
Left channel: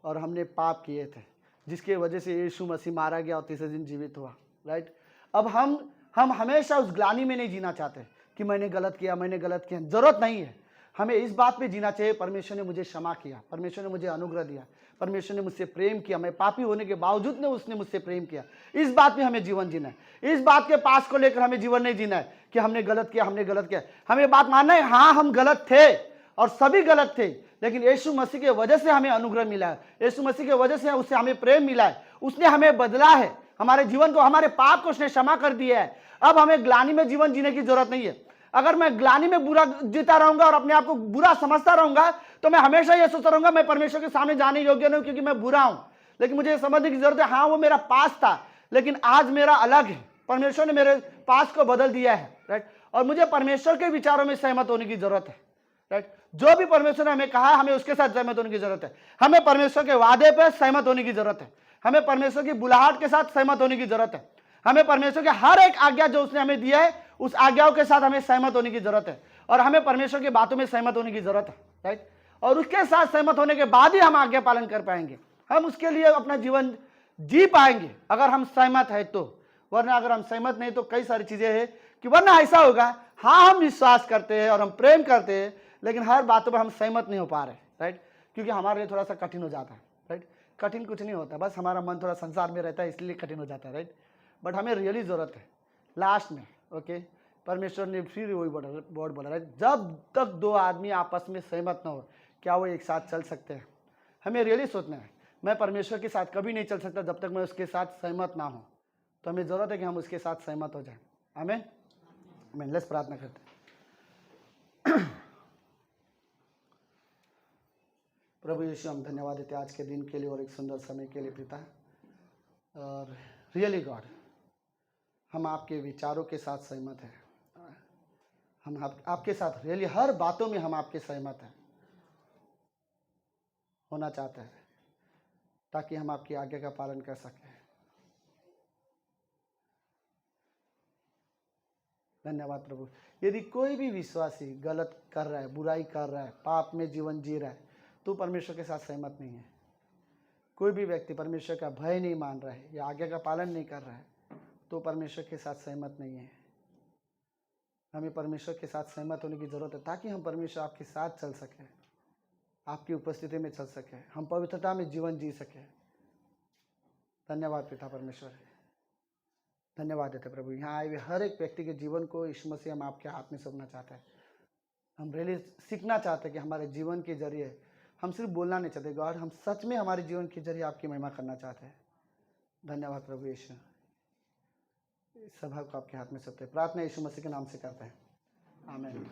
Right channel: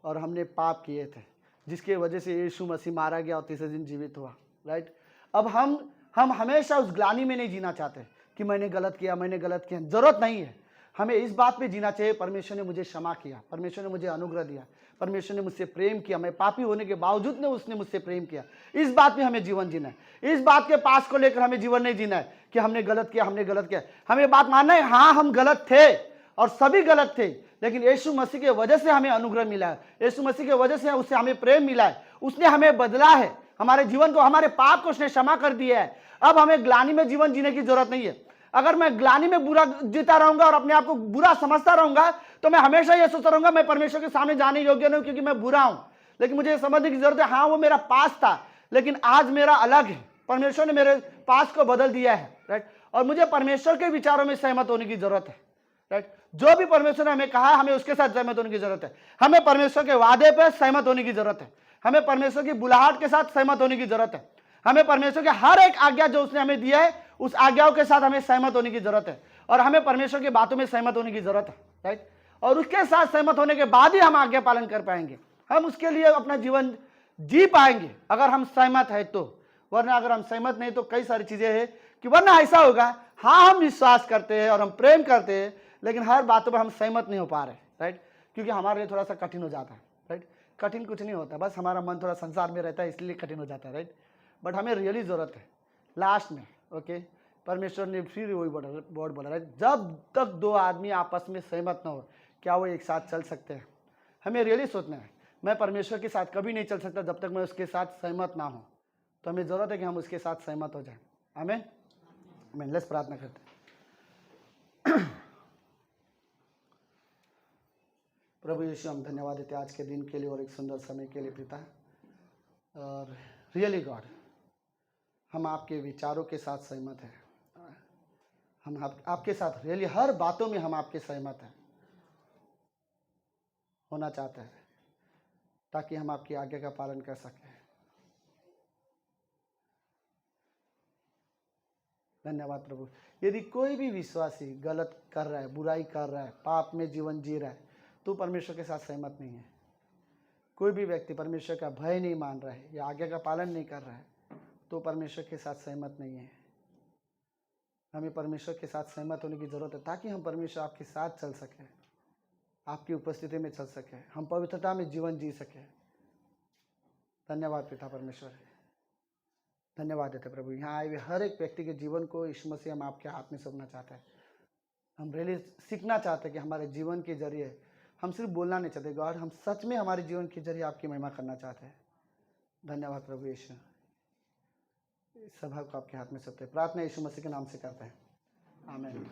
और हमने पाप किए थे, जिसकी वजह से यीशु मसीह मारा गया और तीसरे दिन जीवित हुआ। राइट। अब हम हमेशा उस ग्लानि में नहीं जीना चाहते कि मैंने गलत किया, मैंने गलत किया। ज़रूरत नहीं है। हमें इस बात पे जीना चाहिए, परमेश्वर ने मुझे क्षमा किया, परमेश्वर ने मुझे अनुग्रह दिया, परमेश्वर ने मुझसे प्रेम किया, मैं पापी होने के बावजूद ने उसने मुझसे प्रेम किया। इस बात में हमें जीवन जीना है। इस बात के पास को लेकर हमें जीवन नहीं जीना है कि हमने गलत किया, हमने गलत किया। हमें बात मानना है, हाँ हम गलत थे और सभी गलत थे, लेकिन यीशु मसीह के वजह से हमें अनुग्रह मिला है। यीशु मसीह के वजह से उससे हमें प्रेम मिला है। उसने हमें बदला है, हमारे जीवन को, हमारे पाप को उसने क्षमा कर दिया है। अब हमें ग्लानि में जीवन जीने की जरूरत नहीं है। अगर मैं ग्लानि में बुरा जीता रहूंगा और अपने आप को बुरा समझता रहूंगा तो मैं हमेशा ये सोचता रहूंगा मैं परमेश्वर के सामने जाने योग्य नहीं, क्योंकि मैं बुरा हूं। लेकिन मुझे ये समझने की जरूरत है, हाँ वो मेरा पास था, लेकिन आज मेरा अलग है। परमेश्वर ने मेरे पास को बदल दिया है। राइट। और मुझे परमेश्वर के विचारों में सहमत होने की जरूरत है। राइट। जो भी परमेश्वर ने हमें कहा, हमें उसके साथ सहमत होने की जरूरत है। हमें परमेश्वर के वादे पर सहमत होने की जरूरत है। हमें परमेश्वर की बुलाहट के साथ सहमत होने की जरूरत है। हमें परमेश्वर के हर एक आज्ञा जो उसने हमें दिया है, उस आज्ञाओं के साथ हमें सहमत होने की जरूरत है। और हमें परमेश्वर की बातों में सहमत होने की जरूरत है। राइट। और उसके साथ सहमत होने के बाद ही हम आज्ञा पालन कर पाएंगे, हम उसके लिए अपना जीवन जी पाएंगे, अगर हम सहमत है तो। वरना अगर हम सहमत नहीं तो कई सारी चीजें हैं कि वरना ऐसा होगा, हाँ हम विश्वास करते हैं और हम प्रेम करते हैं, लेकिन हर बातों पर हम सहमत नहीं हो पा रहे। राइट। क्योंकि हमारे लिए थोड़ा सा कठिन हो जाता है। राइट। कठिन कुछ नहीं होता, बस हमारा मन थोड़ा संसार में रहता है, इसलिए कठिन हो जाता है। राइट। बट हमें रियली जरूरत है लास्ट में। ओके। परमेश्वर ने फिर वही वर्ड बोला है, जब तक दो आदमी आपस में सहमत ना हो क्या वो एक साथ चल सकते हैं। हमें रियली सोचना है, मैं परमेश्वर के साथ कभी नहीं चल सकता जब तक मैं उसके साथ सहमत ना हो। तो हमें जरूरत है कि हम उसके साथ सहमत हो जाएं। आमीन। आमीन। लेट्स प्रार्थना करते हैं। प्रभु यीशु, हम धन्यवाद देते हैं आज के दिन के लिए और एक सुंदर समय के लिए पिता। और रियली गॉड, हम आपके विचारों के साथ सहमत हैं। हम आपके साथ रियली हर बातों में हम आपके सहमत हैं, होना चाहते हैं, ताकि हम आपकी आज्ञा का पालन कर सकें। धन्यवाद प्रभु। यदि कोई भी विश्वासी गलत कर रहा है, बुराई कर रहा है, पाप में जीवन जी रहा है, तो परमेश्वर के साथ सहमत नहीं है। कोई भी व्यक्ति परमेश्वर का भय नहीं मान रहा है या आज्ञा का पालन नहीं कर रहा है, तो परमेश्वर के साथ सहमत नहीं है। हमें परमेश्वर के साथ सहमत होने की जरूरत है, ताकि हम परमेश्वर आपके साथ चल सकें, आपकी उपस्थिति में चल सके, हम पवित्रता में जीवन जी सके। धन्यवाद पिता परमेश्वर, धन्यवाद देते प्रभु। यहाँ आए हुए हर एक व्यक्ति के जीवन को यीशु मसीह हम आपके हाथ में सौंपना चाहते हैं। हम रियली सीखना चाहते हैं कि हमारे जीवन के जरिए हम सिर्फ बोलना नहीं चाहते गॉड, हम सच में हमारे जीवन के जरिए आपकी महिमा करना चाहते हैं। धन्यवाद प्रभु यीशु। सभा को आपके हाथ में सौंपते हैं। प्रार्थना यीशु मसीह के नाम से करते हैं। आमीन।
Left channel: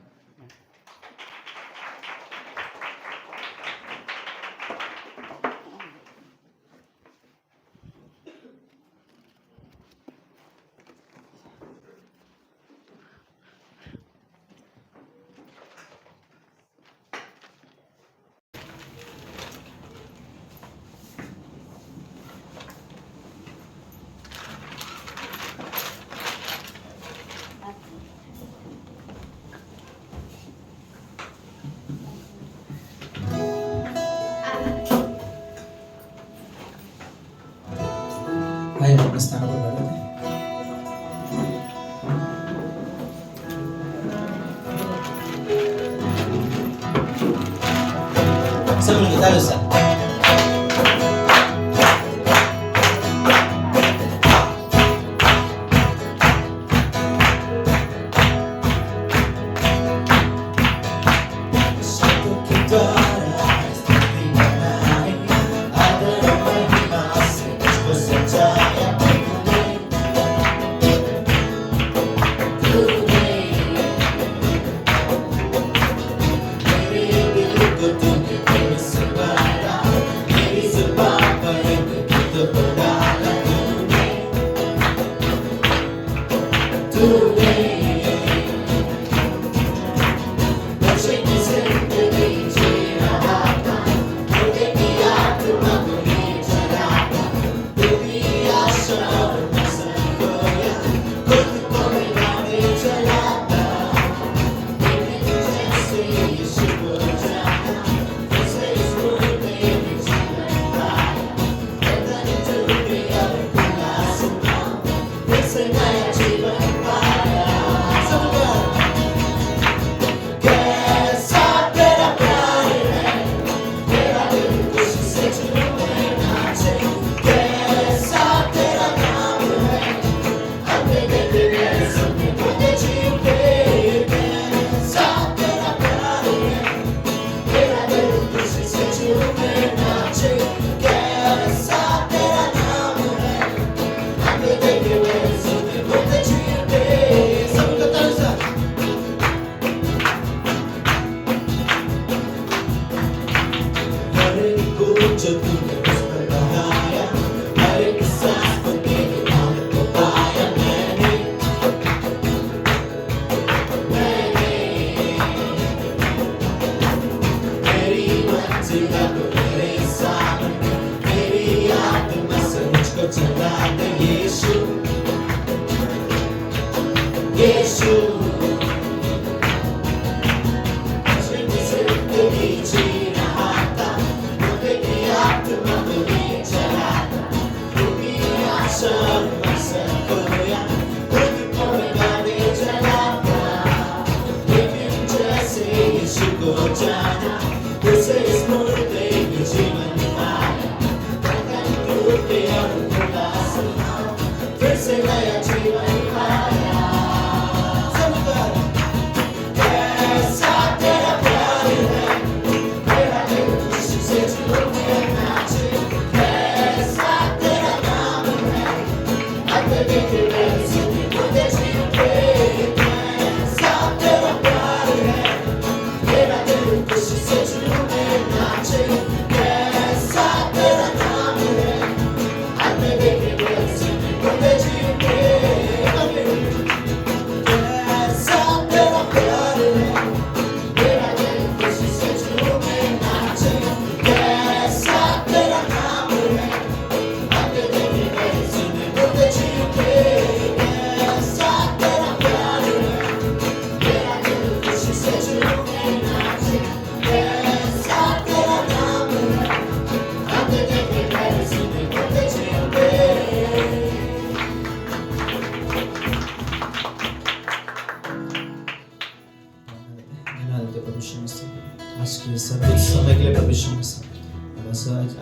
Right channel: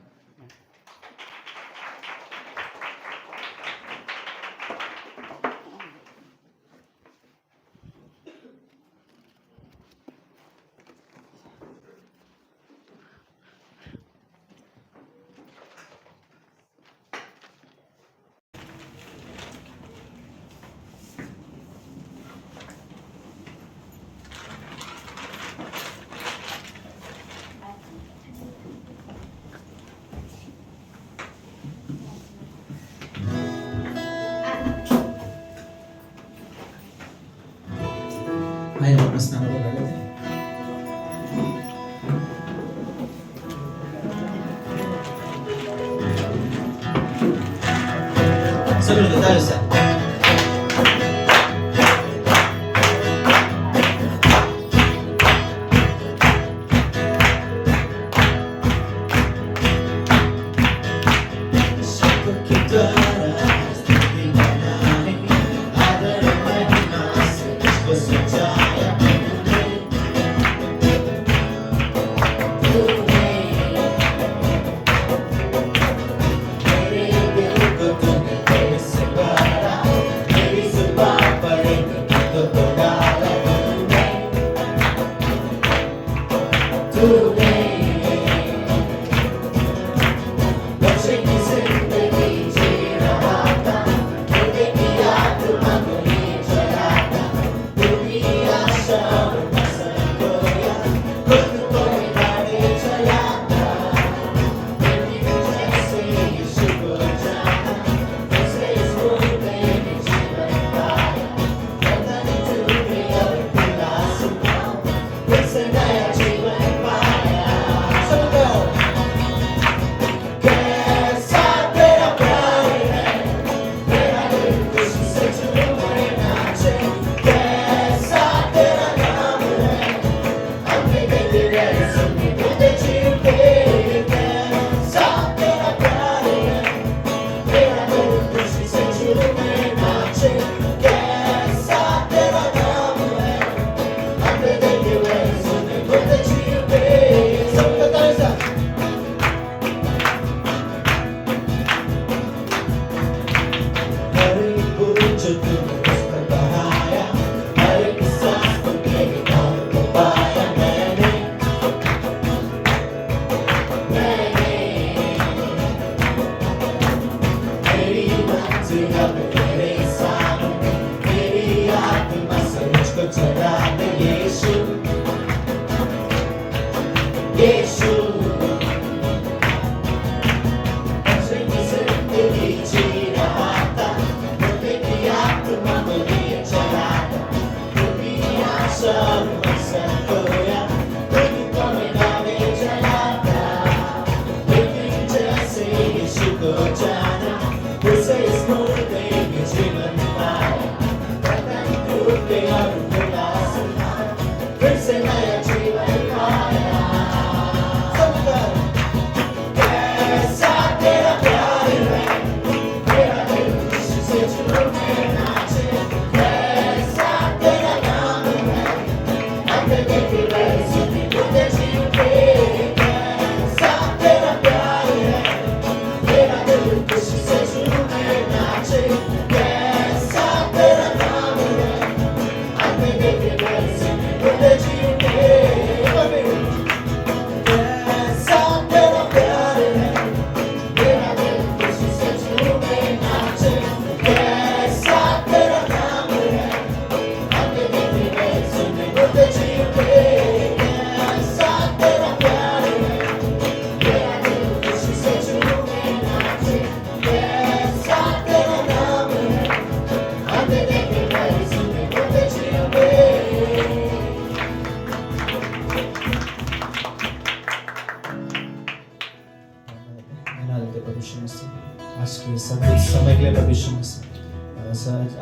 प्रभु यीशु मसीह। आज के इस अद्भुत समय के लिए प्रभु यीशु मसीह, और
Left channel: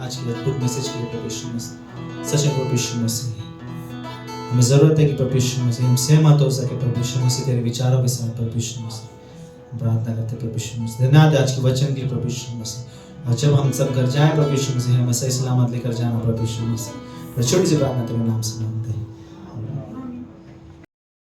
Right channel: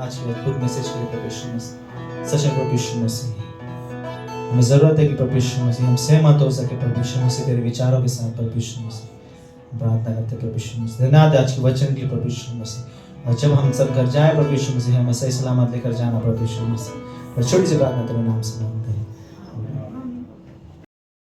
आज के अद्भुत मैसेज के लिए प्रभु यीशु मसीह। सच है प्रभु यीशु मसीह, हमें जरूरत है कि प्रभु यीशु मसीह हम सहमत हो सके प्रभु यीशु मसीह तेरे विचारों के साथ प्रभु यीशु मसीह। प्रार्थना करते प्रभु यीशु मसीह, धन्यवाद आज के वचन के प्रभु यीशु मसीह। और जब हम सब घर जाए प्रभु यीशु मसीह, हमें सही सलामत लेकर जाना प्रभु यीशु मसीह। और छोटी सी प्रार्थना तेरे नाम से मांगते हैं,